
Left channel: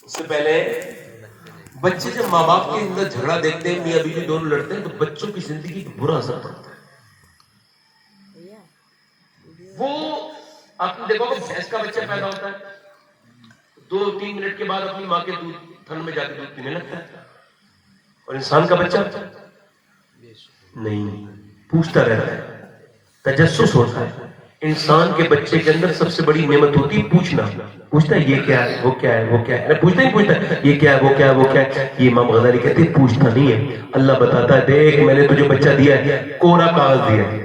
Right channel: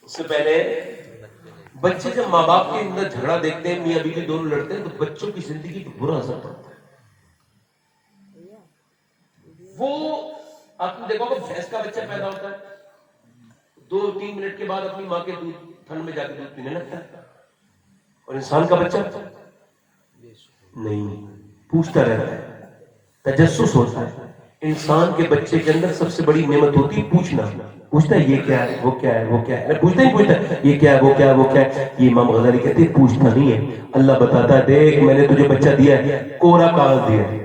اس سے پہلے بچے جب ماں باپ کے اندر جھگڑا دیکھتے ہیں میاں بیوی دونوں لڑتے ہیں تو بچوں کی زندگی پر برا اثر پڑتا ہے. وہ آپ نے دیکھو کہ بھینس کا بچہ پیدا ہوتا ہے 2-3 منٹ کے بعد اپنی ماں کے دودھ تھن میں جا کے دودھ پینے لگتا ہے اور انسان کا بچہ نہیں پوچھتا رہتا ہے تجسس ہوتا ہے. انسان کے بچے کے اندر سب سے بڑی نعمت ہوتی ہے پوچھنا. پوچھتا ہے یہ کیا ہے وہ کیا ہے وہ کیا ہے پوچھتا ہی پوچھتا ہے یہ کیا ہے وہ کیا ہے وہ کیا ہے. یہ امام غزالی کہتے ہیں پوچھتا نہیں ہے. اللہ بتاتا ہے دیکھ میں نے تجھے بچہ دیا ہے کوڑا کاغذ دیا ہے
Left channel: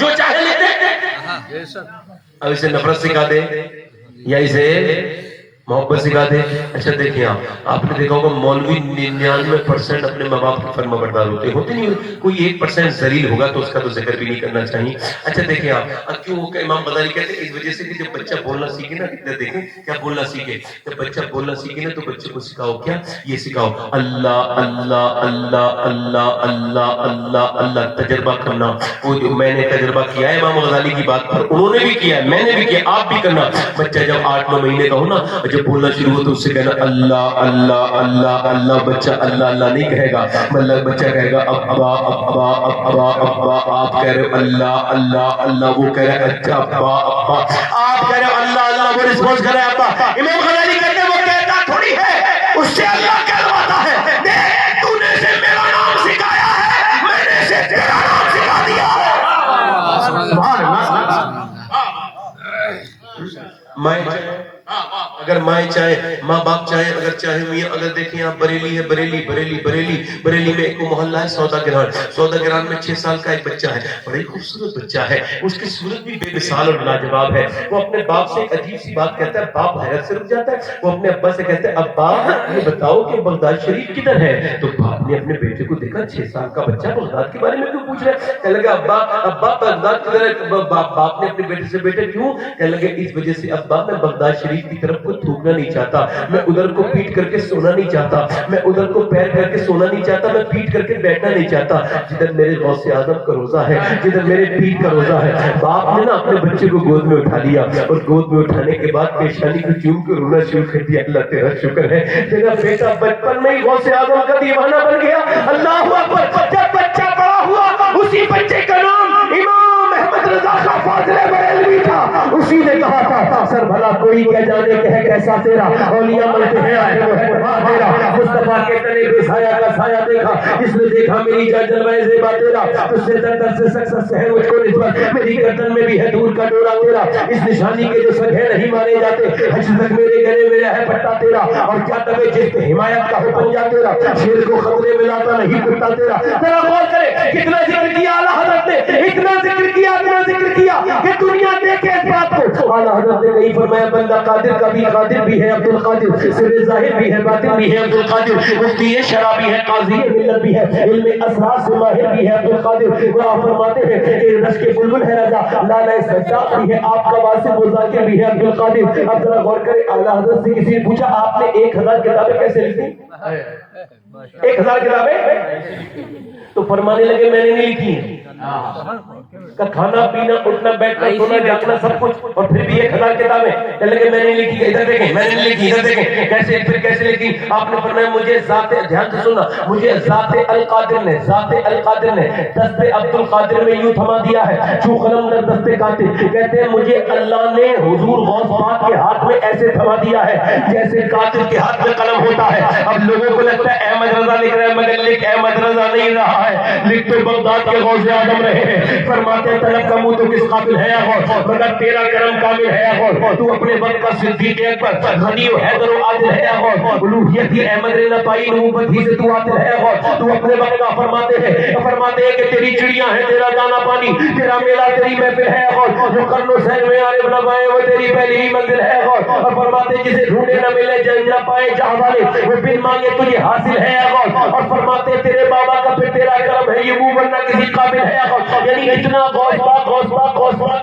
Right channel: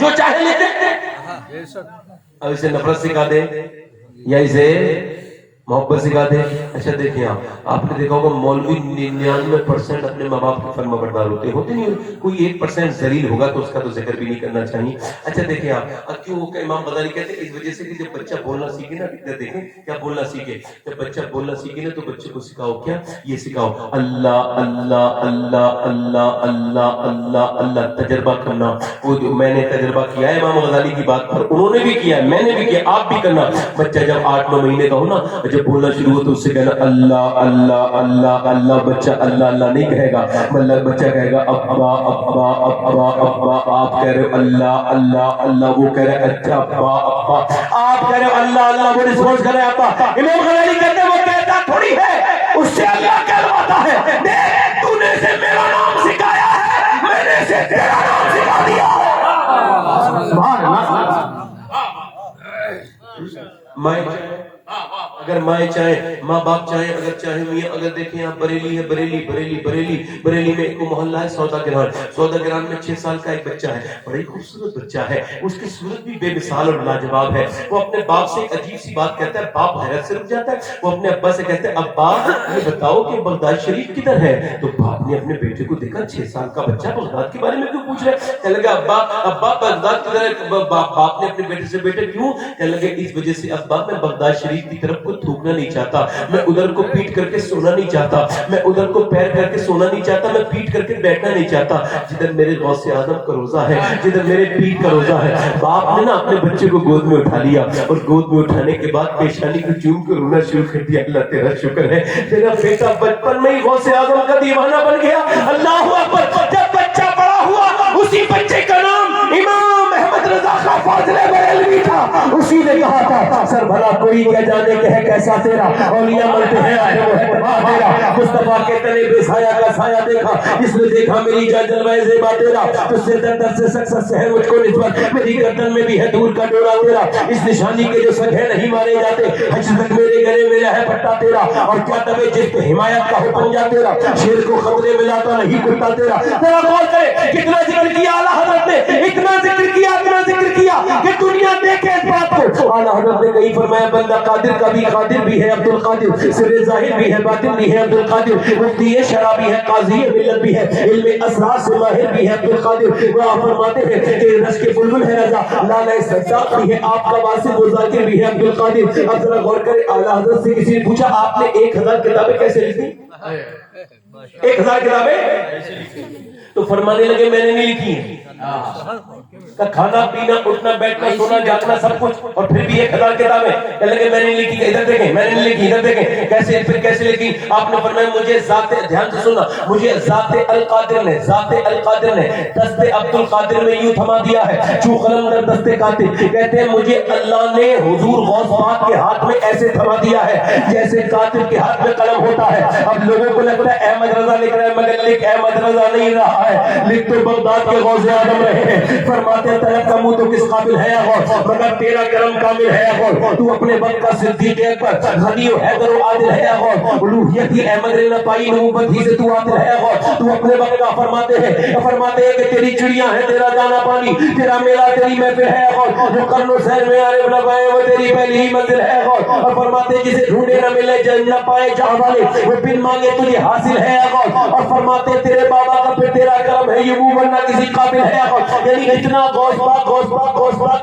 جو چاہے لیتے اب اسے نفرت سکھا دے یا اسے محبت سکھا دے. اچھا دیکھیں آپ نے دیکھا ہوگا مولوی 99% اپنے ماں باپ کے فرما بردار ہوتے نہیں. کوئی 1% ذلیل ہوگا تو اس کا تو ذکر بھی نہیں کرنا چاہیے. اچھا دیکھیں آپ کیوں امام غزالی کہتے ہیں اس وجہ سے کہ جب بچہ بولنا سیکھے نا دیکھیں کیا بولنا سیکھے جب بچہ بولنا سیکھے نا تو بچے کو سکھاؤ کیا یہ سکھاؤ اللہ اللہ اللہ اللہ اللہ اللہ اللہ. تجربہ کرنا وہ جو میں نے تجربہ کیا ہے امام غزالی کی بات پر انہوں نے بھی کیا ہے میں نے بھی کیا آپ بھی کرنا. بچہ جب 8-9 مہینے کا ہو نا جب بولنا شروع ہو تو اس سے کہنا اللہ اللہ اللہ اللہ. بچہ اللہ اللہ نہیں کہے گا بچہ کہے گا ابا ابا ابا ابا. آپ کہہ رہے ہو اللہ اللہ اللہ وہ کہہ رہے ہیں اچھا ابا ابا. آپ کہہ رہے ہو اللہ اللہ وہ رسپانس کر رہے ہیں ابا. امام غزالی کہتے ہیں وہ کہتا تھوڑی ہے اس سے اللہ کہلواتا ہے. دیکھ تو نے اسے میرا نام سکھایا ہے میں نے اسے تیرا نام سکھا دیا ہے. سبحان اللہ. اگر مائیں چاہیں، ماں باپ چاہیں، اگر چاہے میاں، اگر دیکھیں آپ بریلی ہے، بریلی میں ایک محلہ ہے سودا گران میں 6 سال کا ایک بچہ ہے، بڑی خوبصورت بچہ ہے، اس کی صورت بھی بے مثال اور لاجواب ہے۔ وہ اپنے باپ سے ایک عجیب سی بات کہتا ہے، باپ حیرت سے رک جاتا ہے، وہ اپنے ابا سے کہتے ہیں ابا یہ بتاؤ کہ بغداد شریف کدھر ہے؟ تو باپ نے اپنے بیٹے کو دیکھا 6 سال کا بچہ بغداد کے بارے میں کیوں پوچھ رہا ہے؟ کہنے لگا ابا بغداد کدھر ہے؟ باپ نے اپنے بیٹے سے بیٹے کیوں؟ کہنے لگے اس وجہ سے ابا میں بغداد شریف کی طرف کو تھوکنا نہیں چاہتا، میں ادھر کو پیٹ کر کے سونا نہیں چاہتا، میں ادھر کو پیر کر کے سونا نہیں چاہتا، میں پیٹ کر کے بیٹھنا نہیں چاہتا، جدھر میرے غوث اعظم کا روزہ ہے، جدھر میرے پیر کا روزہ ہے۔ باپ نے نا اپنے بچے کو گود میں اٹھا لیا اور گود میں اٹھانے کے بعد پیشانی کو چوم کے رونا شروع کر دیا۔ اللہ تیرا شکر ہے تیرا بیٹا بچپن میں ہی غوث اعظم کا دیوانہ بن گیا۔ اللہ اکبر۔ جب بچہ بڑا ہوا اسی بچے کا نام امام احمد رضا خان فاضل بریلوی تھا۔ اسی نے کہا تھا سر بھلا کوئی کیا جانے کہ ہے کیسا تیرا، اولیاء ملتے ہیں آخر وہ ہے تباہ تیرا، مصطفیٰ کے تلے بے سایہ کا سایہ دیکھا، جس نے دیکھا میری جان جلوہ زیبا تیرا، تجھ سے در سے سکسس ہے مجھ کو نسبت، میری گردن میں بھی ہے دور کا ڈورا تیرا، اس نشانی کے جو سگے نہیں مارے جاتے، حج تک میرے گلے میں ہے پٹا تیرا، اور کیا تبے جس پہ حمایت کا حکم جا تیرا، شیر کو خطرے میں لاتا نہیں کتا تیرا۔ تیرا غور کرے کتنا ذکر کیا اعلیٰ حضرت نے، اتنا ذکر کیا کہ دنیا دیکھے اس بات کو۔ اعلیٰ حضرت نے کہیں فرمایا بندہ قادر کا بھی قادر بھی ہے عبد القادر، سر ظاہر بھی ہے باطن بھی ہے عبد القادر، مفتی شرابی ہے قاضی ملت بھی ہے، علم اسرار سے ماہر بھی ہے عبد القادر۔ وہ آپ فرماتے ہیں کہ رش کے بلبل ہے رضا، لالہ سجاد بھی ہے، آپ کا واسف و ذاکر بھی ہے عبد القادر۔ اب ذرا غور کرے اعلیٰ حضرت سے کسی نے پوچھا آپ نے 1000 کتابیں کیسے لکھی؟ 1000 کتابیں؟ تو فرمانے لگے میں نے نہیں لکھی، کا کھانا پینا اٹھنا بیٹھنا سونا جاگنا سب کچھ، اور پھر بھی 1000 کتابیں۔ کہنے لگے میں نے لکھی، ادھر دیکھیں میں نے لکھی، ادھر دیکھیں کیسے، پھر کیسے لکھی؟ آپ نے فرمایا مجھے ذات، دھیان سے سننا، مجھے ذات القادر نے دست عبد القادر میں یوں تھما دیا ہے، چوں قلم در دست قاتل، کہتے ہیں مجھے اللہ نے حضور غوث پاک کے ہاتھ میں ایسے تھما دیا ہے جیسے قاتل کے ہاتھ میں قلم ہوتا ہے۔ اب لوگوں کو لگتا ہے احمد رضا لکھ رہا ہے، مگر لکھ احمد رضا نہیں رہا ہے، لکھ تو بغداد کے غوث اعظم رہے ہیں۔ فرماتے ہیں طلب کا منہ تو کس قابل ہے غوث، مگر تیرا کرم کامل ہے غوث، تو اپنے وقت کا صدیق اکبر، غنی و حیدر و عادل ہے غوث، الوہیت ہی احمد نے نہ پائی، نبوت ہی سے تو عادل ہے غوث، تو اپنے وقت کا فرماتے ہیں کہ تیری چڑیاں ہیں تیرا دانا پانی، تیرا میلہ تیری محفل ہے غوث، جو قرن و سین میں عارف نہ پائے وہ تیری پہلی ہی منزل ہے غوث، اور فرماتے ہیں جسے ڈھونڈے نہ ملے جن نہ پائے جہاں والے وہ بن مانگے تجھے حاصل ہے غوث، اور فرماتے ہیں تیرے بابا کا پھر تیرا کرم ہے یہ منہ ورنہ کسی قابل ہے غوث۔ یعنی اتنا غوث پاک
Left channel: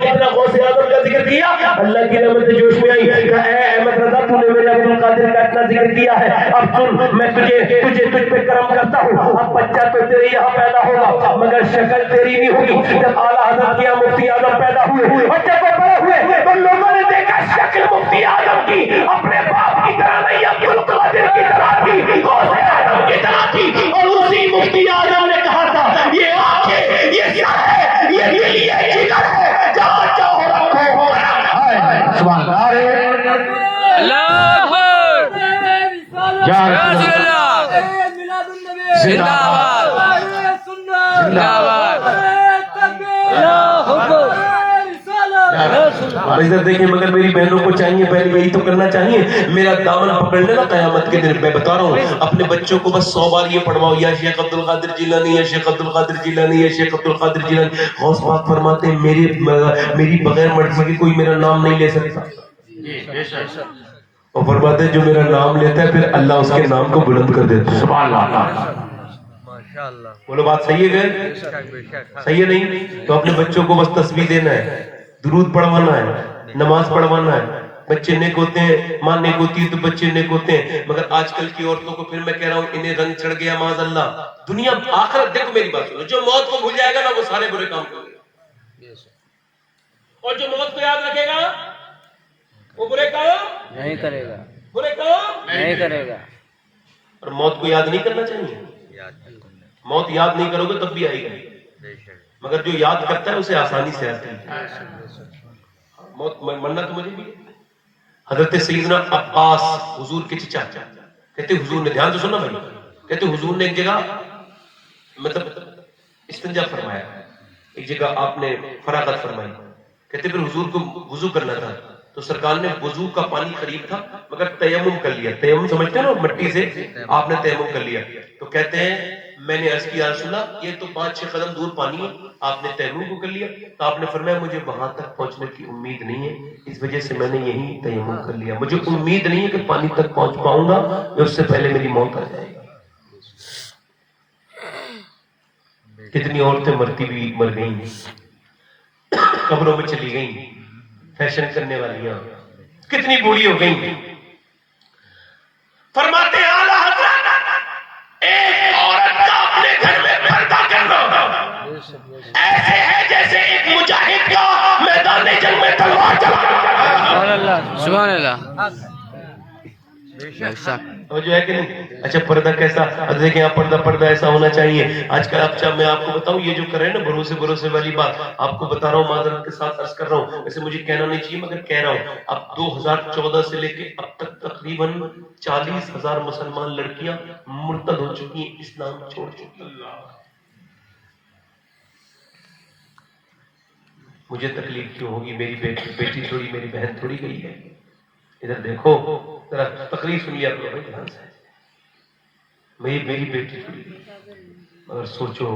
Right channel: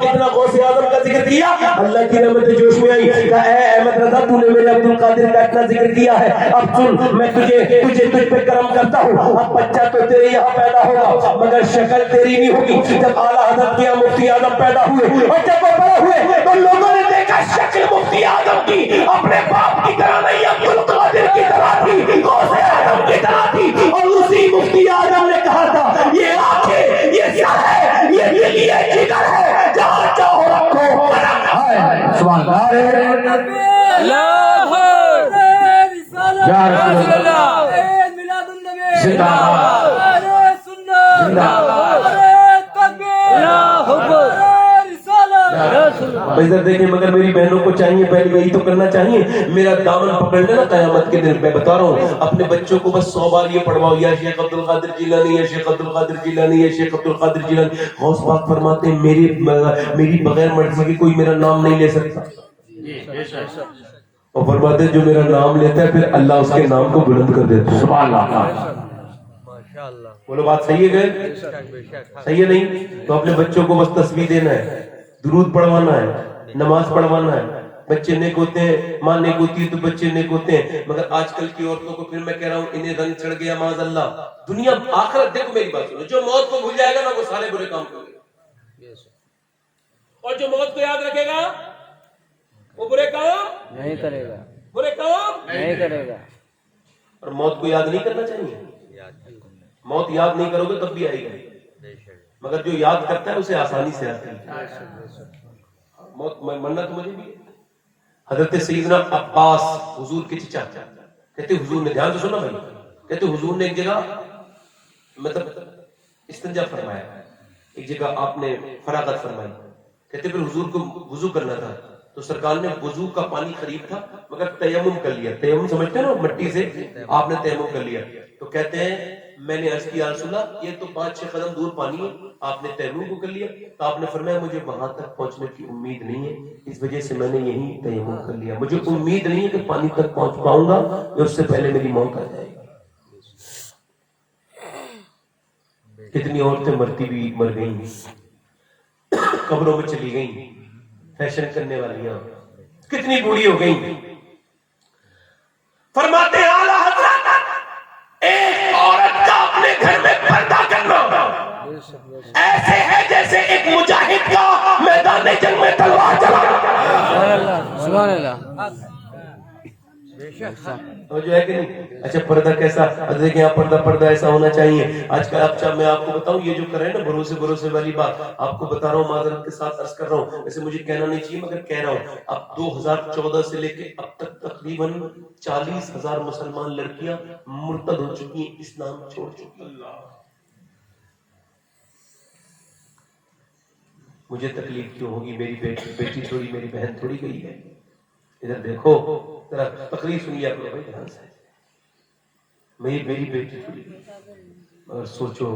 اتنا غوث اعظم کا ذکر کیا، اللہ کی رحمت جوش میں آئی، کہا اے احمد رضا تو نے میرے عبد القادر کا اتنا ذکر کیا ہے، اب سن میں تجھ پہ کرم کرتا ہوں، اب بچہ تو تیرے یہاں پیدا ہوگا مگر شکل تیری نہیں ہوگی۔ جب اعلیٰ حضرت کیا مفتی اعظم پیدا ہوئے اور جب وہ بڑے ہوئے تو لوگوں نے دیکھا شکل مفتی اعظم کی اپنے باپ کی طرح نہیں، عبد القادر کی طرح تھی، غوث اعظم کی طرح تھی، اور اسی مفتی اعظم نے کہا تھا یہ آنکھیں یہ سر ہے یہ دل یہ جگر ہے، جہاں چاہو رکھو۔ سبحان اللہ، اللہ اکبر، یا یا رسول رسول اللہ، اللہ، زندہ باد، زندہ باد، اللہ اکبر۔ ادھر دیکھیں مگر میری بہنوں کو چاہیے پہلے یہی تو کرنا چاہیے، میرا دامن پکڑ لینا قیامت کے دن۔ میں بتا رہا ہوں اپنے بچوں کو بس 100 بار یہ پڑھواؤ یا شیخ عبد القادر جیلانی یا شیخ عبد القادر جیلانی یا شیخ عبد القادر جیلانی۔ غوث پاک فرماتے ہیں میری بغیر مرضی کے کوئی میرا نام نہیں لے سکتا، اور فرماتے ہیں جو میرا نام لیتا ہے پھر اللہ اس کے نام کو بلند کر دیتا ہے۔ سبحان اللہ، بولو بات صحیح ہے کہ صحیح ہے؟ نہیں تو اپنے بچوں کو بس تسبیح دینا ہے، درود پڑھوانا ہے، نماز پڑھوانا ہے، بچے نیک ہوتے ہیں، ماں نیک ہوتی ہے تو بچے نیک ہوتے ہیں۔ مگر آج کل کی عورتوں کو پھر میں کہہ رہا ہوں انہیں رنگ چڑھ گیا معاذ اللہ، دنیا آخرت۔ دیکھو میری بات سنو، جو موت کو بھول جائے گا نا وہ سارے برے کام کرے گا، اور جو موت کو یاد رکھے گا وہ برے کام نہیں کرے گا، برے کام نہیں کرے گا۔ اور موت کو یاد نہیں کرنا چاہیے، موت یاد نہیں کرو گے تب بھی آئے گی، مگر جو یاد کرتا ہے اسے آسانی سے آتی ہے موت۔ مرنا تو مجھے بھی۔ حضرت سیدنا عباس حضور کے چچا کہتے حضور نے، دھیان سے سننا بھائی، کہتے حضور نے ایک جگہ مطلب استنجا فرمایا، ایک جگہ آپ نے فراغت فرمائی، کہتے پھر حضور کو وضو کرنا تھا، تو سرکار نے وضو کا پانی خرید تھا مگر تیمم کر لیا. تیمم سمجھتے ہیں نا, مٹی سے آپ نے تیمم کر لیا. تو کہتے ہیں میں نے عرض کیا رسول اللہ یہ تو 5-6 قدم دور پانی ہے, آپ نے تیمم کو کر لیا. تو آپ نے فرمایا مجھے وہاں تک پہنچنے کی امید نہیں ہے, اس وجہ سے میں نے یہی تیمم کر لیا. مجھے امید نہیں ہے کہ پانی تک پہنچ پاؤں گا, اس سے پہلے میری موت آ جائے گی. کتنی عورتیں مرتی بھی مر گئیں, قبروں میں چلی گئیں, فیشن کرنے والیاں کتنی بوڑھی ہو گئیں. فرماتے ہیں اعلیٰ حضرت ایک عورت کا اپنے گھر میں پردہ کرنا ایسے ہے جیسے ایک مجاہد کا میدان جنگ میں تلوار چلانا. سبحان اللہ. جو ہے کہ نہیں. اچھا پردہ کیسا, دیکھیں آپ پردہ ایسا ہونا چاہیے. آج کل آپ میں آپ کو بتاؤں یہ جو کر رہے ہیں نا بھروسے والی بات, آپ کو بتا رہا ہوں, معذرت کے ساتھ عرض کر رہا ہوں, ویسے مجھے کہنا نہیں چاہیے مگر کہہ رہا ہوں. اب 2014 سے لے کے اب تک تقریباً 40,000 مسلمان لڑکیاں مرتد ہو چکی ہیں, اسلام چھوڑ چکی ہیں. مجھے تکلیف کیوں ہوگی, میری بیٹی تھوڑی, میری بہن تھوڑی گئی ہے. ادھر دیکھو ذرا تقریر سن لیا کرو بھائی دھیان سے. میری بیٹی تھوڑی گئی, مگر سوچو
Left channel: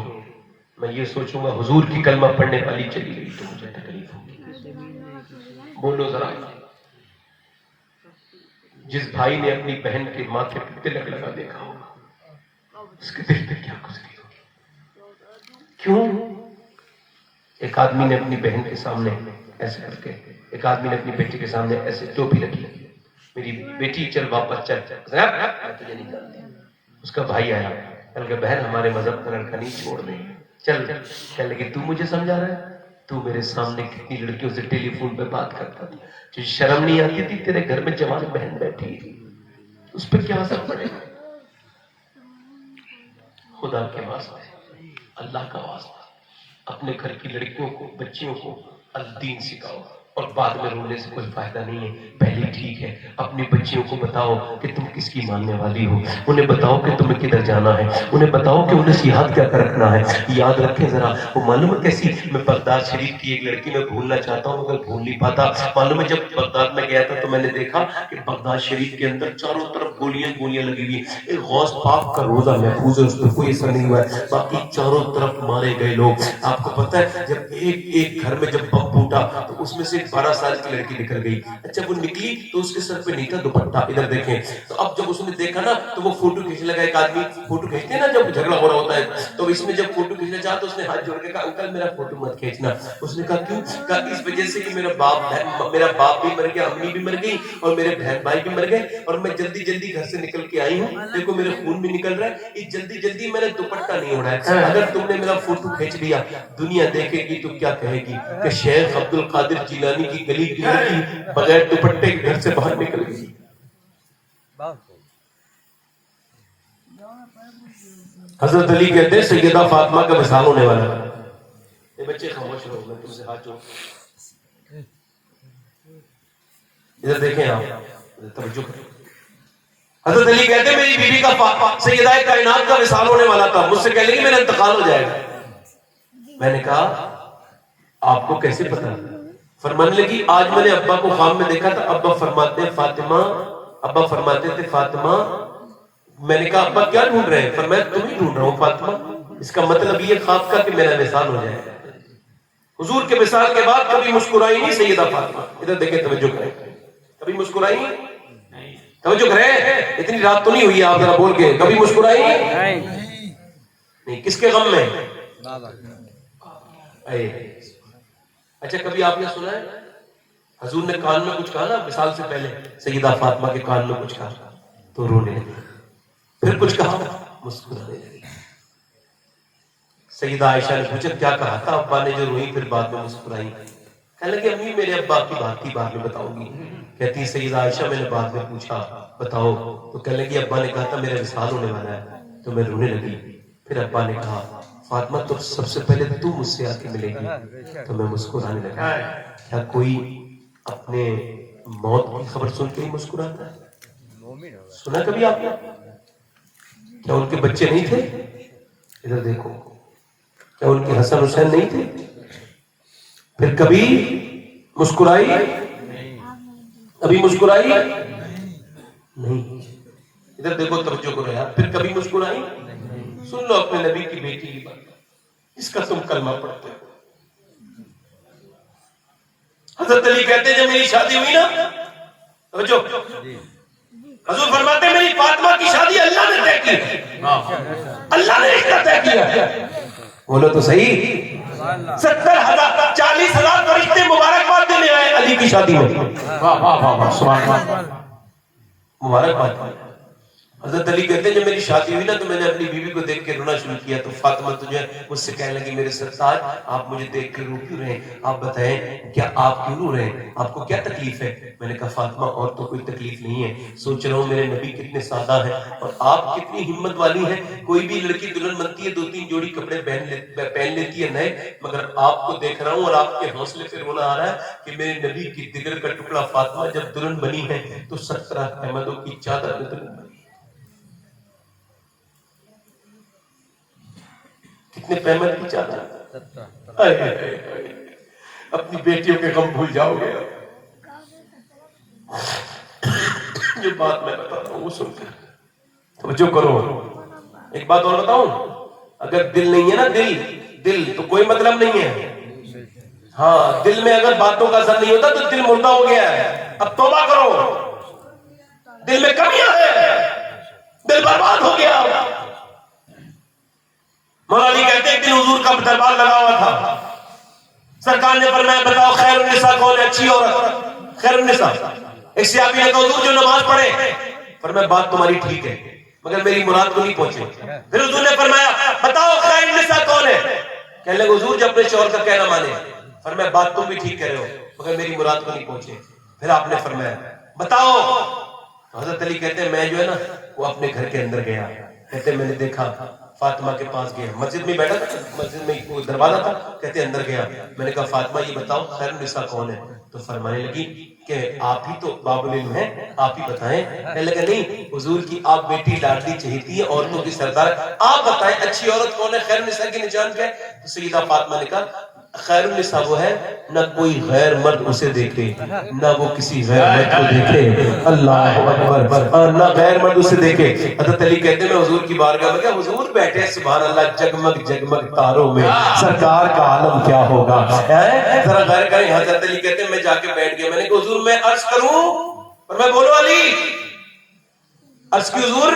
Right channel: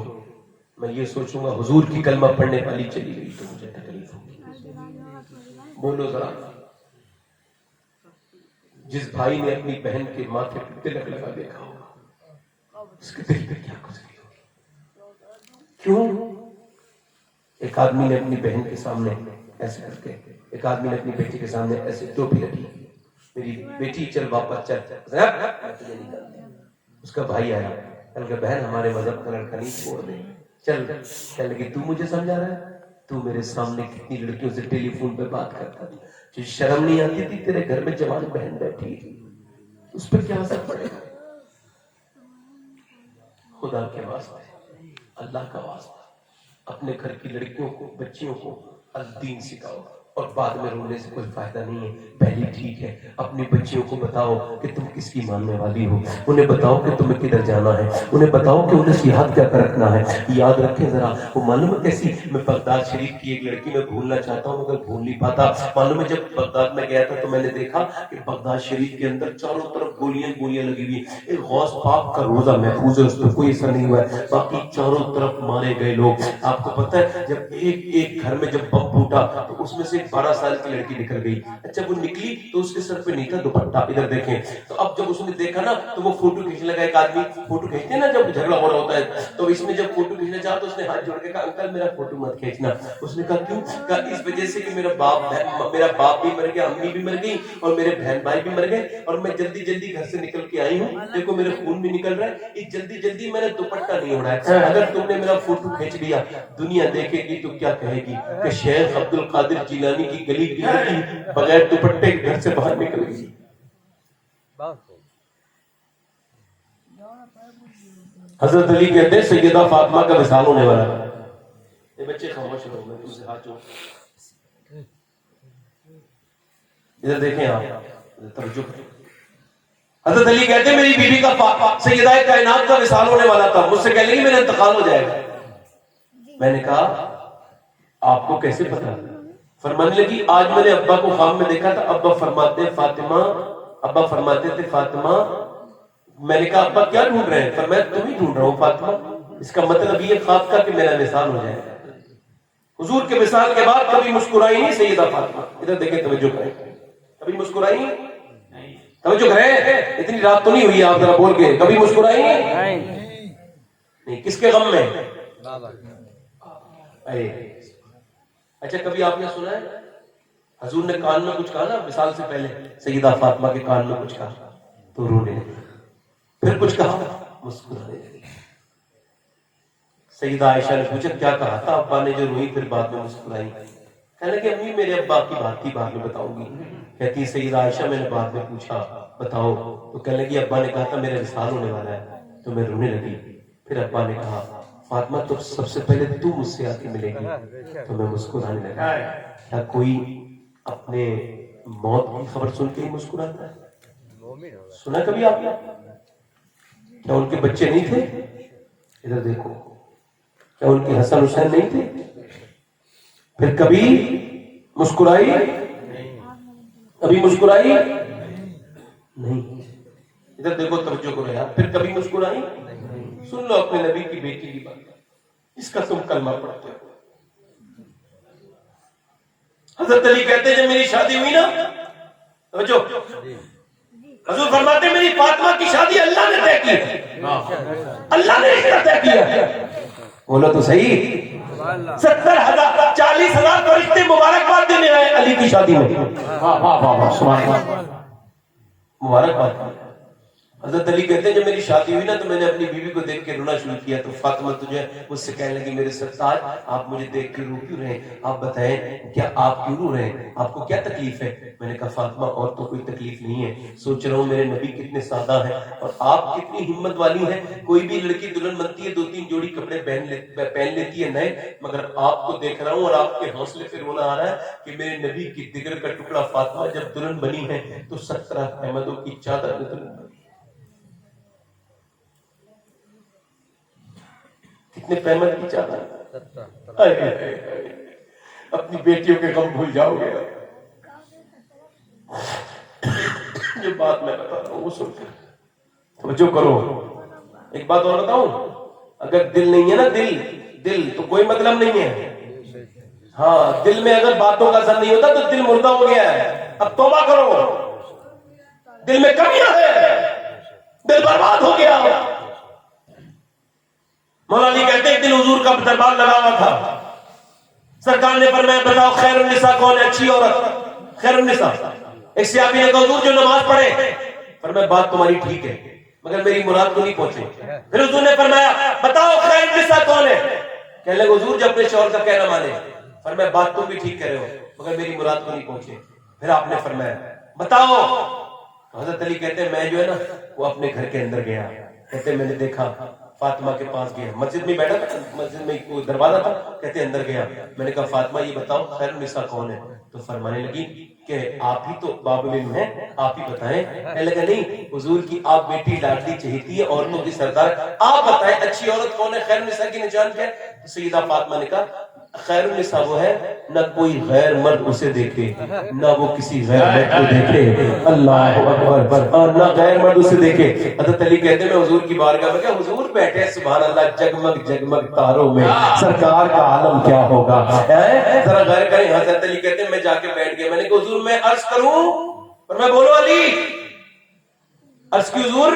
میں یہ سوچوں گا حضور کی کلمہ پڑھنے والی چلی گئی تو مجھے تکلیف ہوگی. بولو ذرا, جس بھائی نے اپنی بہن کے ماتھے پہ تلک لگا دیکھا ہوگا اس کے دل پہ کیا گزری ہوگی. کیوں ایک آدمی نے اپنی بہن کے سامنے ایسے کر کے, ایک آدمی نے اپنی بیٹی کے سامنے ایسے ٹوپی رکھی, میری بیٹی چل واپس چل, میں تجھے نہیں جانتی. اس کا بھائی آیا, کہ بہن ہمارے مذہب کا لڑکا نہیں, چھوڑ دے چل. کہنے لگی تو مجھے سمجھا رہا ہے, تو میرے سامنے کتنی لڑکیوں سے ٹیلی فون پہ بات کرتا تھا, جو شرم نہیں آتی تھی, تیرے گھر میں جوان بہن بیٹھی تھی, اس پہ کیا اثر پڑے گا. خدا کے واسطے, اللہ کا واسطہ, اپنے گھر کی لڑکیوں کو, بچیوں کو الدین سکھاؤ, اور بعد میں رونے سے کوئی فائدہ نہیں ہے. پہلے ٹھیک ہے اپنی بچیوں کو بتاؤ کہ تم کس کی ماننے والی ہو, انہیں بتاؤ کہ تمہیں کدھر جانا ہے, انہیں بتاؤ کہ انہیں یاد کیا کر رکھنا ہے. یاد رکھیں ذرا, وہ معلوم ہے کیسی, میں بغداد شریف کی ایک لڑکی میں بھولنا چاہتا ہوں مگر بھول نہیں پاتا. معلوم ہے جب بغداد میں گیا تھا تو میں نے دیکھا کہ بغداد شریف کے اندر چاروں طرف گولیاں لگی ہوئی. ایک غوث پاک کا روزہ محفوظ ہے, اس پہ کوئی اثر نہیں ہوا ہے, باقی چاروں طرف مارے گئے لوگ. آپ کو پتہ ہے جب ایک گھر میں جب بم پھوٹا تو اس میں سے 12 سال کی لڑکی نکل گئی. اچھا وہ نکلی تو اس کے سر پہ نہیں تھا دوپٹہ, ادھر دیکھیں. تو اب جب اس نے دیکھا نا تو وہ فوٹو کھینچنے لگا. ایک آدمی فوٹو کھینچتے ہیں نا جب جھگڑا ہو رہا ہوتا ہے, تو اس میں جب فوٹو کھینچنا چاہا تو اس نے ہاتھ جوڑ کے کہا انکل میرا فوٹو مت کھینچنا. اس نے کہا کیوں؟ کہا اس وجہ سے کہ میرا باپ بھی مر گیا, امی بھی مر گئی, اور میرے بہن بھائی بھی مر گئے, اور میں جلدی گھر سے نکل کے آئی ہوں, دیکھو میرے خون بھی نکل رہا ہے, اس جلدی میں نے دوپٹہ نہیں اڑایا. اگر تم نے میرا فوٹو کھینچ لیا, دنیا دیکھے گی تو کیا کہے گی کہ شیخ عبد القادر جیلانی کی گلی کی لڑکی بغیر دوپٹے گھر سے باہر نکل گئی. حضرت علی کہتے ہیں سیدہ فاطمہ کا وصال ہونے والا. یہ بچے خاموش رہو, میں تم سے ہاتھ جوڑ. ادھر دیکھیں آپ, توجہ کریں. حضرت علی کہتے ہیں میری بیوی کا سیدہ کائنات کا وصال ہونے والا تھا, مجھ سے کہہ لیں گے میرا انتقال ہو جائے گا. میں نے کہا آپ کو کیسے پتا؟ فرمانے لگی آج میں نے ابا کو خواب میں دیکھا تھا, ابا فرماتے تھے فاطمہ. میں نے کہا ابا کیا ڈھونڈ رہے ہیں؟ فرمایا تم ہی ڈھونڈ رہا ہوں فاطمہ. اس کا مطلب یہ خواب کا کہ میرا وصال ہو جائے گا. حضور کے وصال کے بعد کبھی مسکرائی نہیں سیدہ فاطمہ. ادھر دیکھیں, توجہ کریں, کبھی مسکرائی نہیں. توجہ کریں, اتنی رات تو نہیں ہوئی آپ ذرا بول کے, کبھی مسکرائی نہیں. کس کے غم میں؟ اچھا کبھی آپ نے سنا ہے حضور نے کان میں کچھ کہا نا وصال سے پہلے, سیدہ فاطمہ کے کان میں کچھ کہا تو رونے لگی, پھر کچھ کہا مسکرانے لگی. سیدہ عائشہ نے پوچھا کیا کہا تھا؟ ابا نے جو روئی پھر بعد میں مسکرائی. کہنے لگی امی میرے ابا کی بات کی بعد میں بتاؤں گی. کہتی سیدہ عائشہ میں نے بعد میں پوچھا بتاؤ, تو کہنے لگی ابا نے کہا تھا میرا وصال ہونے والا ہے, تو میں رونے لگی. پھر ابا نے کہا فاطمہ تو سب سے پہلے تو مجھ سے آ کے ملے گی, تو میں مسکرانے لگا. کیا کوئی اپنے موت کی خبر سن کے ہی مسکراتا ہے؟ سنا کبھی آپ نے؟ کیا ان کے بچے نہیں تھے؟ ادھر دیکھو, کیا ان کے حسن حسین نہیں تھے؟ پھر کبھی مسکرائی کبھی مسکرائی نہیں. ادھر دیکھو توجہ کرو یار. پھر کبھی مسکرائی. سن لو اپنے نبی کی بیٹی کی بات, اس کا تم کلمہ پڑھتے ہو. حضرت علی کہتے ہیں جب میری شادی ہوئی نا, توجہ, حضور فرماتے ہیں میری فاطمہ کی شادی اللہ نے طے کی ہے, اللہ نے اس کا طے کیا ہے. بولو تو صحیح. 70,000 40,000 فرشتے مبارکباد دینے آئے علی کی شادی میں. واہ واہ واہ واہ, سبحان اللہ, مبارکباد. حضرت علی کہتے ہیں جب میری شادی ہوئی نا تو میں نے اپنی بیوی کو دیکھ کے رونا شروع کیا, تو فاطمہ تجھے مجھ سے کہنے لگی میرے سرتاج آپ مجھے دیکھ کے رو کیوں رہے ہیں, آپ بتائیں کیا آپ کیوں رو رہے ہیں, آپ کو کیا تکلیف ہے. میں نے کہا فاطمہ اور تو کوئی تکلیف نہیں ہے, سوچ رہا ہوں میرے نبی کتنے سادہ ہیں اور آپ کتنی ہمت والی ہیں. کوئی بھی لڑکی دلہن بنتی ہے 2-3 جوڑی کپڑے پہن لیتی ہے نئے, مگر آپ کو دیکھ رہا ہوں اور آپ کے حوصلے پہ رونا آ رہا ہے کہ میرے نبی کی جگر کا ٹکڑا فاطمہ جب دلہن بنی ہے تو 17 احمدوں کی چادر میں دلہن بنی. کتنے پیمنٹ کی چادر. اپنی بیٹیوں کے غم بھول جاؤ گے. جو بات میں بتاتا ہوں وہ سن کے توجہ کرو. ایک بات اور بتاؤں, اگر دل نہیں ہے نا, دل تو کوئی مطلب نہیں ہے. ہاں, دل میں اگر باتوں کا اثر نہیں ہوتا تو دل مردہ ہو گیا ہے. اب توبہ کرو, دل میں کمیاں ہے, دل برباد ہو گیا. مولا علی کہتے ہیں ایک دن حضور کا دربار لگا ہوا تھا. سرکار نے فرمایا بتاؤ خیر النساء کون ہے, اچھی عورت, خیر النساء. ایک صحابی نے کہا حضور جو نماز پڑھے. فرمایا بات تمہاری ٹھیک ہے مگر میری مراد کو نہیں پہنچے. پھر حضور نے فرمایا بتاؤ خیر النساء کون ہے. کہنے لگے حضور جو اپنے شوہر کا کہنا مانے. فرمایا بات تم بھی ٹھیک کہہ رہے ہو مگر میری مراد کو نہیں پہنچے. پھر آپ نے فرمایا بتاؤ. حضرت علی کہتے ہیں میں جو ہے نا وہ اپنے گھر کے اندر گیا. کہتے ہیں میں نے دیکھا فاطمہ کے پاس گیا, مسجد میں بیٹھا تھا, مسجد میں کوئی دروازہ تھا. کہتے اندر گیا, میں نے کہا فاطمہ یہ بتاؤ خیر النساء کون ہے. تو فرمانے لگی کہ آپ ہی تو باب العلم ہیں, آپ ہی بتائیں. کہنے لگا نہیں حضور کی آپ بیٹی لاڈلی چہیتی ہے, عورتوں کی سردار, آپ بتائیں اچھی عورت کون ہے, خیر النساء کی نشان کیا ہے. تو سیدہ فاطمہ نے کہا خیر النساء وہ ہے نہ کوئی غیر مرد اسے دیکھے نہ وہ کسی غیر مرد کو دیکھے. اللہ اکبر, نہ غیر مرد اسے دیکھے. حضرت علی کہتے ہیں میں حضور کی بارگاہ میں, کہ حضور بیٹھے سبحان اللہ جگمگ جگمگ تاروں میں, سرکار کا عالم کیا ہوگا, ذرا غیر کریں. حضرت علی کہتے ہیں میں جا کے بیٹھ گیا. میں نے کہا حضور میں عرض کروں, اور میں بولو علی عرض کی حضور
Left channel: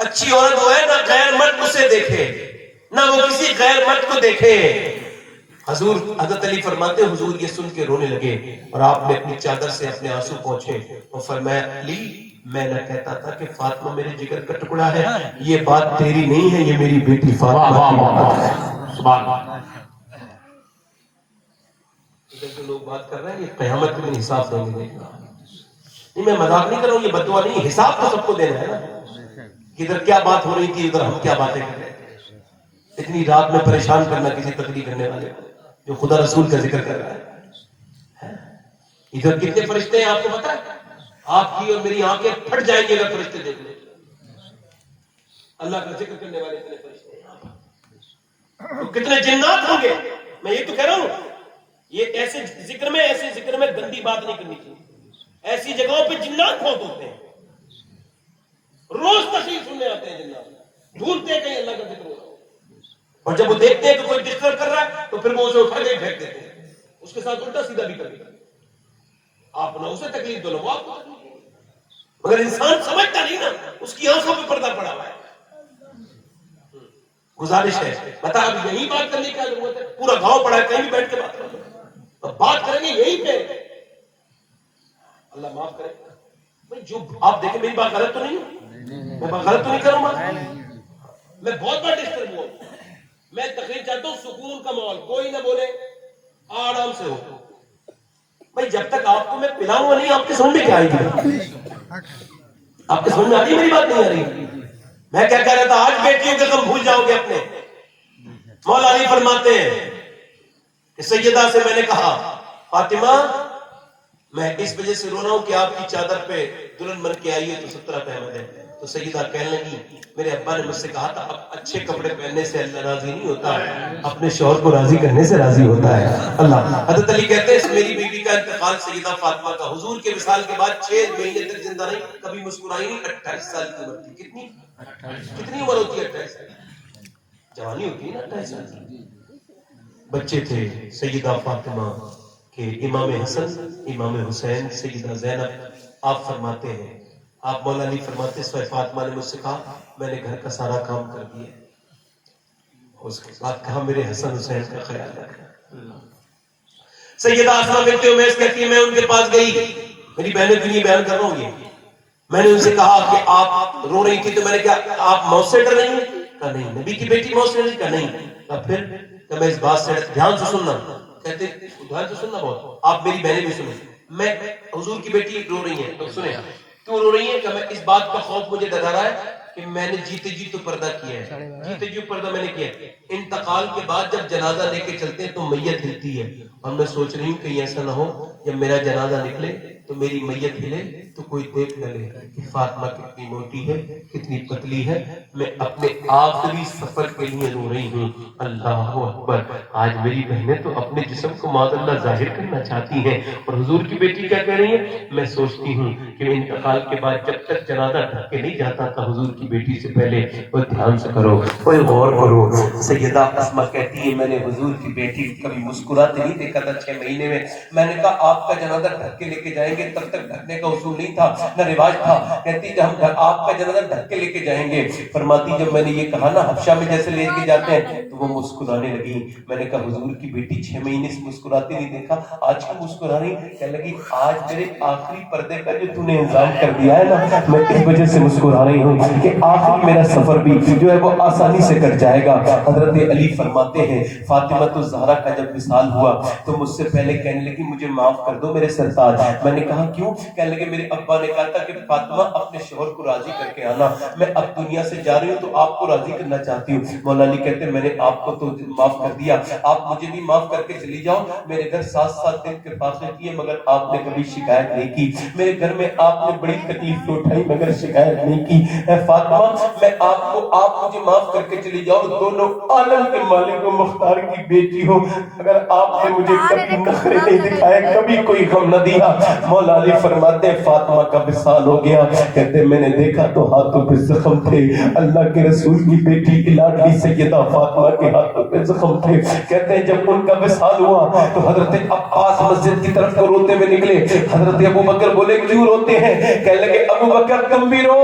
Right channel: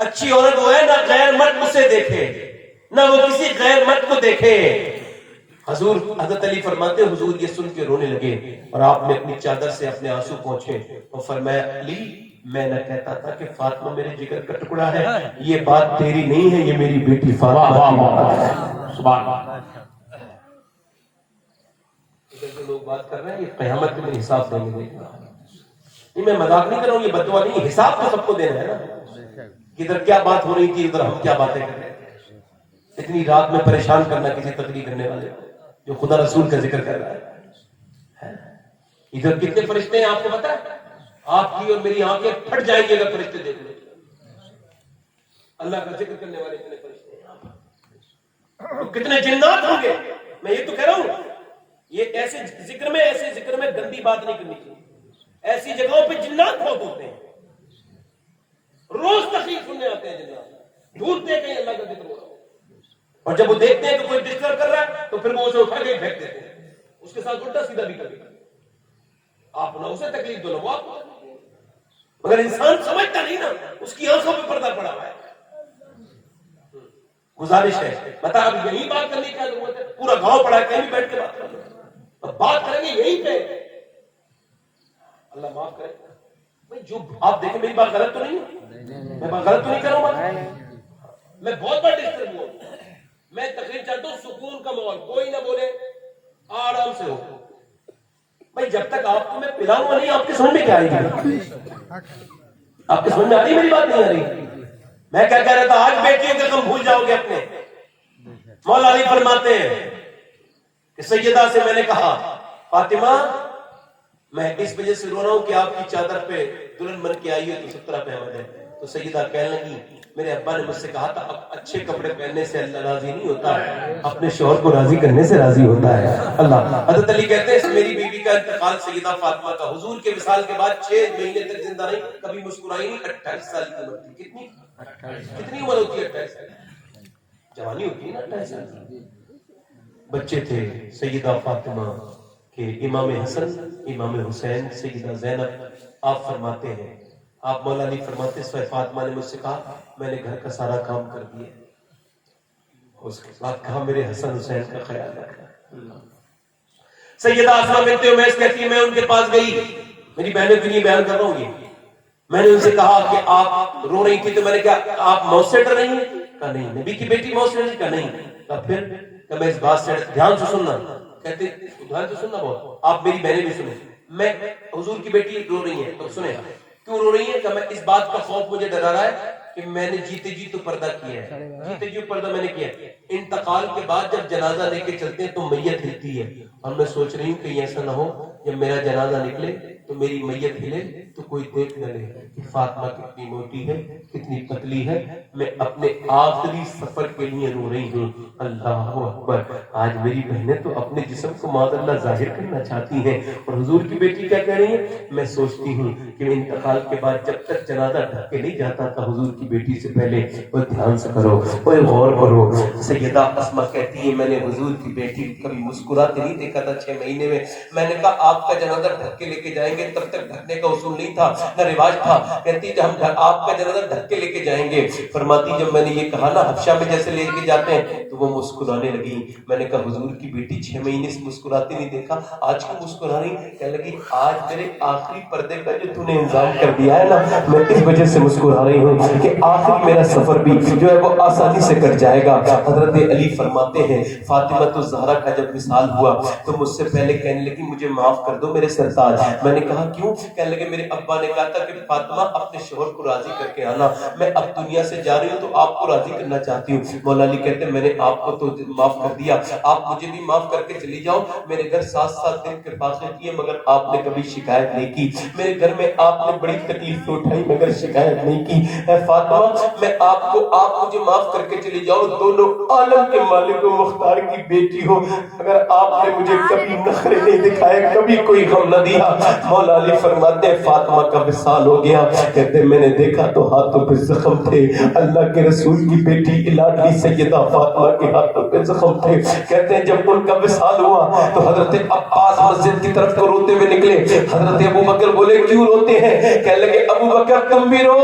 اچھی عورت وہ ہے نہ غیر مرد اسے دیکھے نہ وہ کسی غیر مرد کو دیکھے. حضور حضرت علی فرماتے ہیں حضور یہ سن کے رونے لگے اور آپ نے اپنی چادر سے اپنے آنسو پہنچے اور فرمایا علی میں نہ کہتا تھا کہ فاطمہ میرے جگر کا ٹکڑا ہے, یہ بات تیری نہیں ہے, یہ میری بیٹی فاطمہ کی بات ہے. سبحان اللہ. جو لوگ بات کر رہے ہیں یہ قیامت میں حساب دیں گے. نہیں میں مذاق نہیں کر رہا ہوں, یہ بددعا نہیں, حساب تو سب کو دینا ہے نا. ادھر کیا بات ہو رہی تھی, ادھر ہم کیا باتیں کر رہے ہیں. اتنی رات میں پریشان کرنا کسی تقریر کرنے والے جو خدا رسول کا ذکر کر رہا ہے. ادھر کتنے فرشتے ہیں آپ کو پتا ہے, آپ کی اور میری آنکھیں پھٹ جائیں گی اگر فرشتے دیکھ لیں. اللہ کا ذکر کرنے والے اتنے فرشتے ہیں, کتنے جنات ہوں گے. میں یہ تو کہہ رہا ہوں یہ ایسے ذکر میں گندی بات نہیں کرنی چاہیے. ایسی جگہوں پہ جنات بہت ہوتے ہیں, روز تقریر سننے آتے ہیں جنات, ڈھونڈتے ہیں کہ اللہ کا ذکر ہو رہا ہو, اور جب وہ دیکھتے ہیں کہ کوئی ڈسٹرب کر رہا ہے تو پھر وہ اسے اٹھا کے پھینک دیتے ہیں. اس کے ساتھ الٹا سیدھا بھی کرتے ہیں. آپ نہ اسے تکلیف دو نہ وہ آپ کو تکلیف دو, مگر انسان سمجھتا نہیں نا, اس کی آنکھوں پہ پردہ پڑا ہوا ہے. گزارش ہے بتا اب یہی بات کرنے کی ضرورت ہے, پورا گاؤں پڑا ہے, کہیں بھی بیٹھ کے بات کرو, اب بات کریں گے یہی پہ. اللہ معاف کرے بھائی, جو آپ دیکھیں میری بات غلط تو نہیں ہے, میں بات غلط تو نہیں کروں گا, میں بہت بڑا ڈسٹرب ہوں. میں تقریر چاہتا ہوں سکون کا ماحول, کوئی نہ بولے, آرام سے ہو. بھائی جب تک آپ کو میں پلاؤں گا نہیں آپ کی سمجھ میں کیا آئے گی, آپ کی سمجھ میں آتی میری بات نہیں آ رہی. میں کیا کہہ رہا تھا, آج بیٹیوں کے غم بھول جاؤ گے اپنے. مولا علی فرماتے ہیں کہ سیدہ سے میں نے کہا فاطمہ میں اس وجہ سے رو رہا ہوں کہ آپ کی چادر پہ دلہن بن کے آئی ہے تو 17 احمد ہے. تو سیدہ کہنے لگی میرے ابا نے مجھ سے کہا تھا اب اچھے کپڑے پہننے سے اللہ راضی نہیں ہوتا، اپنے شوہر کو راضی کرنے سے راضی ہوتا ہے اللہ۔ حضرت علی کہتے ہیں میری بیوی کا انتقال سیدہ فاطمہ کا حضور کے وصال کے بعد 6 مہینے تک زندہ رہی، کبھی مسکرائی نہیں۔ 28 سال کی عمر تھی۔ کتنی عمر ہوتی ہے 28 سال؟ جوانی ہوتی ہے نا 28 سال کی۔ بچے تھے سیدہ فاطمہ کے، امام حسن، امام حسین، سیدہ زینب۔ آپ فرماتے ہیں، آپ مولا علی فرماتے ہیں فاطمہ نے مجھ سے کہا میں نے گھر کا سارا کام کر دیا، اس کے بعد کہا میرے حسن حسین کا خیال رکھنا۔ سیدہ آسمہ بنت امیس کہتی ہے میں ان کے پاس گئی، میری بہنوں کے لیے بیان کر رہا ہوں یہ، میں نے ان سے کہا کہ آپ رو رہی تھی تو میں نے کہا آپ موت سے ڈر رہی ہیں؟ کہا نہیں۔ نبی کی بیٹی موت سے نہیں؟ کہا نہیں۔ کہا پھر؟ کہ میں اس بات سے دھیان سے سننا، کہتے دھیان سے سننا بہت، آپ میری بہنیں بھی سنیں، میں حضور کی بیٹی رو رہی ہیں تو سنیں کیوں رو رہی ہیں؟ کہ میں اس بات کا خوف مجھے ڈرا رہا ہے کہ میں نے جیتے جی تو پردہ کیا ہے، جیتے جی پردہ میں نے کیا ہے، انتقال کے بعد جب جنازہ لے کے چلتے ہیں تو میت ہلتی ہے، اور میں سوچ رہی ہوں کہ ایسا نہ ہو جب میرا جنازہ نکلے تو میری میت ہلے تو کوئی دیکھ نہ لے کہ فاطمہ کتنی موٹی ہے، کتنی پتلی ہے، میں اپنے آخری سفر کے لیے رو رہی ہوں۔ اللہ اکبر۔ آج میری بہنیں تو اپنے جسم کو معاذ اللہ ظاہر کرنا چاہتی ہیں، اور حضور کی بیٹی کیا کہہ رہی ہے؟ میں سوچتی ہوں کہ انتقال کے بعد جب تک جنازہ ڈھک کے نہیں جاتا تھا حضور کی بیٹی سے پہلے وہ دھیان سے کرو، وہ غور کرو۔ سیدہ اسماء کہتی ہے میں نے حضور کی بیٹی کبھی مسکراتے نہیں دیکھا تھا 6 مہینے میں۔ میں نے کہا آپ کا جنازہ ڈھک کے لے کے جائیں گے، تب تک ڈھکنے کا اصول نہیں تھا نہ رواج تھا، کہتی کہ ہم آپ کا جنازہ ڈھک کے لے کے جائیں گے۔ فرماتی جب میں نے یہ کہا نا حبشہ میں جیسے لے کے جاتے ہیں تو وہ مسکرانے لگی۔ میں نے کہا حضور کی بیٹی 6 مہینے سے مسکراتے نہیں دیکھا، آج کیوں مسکرا رہی؟ کہنے لگی آج میرے آخری پردے کا جو تو نے انتظام کر دیا ہے نا، میں اس وجہ سے مسکرا رہی ہوں کہ آخری میرا سفر بھی جو ہے وہ آسانی سے کٹ جائے گا۔ حضرت علی فرماتے ہیں فاطمہ الزہرا کا جب وصال ہوا تو مجھ سے پہلے کہنے لگی مجھے معاف کر دو میرے سرتاج۔ میں نے کہا کیوں؟ کہنے لگے میرے ابا نے کہا تھا کہ فاطمہ اپنے شوہر کو راضی کر کے آنا، میں اب دنیا سے جا رہی ہوں تو آپ کو راضی کرنا چاہتی ہوں۔ مولا علی کہتے ہیں میں نے آپ کو تو معاف کر دیا، آپ مجھے بھی معاف کر کے چلی جاؤ۔ میرے گھر 7 دن کے فاصلے کیے مگر آپ نے کبھی شکایت نہیں کی، میرے گھر میں آپ نے بڑی تکلیف اٹھائی مگر شکایت نہیں کی۔ اے فاطمہ میں آپ مجھے معاف کر کے چلی جاؤ، دونوں عالم کے مالک و مختار کی بیٹی ہو، اگر آپ نے مجھے کبھی نخرے نہیں دکھائے، کبھی کوئی غم نہ دیا۔ مولا علی فرماتے ہیں فاطمہ کا وصال ہو گیا، کہتے میں نے دیکھا تو ہاتھوں پہ زخم تھے، اللہ کے رسول کی بیٹی لاڈلی سیدہ فاطمہ کے ہاتھوں پہ زخم تھے۔ کہتے ہیں جب ان کا وصال ہوا تو حضرت عباس مسجد کی طرف کو روتے ہوئے نکلے۔ حضرت ابو بکر بولے کیوں روتے ہیں؟ کہنے لگے ابو بکر تم بھی رو،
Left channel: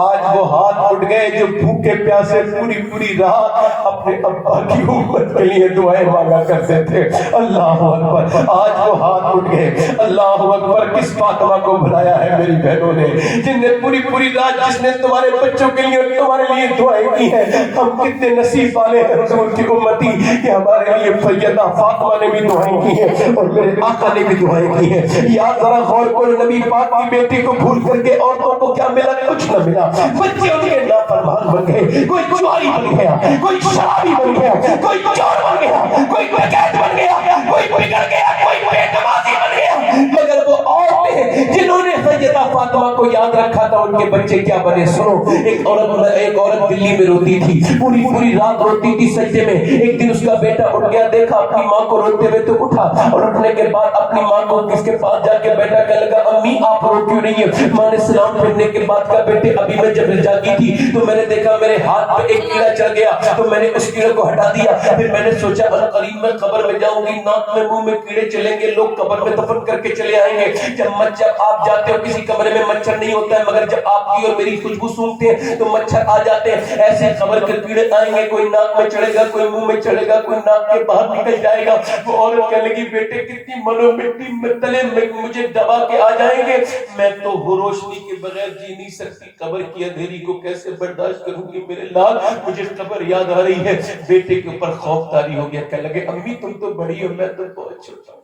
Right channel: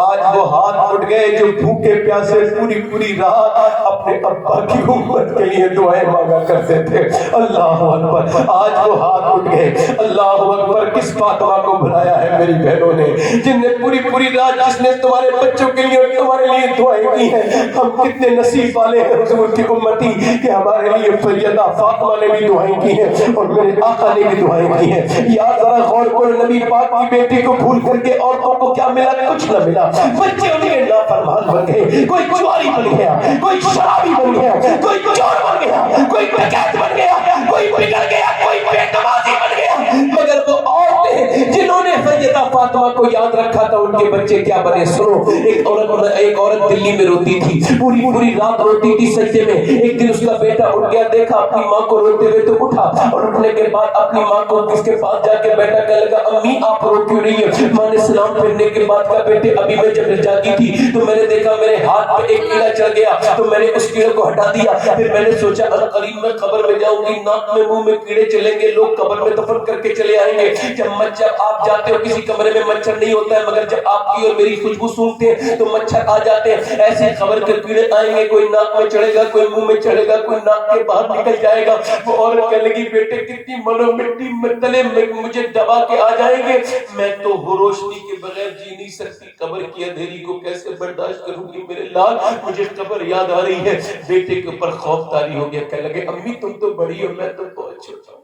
آج وہ ہاتھ اٹھ گئے جو بھوکے پیاسے پوری رات اپنے ابا کی امت کے لیے دعائیں مانگا کرتے تھے۔ اللہ اکبر، آج وہ ہاتھ اٹھ گئے۔ اللہ اکبر، کس فاطمہ کو بلایا ہے میری بہنوں نے، جن نے پوری رات، جس نے تمہارے بچوں کے لیے تمہارے لیے دعائیں کی ہیں۔ ہم کتنے نصیب والے ہیں حضور کی امتی کہ ہمارے لیے سیدہ فاطمہ نے بھی دعائیں کی ہیں اور میرے آقا نے بھی دعائیں کی ہیں۔ یا ذرا غور کرو، نبی پاک کی بیٹی کو بھول کر کے عورتوں کو کیا ملا؟ کچھ نہ ملا۔ بچے ان کے نافرمان بن گئے، کوئی چوری بن گیا، کوئی شرابی بن گیا، کوئی چور بن گیا، کوئی ڈکیت بن گیا، کوئی بگڑ گیا، کوئی بے نمازی بن گیا، مگر وہ عورتیں جنہوں نے سیدہ فاطمہ کو یاد رکھا تھا ان کے بچے کیا بنے؟ سنو، ایک عورت دلی میں روتی تھی، پوری رات روتی تھی سجدے میں۔ ایک دن اس کا بیٹا اٹھ گیا، دیکھا اپنی ماں کو روتے ہوئے تو اٹھا، اور اٹھنے کے بعد اپنی ماں کو کس کے پاس جا کے بیٹا کہنے لگا امی آپ رو کیوں رہی ہے؟ ماں نے سلام پھیرنے کے بعد کہا بیٹے ابھی میں جب جاگی تھی تو میں نے دیکھا میرے ہاتھ پہ ایک کیڑا چل گیا تو میں نے اس کیڑے کو ہٹا دیا، پھر میں نے سوچا قریب میں قبر میں جاؤں گی، ناک میں منہ میں کیڑے چلیں گے، لوگ قبر میں دفن کر کے چلے آئیں گے۔ جب آپ جاتے ہو کسی کمرے میں مچھر نہیں ہوتا ہے، مگر جب آپ کی اور میری خوشبو سونگتے ہیں تو مچھر آ جاتے ہیں، ایسے خبر کے کیڑے آئیں گے، کوئی ناک میں چڑھے گا، کوئی منہ میں چڑھے گا، کوئی ناک کے باہر نکل جائے گا۔ وہ عورت کہنے لگی بیٹے کتنی مرو مٹی میں تلے مجھے دبا کے آ جائیں گے، میں تو روشنی کے بغیر جی نہیں سکتی، قبر کی اندھیری کو کیسے برداشت کروں گی میرے لال، مجھے قبر یاد آ رہی ہے۔ بیٹے کے اوپر خوف طاری ہو گیا، کہنے لگے امی تم تو بڑی ہو، میں تو بہت چھوٹا ہوں،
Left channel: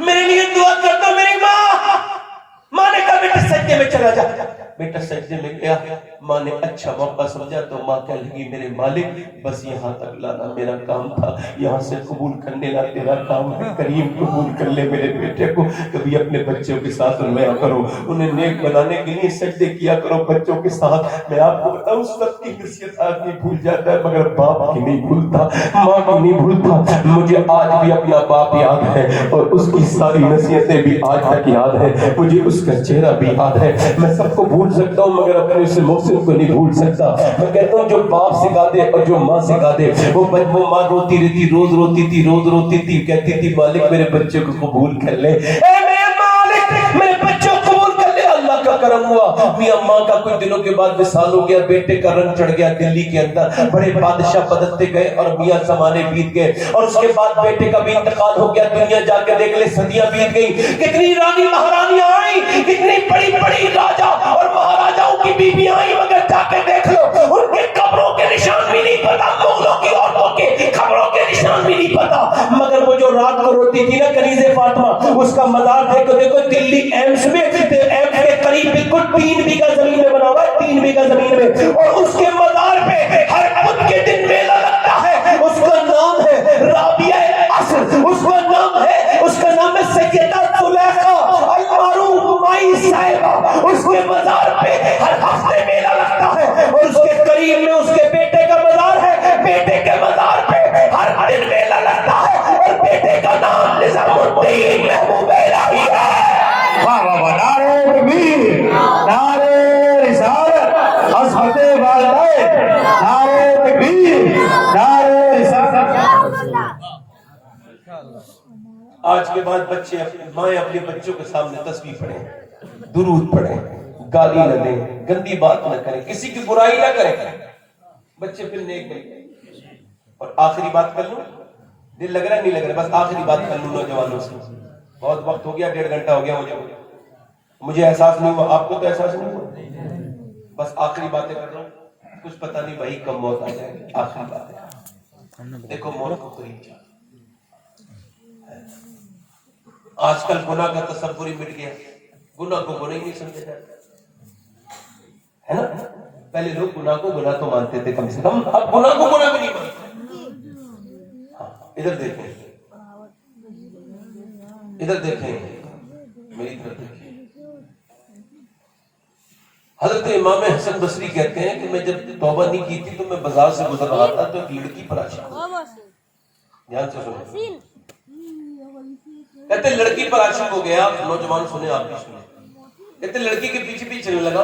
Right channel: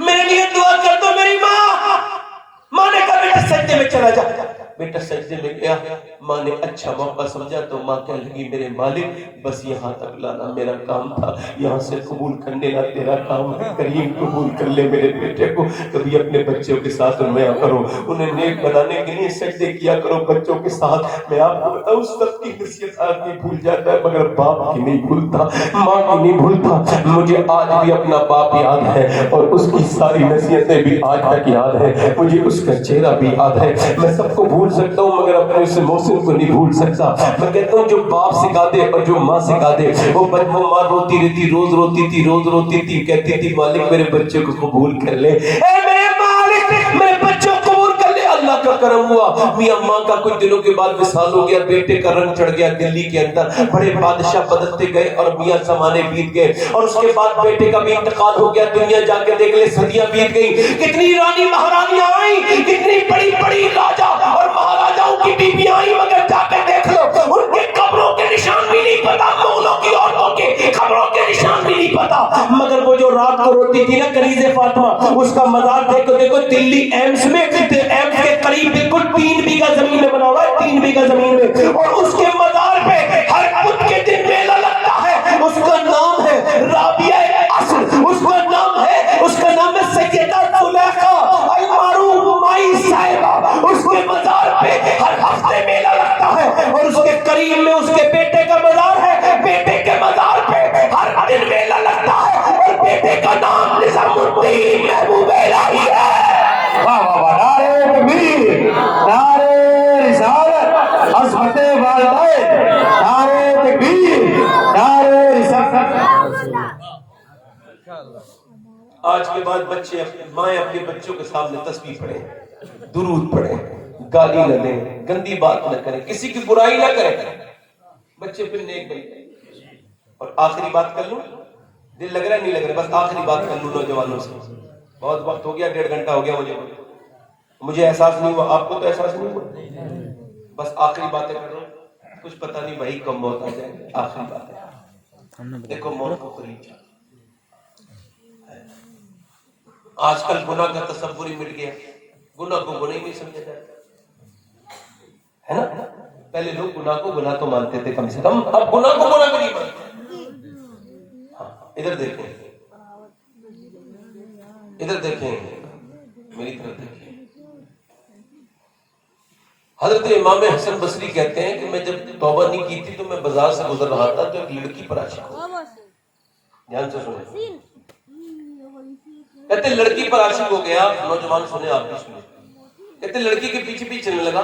میرے لیے دعا کر دو میری ماں۔ ماں نے کہا بیٹا سجدے میں چلا جا، بیٹا سجدے میں گیا، ماں نے اچھا موقع سمجھا تو ماں کہنے لگی میرے مالک بس یہاں تک لانا میرا کام تھا، یہاں سے قبول کرنے لا تیرا کام ہے، کریم قبول کر لے میرے بیٹے کو، کبھی اپنے بچوں کے ساتھ رمیا کرو، انہیں نیک بنانے کے لیے سجدے کیا کرو بچوں کے ساتھ۔ میں آپ کو بتاؤں سب کی نصیحت آدمی بھول جاتا ہے مگر باپ کی نہیں بھولتا، ماں کی نہیں بھولتا۔ مجھے آج بھی اپنا باپ یاد ہے اور اس کی ساری نصیحتیں بھی آج تک یاد ہے، مجھے اس کا چہرہ بھی یاد ہے۔ میں سب کو بھول سکتا ہوں مگر اپنے اس محسن کو نہیں بھول سکتا۔ میں کہتا ہوں جو باپ سکھا دے اور جو ماں سکھا دے، وہ ماں روتی رہتی، روز روتی تھی، روز روتی تھی، کہتی تھی مالک میرے بچے کو قبول کر لے، اے میرے مالک میرے بچے کو قبول کر لے۔ اللہ کا کرم ہوا، میاں ماں کا کچھ دنوں کے بعد وصال ہو گیا، بیٹے کا رنگ چڑھ گیا دلی کے اندر، بڑے بادشاہ بدلتے گئے اور میاں زمانے بیت گئے، اور اس کے بعد بیٹے کا بھی انتقال ہو گیا۔ دنیا جا کے دیکھ لے صدیاں بیت گئی، کتنی رانی مہارانیاں آئیں، کتنی بڑی بڑی راجا اور مہاراجاؤں کی بیویاں آئیں، مگر جا کے دیکھ لو ان کے قبروں کے نشان بھی نہیں پتا، مغلوں کی عورتوں کے قبروں کے نشان بھی نہیں پتا۔ مگر وہ جو رات کو روتی تھی نا کنیز فاطمہ، اس کا مزار دیکھو دلی ایمس میں، ایمس کے قریب بالکل 3 بیگھہ زمین میں بنا ہوا ہے، 3 بیگھہ زمین میں، اور اس کے مزار پہ ہر بدھ کے دن میلہ لگتا ہے۔ اس کا نام ہے رابعہ العصر، اس کا نام ہے سیدہ زلیخا المعروف مائی صاحبہ، اس کے مزار پہ ہر ہفتے میلہ لگتا ہے، اور اس کے قریب میں اس کے بیٹے کا مزار ہے، بیٹے کے مزار پہ ہر دن میلہ لگتا ہے، اور بیٹے کا نام نظام الدین محبوب الہی ہے۔ نعرہ تکبیر، نعرہ رسالت، عظمت والدین، نعرہ تکبیر، نعرہ رسالت۔ آج کے بعد بچے مائیں اپنے بچوں کے سامنے تسبیح پڑھیں، درود پڑھیں، گالی نہ دیں، گندی بات نہ کریں، کسی کی برائی نہ کریں، بچے پھر نیک بنیں۔ اور آخری بات کر لوں، دل لگ رہا ہے نہیں لگ رہا، بس آخری بات کر لوں نوجوانوں سے، بہت وقت ہو گیا، 1.5 گھنٹہ ہو گیا مجھے احساس نہیں ہوا، آپ کو تو احساس نہیں ہوا، بس آخری باتیں کر رہا ہوں، کچھ پتہ نہیں بھائی کب موت آ جائے گی، آخری بات ہے، دیکھو موت کو قریب چاہتا۔ آج کل گناہ کا تصور ہی مٹ گیا، گناہ کو گناہ ہی نہیں سمجھا جاتا ہے نا۔ پہلے لوگ گناہ کو گناہ تو مانتے تھے کم سے کم، اب گناہ کو گناہ بھی نہیں مانتے۔ ادھر دیکھیں، ادھر دیکھیں، میری طرف دیکھیں۔ حضرت امام حسن بصری کہتے ہیں کہ میں جب توبہ نہیں کی تھی تو میں بازار سے گزر رہا تھا تو ایک لڑکی پر عاشق ہو گیا، دھیان سے سنیں، کہتے لڑکی پر عاشق ہو گیا، نوجوان سنے آپ بھی سنے، کہتے لڑکی کے پیچھے پیچھے چلنے لگا،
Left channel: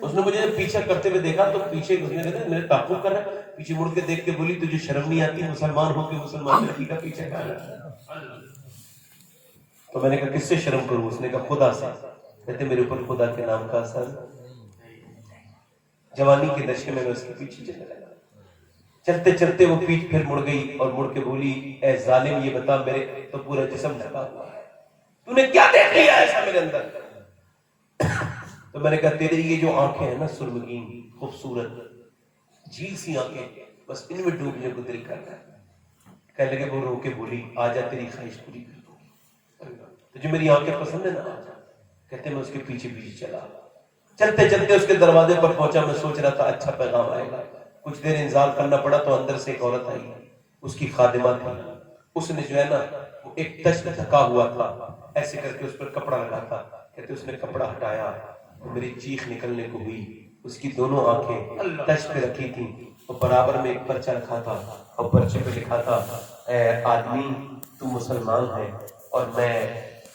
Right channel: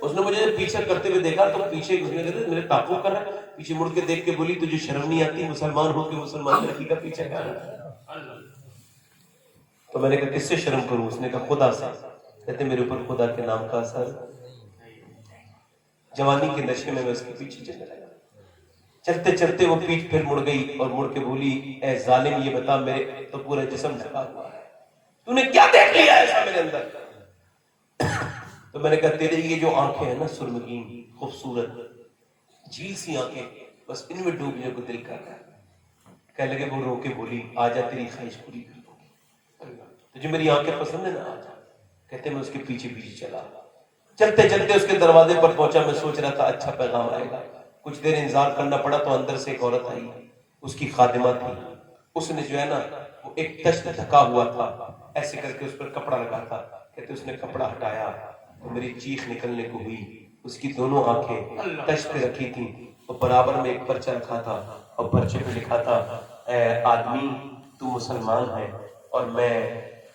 اس نے مجھے جب پیچھے کرتے ہوئے دیکھا تو پیچھے میرے تعقب کر رہا ہے، پیچھے مڑ کے دیکھ کے بولی تجھے شرم نہیں آتی مسلمان ہو کے مسلمان لڑکی کا پیچھے کر رہا ہے؟ تو میں نے کہا کس سے شرم کروں؟ اس نے کہا خدا سے۔ کہتے میرے اوپر خدا کے نام کا اثر، جوانی کے نشے میں اس کے پیچھے چلنے لگا، چلتے چلتے وہ پیچھ پھر مڑ گئی اور مڑ کے بولی اے ظالم یہ بتا میرے تو پورا جسم ڈھکا ہوا ہے، تو نے کیا دیکھ لیا ایسا میرے اندر؟ تو میں نے کہا تیرے یہ جو آنکھیں ہیں نا سرمگین خوبصورت جھیل سی آنکھیں، بس ان میں ڈوبنے کو دل کر رہا ہے۔ کہنے لگے وہ رو کے بولی آجا تیری خواہش پوری کر دوں گی، تجھے میری آنکھیں پسند ہے نا آجا۔ کہتے میں اس کے پیچھے پیچھے چلا، چلتے چلتے اس کے دروازے پر پہنچا، میں سوچ رہا تھا اچھا پیغام آئے گا، کچھ دیر انتظار کرنا پڑا تو اندر سے ایک عورت آئی، اس کی خادمہ تھی، اس نے جو ہے نا وہ ایک تشت ڈھکا ہوا تھا، ایسے کر کے اس پر کپڑا لگا تھا، کہتے اس نے کپڑا ہٹایا تو میری چیخ نکلنے کو ہوئی، اس کی دونوں آنکھیں تشت پہ رکھی تھی، وہ برابر میں ایک پرچہ رکھا تھا اور پرچے پہ لکھا تھا اے آدمی تو مسلمان ہے اور میں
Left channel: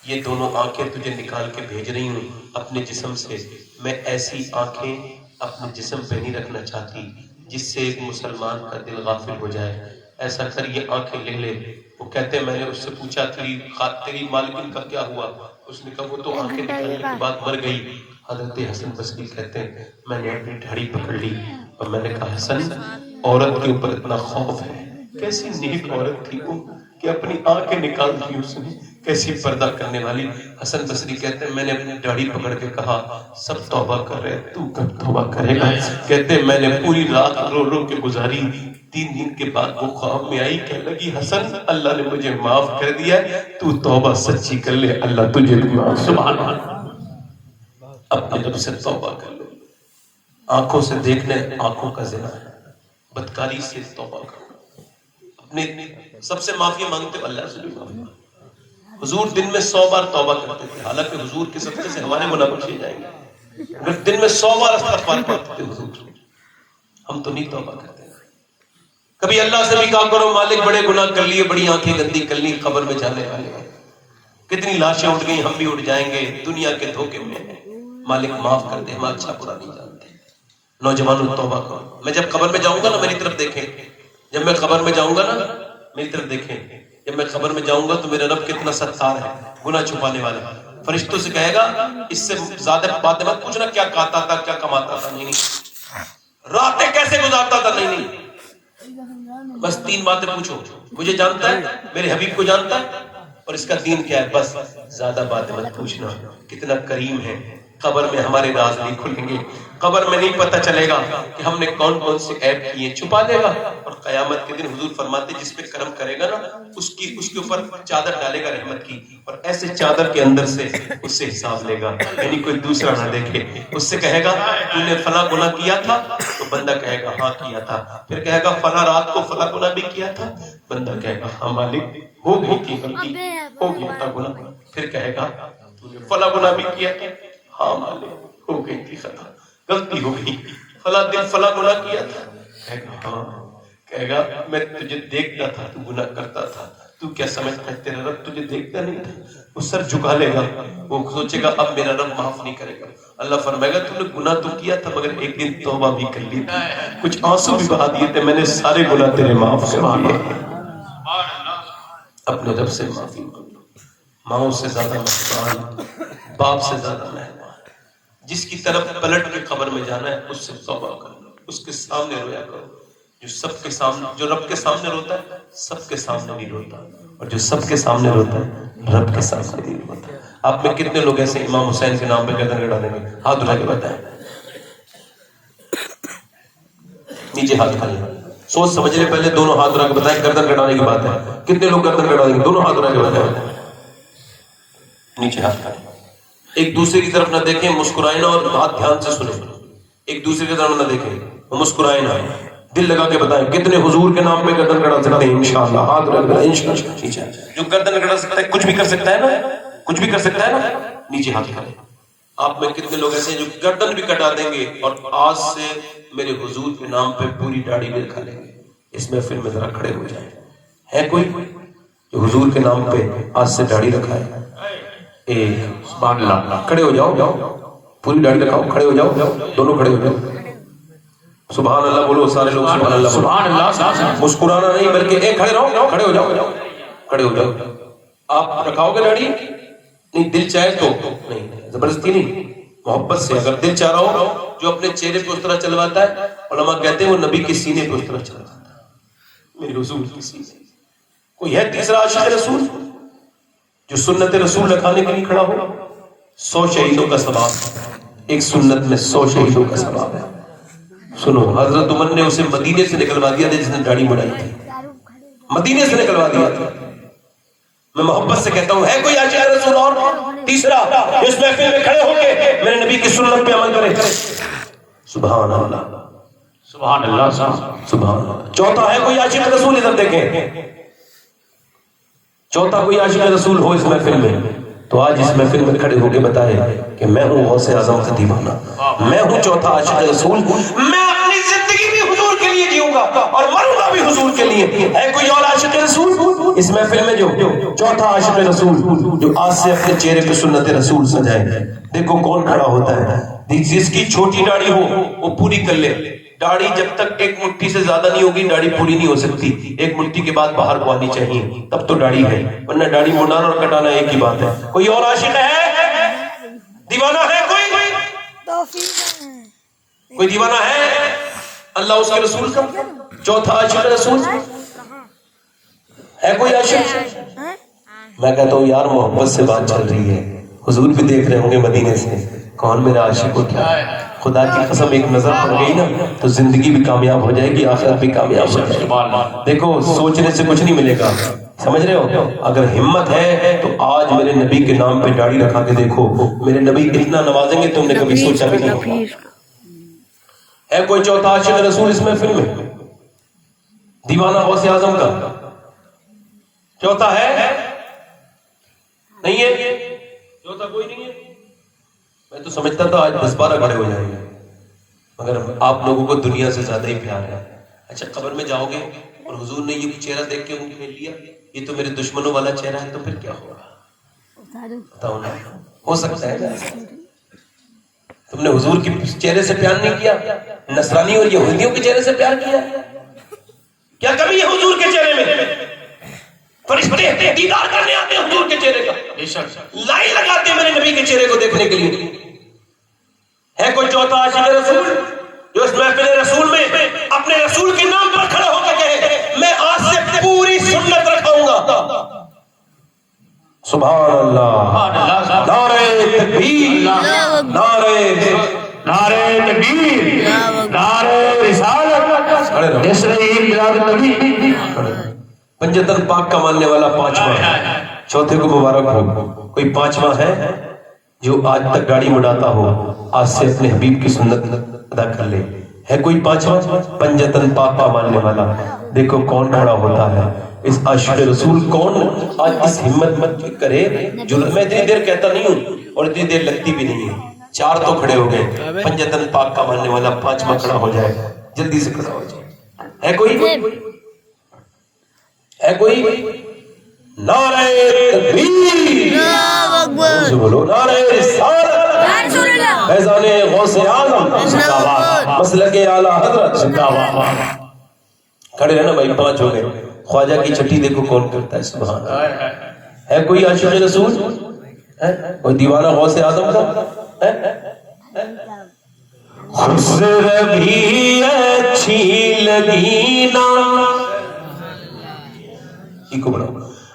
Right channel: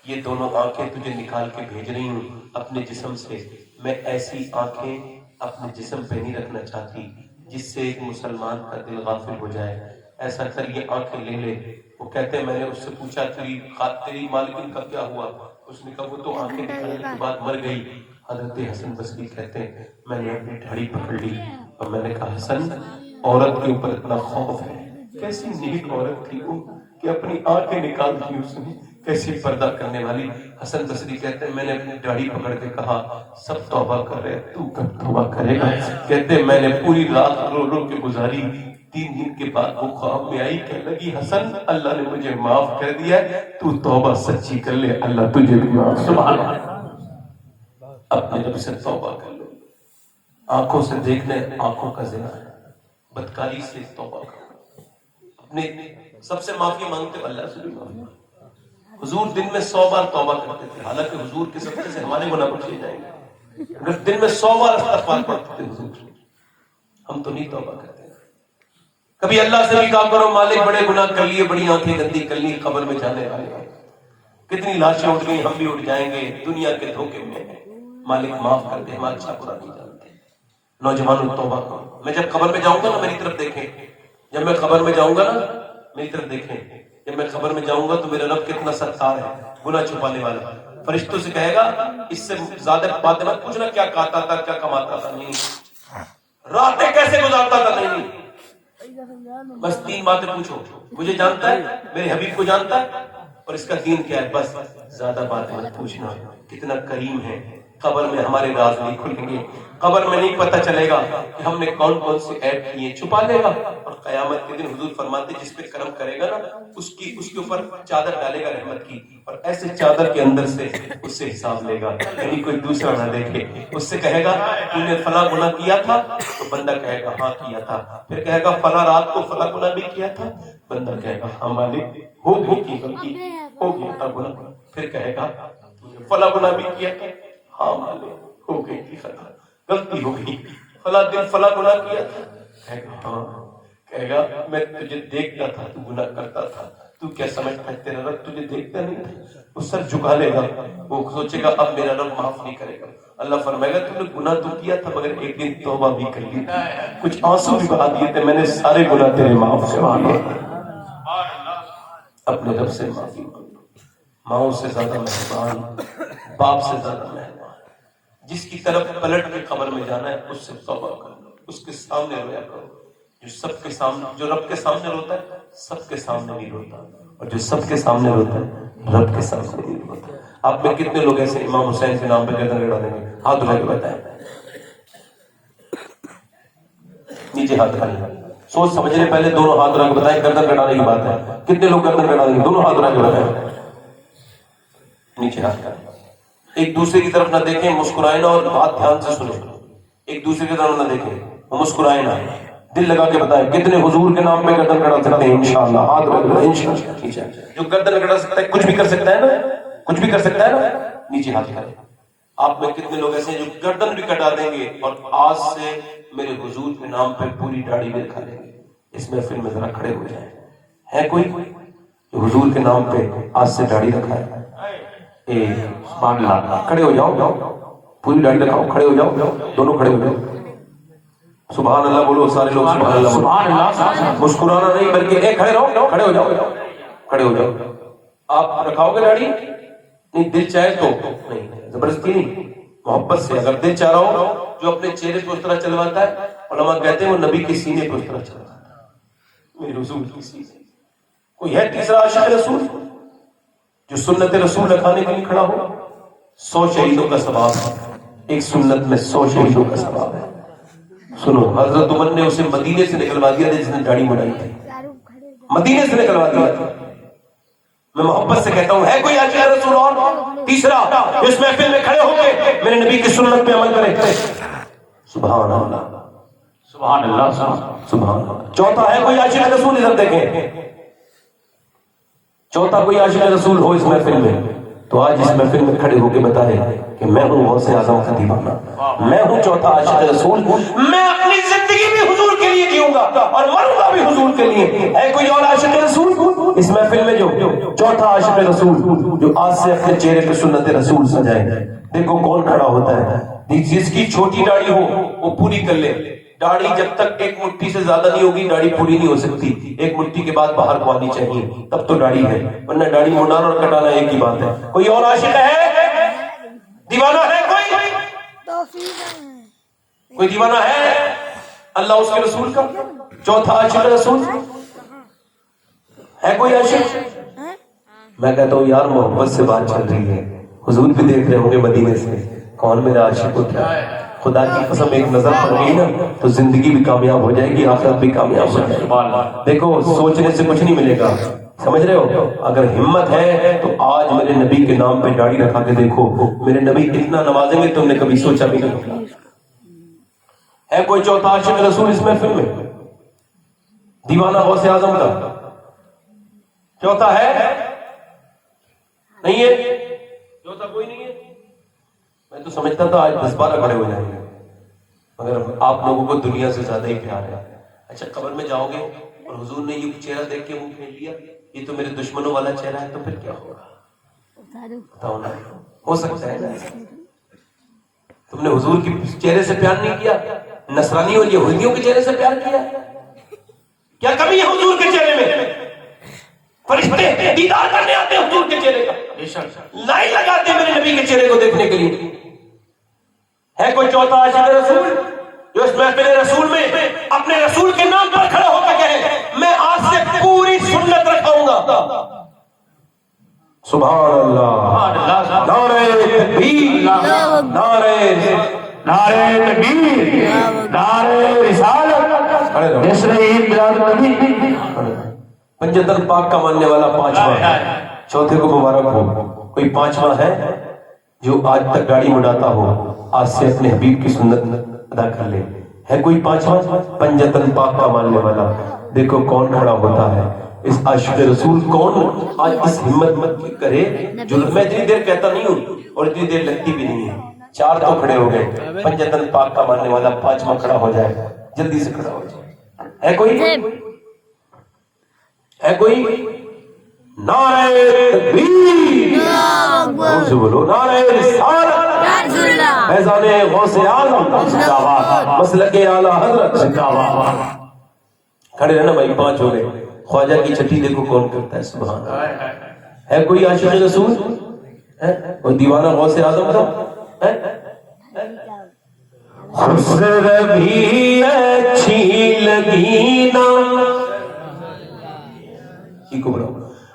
یہ دونوں آنکھیں تجھے نکال کے بھیج رہی ہوں اپنے جسم سے، میں ایسی آنکھیں اپنے جسم پہ نہیں رکھنا چاہتی جس سے ایک مسلمان کا دل غافل ہو جائے، ایسا کر یہ آنکھیں لے لے۔ وہ کہتے ہیں میں نے اس سے پوچھا تیری مالکن کا کیا ہوا؟ اس نے کہا وہ تو آنکھیں نکالنے کے بعد مر گئی۔ حضرت حسن بصری کہتے ہیں میں نے اپنی دھاڑی پکڑ لی اور میں نے کہا حسن عورت کے اوپر اتنا خوف ہے، کیسی نیک عورت تھی وہ کہ اپنی آنکھیں نکال دی اس نے، کیسی پردہ کرنے والی۔ حسن بصری کہتے ہیں میں نے اپنی داڑھی پکڑ کے کہا سب توبہ کر رہے تو کب توبہ کرے گا؟ کہتے ہیں میں نے پوری رات رو رو کے گزاری، 3 دن کے بعد وہ خواب میں آئی، کہنے لگی حسن اللہ نے مجھے معاف کر دیا، تو توبہ سچی کر لے اللہ تجھے بھی معاف۔ سبحان اللہ۔ اپنے رب سے توبہ کر لو. آنکھوں سے دیکھنے آنکھوں کا زنا ہے, بدکاری سے توبہ کرو. اپنے سب سے معافی مانگتے ہو, اللہ سے بھی معافی مانگو. حضور دن میں 100 بار توبہ کرتے تھے, حالانکہ حضور کے صدقے سے ہمارے گناہ بخشے جائیں گے. اگر دن میں 100 بار استغفار کرتے تھے حضور, ہم تو نہیں توبہ کرتے. کبھی اللہ سے بھی کہا کرو مالک بڑے گناہ کر لیے, بڑی آنکھیں گندی کر لی, قبر میں جانے والے ہیں, کتنی لاشیں اٹھ گئی, ہم بھی اٹھ جائیں گے, دنیا کے دھوکے میں ہیں, مالک معاف کر دے, ہم اچھا برا نہیں جانتے. نوجوانوں توبہ کرو. میں جب قبر میں جاؤں گا نا میری طرف دیکھیں, جب میں قبر میں جاؤں گا نا میری طرف دیکھیں, جب میں قبر میں جاؤں گا تو میرا رب کتنا ستار ہے, گناہ چھپانے والا. فرشتوں سے کہے گا اس سے زیادہ بات مت پوچھنا کیا کھاتا تھا, کیا کماتا تھا, نہیں, راتیں کیسے گزارتا تھا, نہیں, بس 3 باتیں پوچھو. مجھے جانتا ہے, میرے حبیب کو جانتا ہے, اور اس کا دین کیا ہے, بس زیادہ بات مت پوچھنا. کتنا کریم ہے. قبر میں ہمارے راز نہیں کھلیں گے, قبر میں نہیں پتہ چلے گا کہ ہم نے کون کون سے عیب کیے, چھپا لے گا. اور قیامت کے دن حضور فرماتے جس پہ کرم کرے گا نا اس کے اوپر چادر ڈالے گا رحمت کی, اور ایسے چادر کے اندر سے اس سے حساب لے گا, یعنی کوئی دوسرا نہ دیکھے. اس سے کہے گا تو نے فلاں گناہ کیا تھا, تو بندہ کہے گا ہاں کیا تھا. پھر کہے گا فلاں رات کو فلاں گناہ بھی کیا تھا, بندہ کہے گا ہاں مالک ہو گئی تھی غلطی, ہو گیا تھا گناہ. پھر کہے گا فلاں گناہ بھی کیا تھا, ہاں مالک ہو گئی تھی خطا, غلطی ہو گئی. فلاں دن فلاں گناہ کیا تھا, کہے گا ہاں. کہے گا میں تجھے دیکھتا تھا تو گناہ کرتا تھا, تو کیا سمجھتا ہے تیرا رب تجھے دیکھتا نہیں تھا. وہ سر جھکا لے گا, وہ سوچے گا اب میرا رب معاف نہیں کرے گا. اللہ فرمائے گا تو نے گناہ تو کیا تھا مگر ایک دن توبہ بھی کر لی تھی, کچھ آنسو بھی بہا دیے تھے, میں نے سارے گناہ تیرے معاف کر دیے. اپنے رب سے معافی مانگو. ماؤں سے زیادہ مہربان, باپ سے زیادہ مہربان. جس کی طرف پلٹ کے قبر میں جانا ہے اس سے توبہ کرو, اس کے سامنے رویا کرو. جو سب کے سامنے, جو رب کے سامنے روتا ہے سب کے سامنے نہیں روتا, اور جو سب کے سامنے روتا ہے رب کے سامنے نہیں روتا. آپ میں کتنے لوگ ایسے امام حسین کے نام پہ گردن گڑا دیں گے, ہاتھ اٹھا کے بتائیں, نیچے ہاتھ کھا لیں. سوچ سمجھ لے, پہلے دونوں ہاتھ اٹھا کے بتائیں گردن گڑانے کی بات ہے. کتنے لوگ گردن گڑا دیں گے, دونوں ہاتھ اٹھا کے بتائیں, نیچے ہاتھ کھا لیں. ایک دوسرے کی طرف نہ دیکھیں, مسکرائیں نہ, اور بات دھیان سے سنیں. ایک دوسرے کی طرف نہ دیکھیں, مسکرائیں نہ, دل لگا کے بتائیں کتنے حضور کے نام پہ گردن گڑا سکتے ہیں. انشاءاللہ ہاتھ رکھ دو, انشاءاللہ. جو گردن گڑا سکتا ہے کچھ بھی کر سکتا ہے نا, کچھ بھی کر سکتا ہے نا, نیچے ہاتھ کھڑے. آپ میں کتنے لوگ ایسے ہیں جو گردن بھی کٹا دیں گے اور آج سے میرے حضور کے نام پہ پوری داڑھی بھی رکھا لیں گے. اس محفل میں ذرا کھڑے ہو جائیں. ہے کوئی جو حضور کے نام پہ آج سے داڑھی رکھا ہے؟ ایک, سبحان اللہ. کھڑے ہو جاؤ, پوری داڑھی رکھاؤ, کھڑے ہو جاؤ, دونوں کھڑے ہو جاؤ. سبحان اللہ بولو, سارے لوگ سبحان اللہ بولو. سبحان اللہ. مسکرانا نہیں بلکہ کھڑے رہو, کھڑے ہو جاؤ, کھڑے ہو جاؤ. آپ رکھاؤ گے داڑھی؟ نہیں, دل چاہے تو, نہیں زبردستی نہیں, محبت سے. اگر دل چاہ رہا ہو, جو اپنے چہرے پہ اس طرح چلواتا ہے, علماء کہتے ہیں وہ نبی کے سینے پہ اس طرح چلواتا ہے, میرے رسول کی سینے. کوئی ہے تیسرا عاشق رسول جو سنت رسول رکھانے کے لیے کھڑا ہو؟ 100 شہیدوں کا ثواب, ایک سنت میں 100 شہیدوں کا ثواب ہے. سنو, حضرت عمر نے اسے مدینے سے نکلوا دیا تھا جس نے داڑھی بڑھائی تھی, مدینے سے نکلوا دیا تھا. میں محبت سے کہتا ہوں, ہے کوئی عاشق رسول اور تیسرا اس محفل میں کھڑے ہو کے میرے نبی کی سنت پہ عمل کرے؟ سبحان اللہ, سبحان اللہ, سبحان اللہ. چوتھا ہے کوئی عاشق رسول؟ ادھر دیکھیں, چوتھا کوئی عاشق رسول ہو اس محفل میں تو آج اس محفل میں کھڑے ہو کے بتائے کہ میں ہوں غوث اعظم کا دیوانہ, میں ہوں چوتھا عاشق رسول, میں اپنی زندگی بھی حضور کے لیے جیوں گا اور مروں گا بھی حضور کے لیے. ہے کوئی اور عاشق رسول اس محفل میں جو چوتھا عاشق رسول جو آج سے اپنے چہرے پہ سنت رسول سجائے؟ دیکھو کون کھڑا ہوتا ہے. جس کی چھوٹی داڑھی ہو وہ پوری کر لے. داڑھی جب تک ایک مٹھی سے زیادہ نہیں ہوگی داڑھی پوری نہیں ہو سکتی. ایک مٹھی کے بعد باہر کو آنی چاہیے, تب تو داڑھی ہے, ورنہ داڑھی مڈانا اور کٹانا ایک ہی بات ہے. کوئی اور عاشق ہے, دیوانہ ہے کوئی؟ کوئی دیوانہ ہے اللہ اس کے رسول کا؟ چوتھا عاشق رسول ہے کوئی عاشق؟ میں کہتا ہوں یار محبت سے بات چل رہی ہے, حضور بھی دیکھ رہے ہوں گے مدینے سے, کون میرا عاشق اٹھا ہے. خدا کی قسم ایک نظر پڑ گئی نا تو زندگی بھی کامیاب ہو جائے گی, آخرت بھی کامیاب ہو جائے گی. دیکھو سوچنے سے کچھ نہیں ملے گا, سمجھ رہے ہو؟ اگر ہمت ہے تو آج میرے نبی کے نام پہ داڑھی رکھا کے دیکھو، میرے نبی اتنا نوازیں گے تم نے کبھی سوچا بھی نہیں ہوگا۔ ہے کوئی چوتھا عاشق رسول اس محفل میں؟ دیوانہ غوث اعظم کا چوتھا ہے؟ نہیں ہے؟ چوتھا کوئی نہیں ہے؟ میں تو سمجھتا تھا آج 10-12 کھڑے ہو جائیں گے، مگر آپ لوگوں کو دنیا سے زیادہ ہی پیار ہے۔ اچھا قبر میں جاؤ گے اور حضور نے یہ چہرہ دیکھ کے منہ پھیر لیا یہ تو میرے دشمنوں والا چہرہ ہے، تو پھر کیا ہوگا؟ بتاؤ نا، ہو سکتا ہے نا؟ تم نے حضور کے چہرے سے پیار نہیں کیا، نصرانی اور یہودیوں کے چہرے سے پیار کیا؟ کیا کمی ہے حضور کے چہرے میں؟ فرشتے دیدار کرنے آتے ہیں حضور کے چہرے کا، لائن لگاتے ہیں میرے نبی کے چہرے کو دیکھنے کے لیے۔ ہے کوئی چوتھا عاشق رسول جو اس محفل رسول میں اپنے رسول کے نام پر کھڑا ہو کے کہے میں آج سے پوری سنت رکھاؤں گا؟ سبحان اللہ، نعرہ تکبیر، نعرہ تکبیر، نعرہ رسالت، نصرین بلاد نبی۔ پنجتن پاک کا ماننے والا پانچواں، چوتھے کو مبارک ہو۔ کوئی پانچواں ہے جو آج تک گاڑی مڑاتا ہو، آج سے اپنے حبیب کی سنت ادا کر لے؟ ہے کوئی پانچواں پنجتن پاک کا ماننے والا؟ دیکھو کون کھڑا ہوتا ہے اس عاشق رسول، کون آج اس ہمت مت کرے جو میں اتنی دیر کہتا نہیں ہوں اور اتنی دیر لگتی بھی نہیں ہے۔ 4 تو کھڑے ہو گئے، پنجتن پاک کا ماننے والا 5واں کھڑا ہو جائے، جلدی سے کھڑا ہو جائے۔ ہے کوئی؟ ہے کوئی؟ نعرہ تکبیر، سے بولو نعرہ رسالت، فیضان غوث اعظم، مسلک اعلی حضرت، کھڑے ہیں نا بھائی، 5 ہو گئے۔ خواجہ کی چھٹی دیکھو کون کرتا ہے، سبحان اللہ۔ ہے کوئی عاشق رسول؟ ہے کوئی دیوانہ غوث اعظم کا؟ خسر بھی اچھی لگی نا، کو بڑھا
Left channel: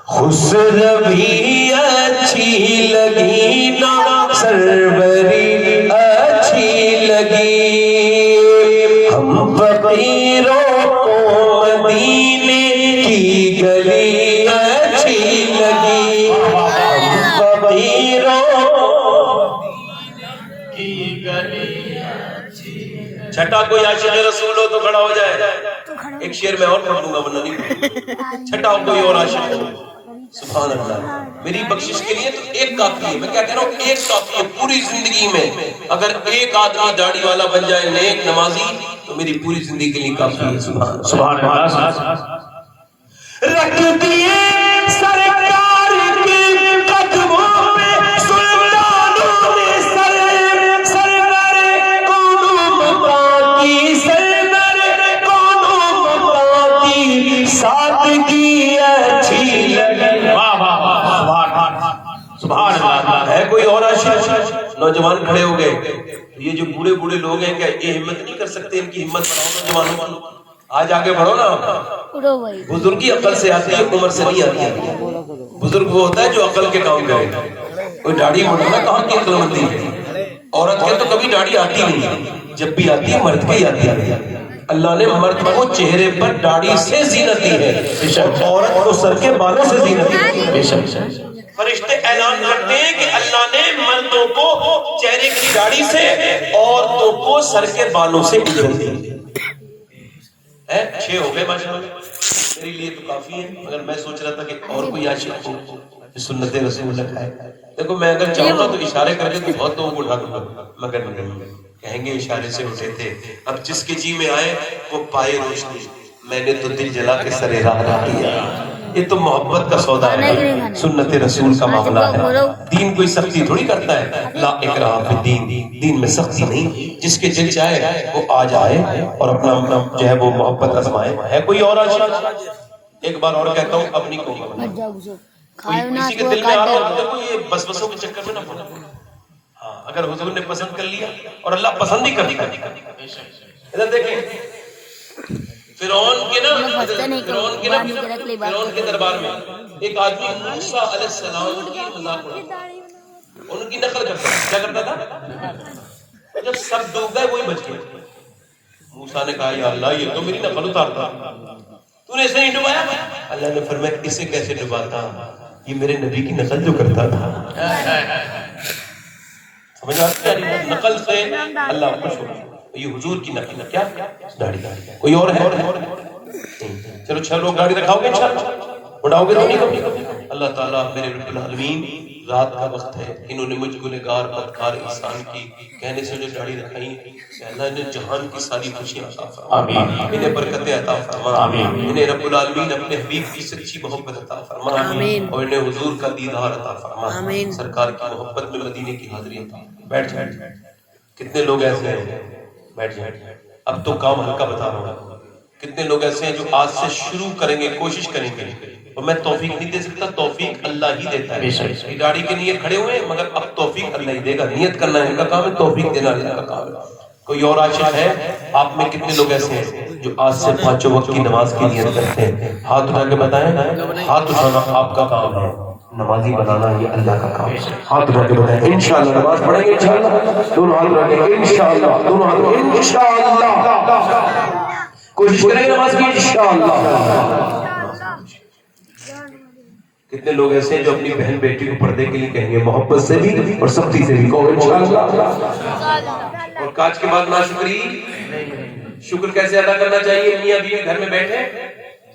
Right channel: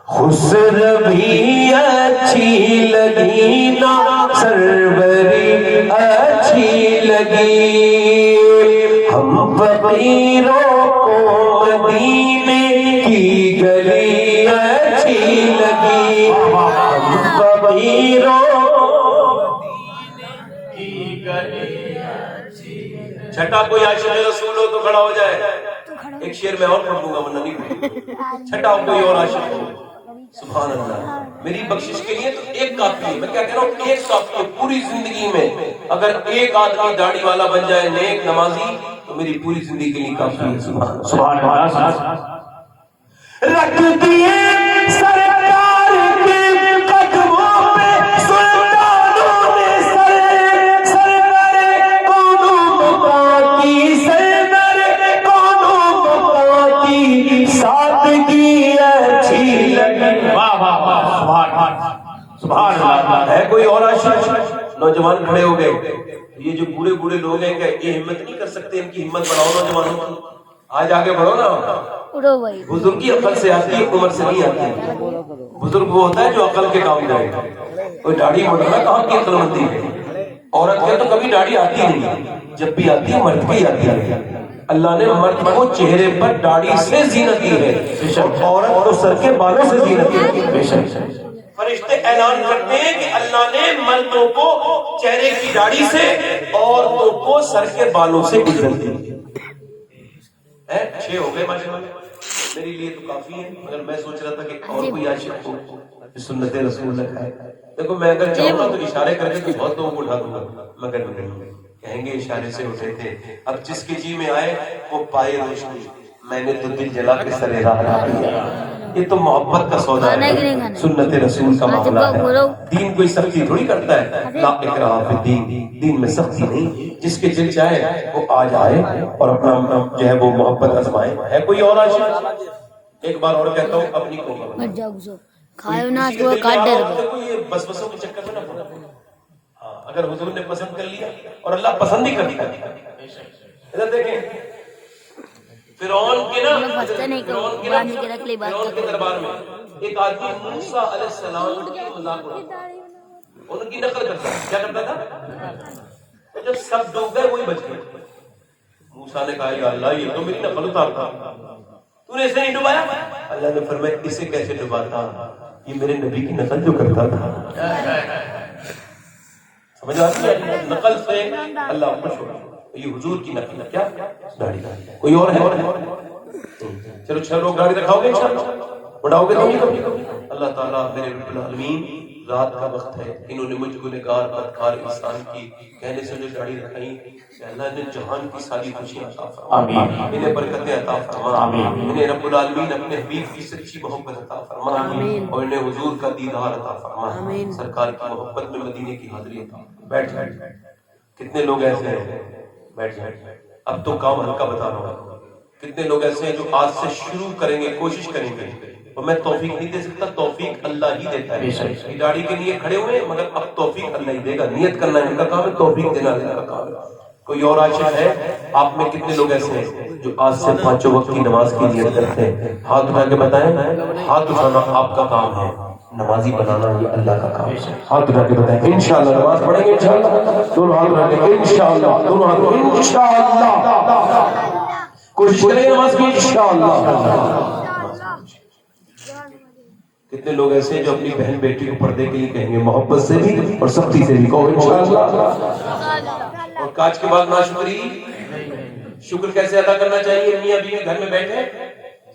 خسر بھی اچھی لگی نا، سربری اچھی لگی، ہم فقیروں کو مدینے کی گلی اچھی لگی، ہم فقیروں کی گلی اچھی لگی۔ چھٹا کوئی عاشق رسول ہو تو کھڑا ہو جائے۔ ایک شعر میں اور پڑھ دوں گا ورنہ نہیں پڑھوں۔ چھٹا کوئی اور عاشق ہو، سبحان اللہ۔ میری بخشش کے لیے تو ایک کافی ہے، میں کیا کہہ رہا ہوں، ایک کافی ہے پوری زندگی میں۔ اگر ایک آدمی داڑھی والا بن جائے، نیک نمازی، تو میری پوری زندگی کے لیے کافی ہے، سبحان اللہ۔ رکھ دیے سرکار کے قدموں پہ سلطانوں نے سر، سرور قوم متا کی سرور قوم متا کی سادگی اچھی لگی۔ واہ واہ واہ، سبحان اللہ۔ ہے کوئی اور عاشق؟ نوجوان کھڑے ہو گئے، یہ جو بوڑھے بوڑھے لوگ ہیں کہ یہ ہمت نہیں کر سکتے، ان کی ہمت بڑھاؤ نوجوانوں کی، آج آگے بڑھو نا۔ بزرگی عقل سے آتی ہے، عمر سے نہیں آتی ہے۔ بزرگ وہ ہوتا ہے جو عقل کے کام کرے۔ کوئی داڑھی مڑانا کہاں کی عقل مندی ہے؟ عورت کے تو کبھی داڑھی آتی نہیں، جب بھی آتی ہے مرد کی آتی ہے۔ اللہ نے مرد کو چہرے پر داڑھی سے زینت دی ہے، عورت کو سر کے بالوں سے زینت دی ہے۔ فرشتے اعلان کرتے ہیں کہ اللہ نے مردوں کو چہرے کی داڑھی سے، عورتوں کو سر کے بالوں سے اجر دی۔ 6 ہو گئے ماشاءاللہ، میرے لیے تو کافی ہے، مگر میں سوچ رہا تھا کہ اور کوئی عاشق ہو جو سنت رسول لکھائے۔ دیکھو میں اگر چاہوں گا تو اشارے کر کے بہت لوگوں کو اٹھا دوں گا، مگر نہیں، کہیں گے اشارے سے اٹھے تھے۔ اب جس کے جی میں آئے وہ پائے روشنی، میں نے تو دل جلا کے سرے راہ رہا دیا۔ یہ تو محبت کا سودا ہے، سنت رسول کا معاملہ ہے۔ دین کوئی سختی تھوڑی کرتا ہے، لا اکراہ فی الدین، دین میں سختی نہیں، جس کے دل چاہے وہ آ جائے اور اپنا جو ہے وہ محبت آزمائے۔ ہے کوئی اور عاشق؟ ایک بار اور کہتا ہوں اپنی قوم میں کسی کے دل میں آ رہا ہو تو یہ بس بسوں کے چکر میں نہ پڑا۔ ہاں اگر حضور نے پسند کر لیا اور اللہ پسند ہی کر لیا، ادھر دیکھیں فرعون کے نا، فرعون کے دربار میں ایک آدمی موسیٰ علیہ السلام کی مذاق اڑاتا، ان کی نقل کرتا، کیا کرتا تھا؟ جب سب ڈوب گئے وہی بچ گیا۔ موسیٰ نے کہا یا اللہ یہ تو میری نقل اتارتا، تو نے اسے نہیں ڈبایا؟ اللہ نے فرمایا اسے کیسے ڈباتا؟ یہ میرے نبی کی نقل جو کرتا تھا. سمجھ آتی ہے؟ نقل سے اللہ خوش ہوگا. یہ حضور کی نقل ہے. کیا داڑھی؟ کوئی اور ہے؟ چلو 6 لوگ گاڑی دکھاؤ گے، 6 بڑھاؤ گے تو نہیں. اللہ تعالیٰ میرے رب العالمین رات کا وقت ہے، انہوں نے مجھ گنہگار بدکار انسان کی کہنے سے جو داڑھی رکھائی کہ اللہ نے جہان کی ساری خوشیاں عطا فرما، انہیں برکتیں عطا فرما، انہیں رب العالمین اپنے حبیب کی سچی محبت عطا فرما، اور انہیں حضور کا دیدار عطا فرما، سرکار کی محبت میں مدینے کی حاضری عطا فرما. بیٹھ جائیں. کتنے لوگ ایسے ہیں؟ بیٹھ جائیں. اب تو کام ہلکا بتا رہا ہوں. کتنے لوگ ایسے ہیں جو آج سے شروع کریں گے، کوشش کریں گے، اور میں توفیق نہیں دے سکتا، توفیق اللہ ہی دیتا ہے. گاڑی کے لیے کھڑے ہوئے مگر اب توفیق اللہ ہی دے گا. نیت کرنا ان کا کام ہے، توفیق دینا ان کا کام ہے. کوئی اور عاشق ہے؟ آپ میں کتنے لوگ ایسے ہیں جو آج سے 5 وقت کی نماز کی نیت کرتے ہیں؟ ہاتھ اٹھا کے بتائیں. ہاتھ اٹھانا آپ کا کام ہے، نمازی بنانا یہ اللہ کا کام ہے. ہاتھ اٹھا کے بتائیں انشاءاللہ نماز پڑھیں گے. انشاءاللہ دونوں ہاتھ اٹھا کے انشاءاللہ، دونوں ہاتھ انشاءاللہ کوشش کریں گے نماز کی انشاءاللہ. کتنے لوگ ایسے ہیں جو اپنی بہن بیٹی کو پردے کے لیے کہیں گے، محبت سے بھی اور سختی سے بھی کہو انشاءاللہ. اور کاج کے بعد ناشکری. شکر کیسے ادا کرنا چاہیے؟ میاں بیوی گھر میں بیٹھے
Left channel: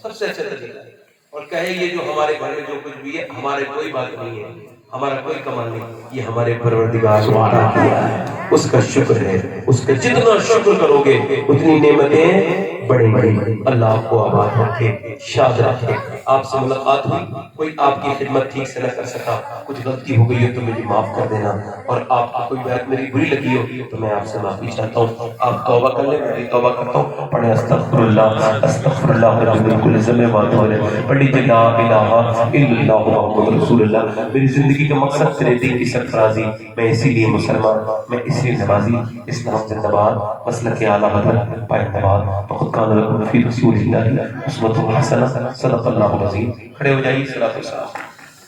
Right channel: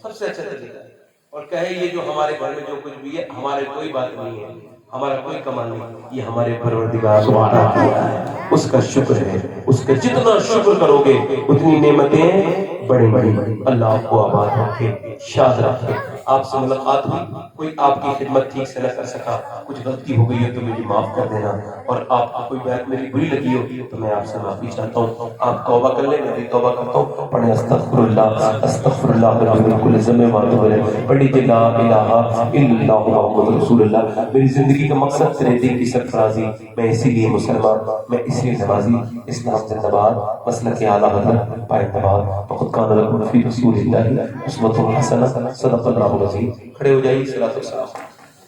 سب سے اچھا طریقہ ہے اور کہے یہ جو ہمارے گھر میں جو کچھ بھی ہے ہمارے کوئی بات نہیں ہے، ہمارا کوئی کمال نہیں، یہ ہمارے پروردگار نے عطا کیا ہے، اس کا شکر ہے. اس کا جتنا شکر کرو گے اتنی نعمتیں بڑی بڑی. اللہ آپ کو آباد رکھے، شاد رکھے. آپ سے ملاقات ہوئی، کوئی آپ کی خدمت ٹھیک سے نہ کر سکا، کچھ غلطی ہو گئی ہے تو مجھے معاف کر دینا، اور آپ کو کوئی بات میری بری لگی ہو تو میں آپ سے معافی چاہتا ہوں. آپ توبہ کر لیں، میں بھی توبہ کرتا ہوں. پڑھیں استغفر اللہ من کل ذنب واتوب الیہ. پڑھیے لا الہ الا اللہ محمد رسول اللہ. میری زندگی کا مقصد تیرے دین کی سرفرازی، میں اسی لیے مسلمان، میں اسی لیے نمازی. اسلام زندہ باد، مسلک اعلیٰ حضرت پائندہ باد. وقد کان لکم فی رسول اللہ اسوۃ حسنہ. صدق اللہ العظیم. کھڑے ہو جائیے. صلاۃ والسلام.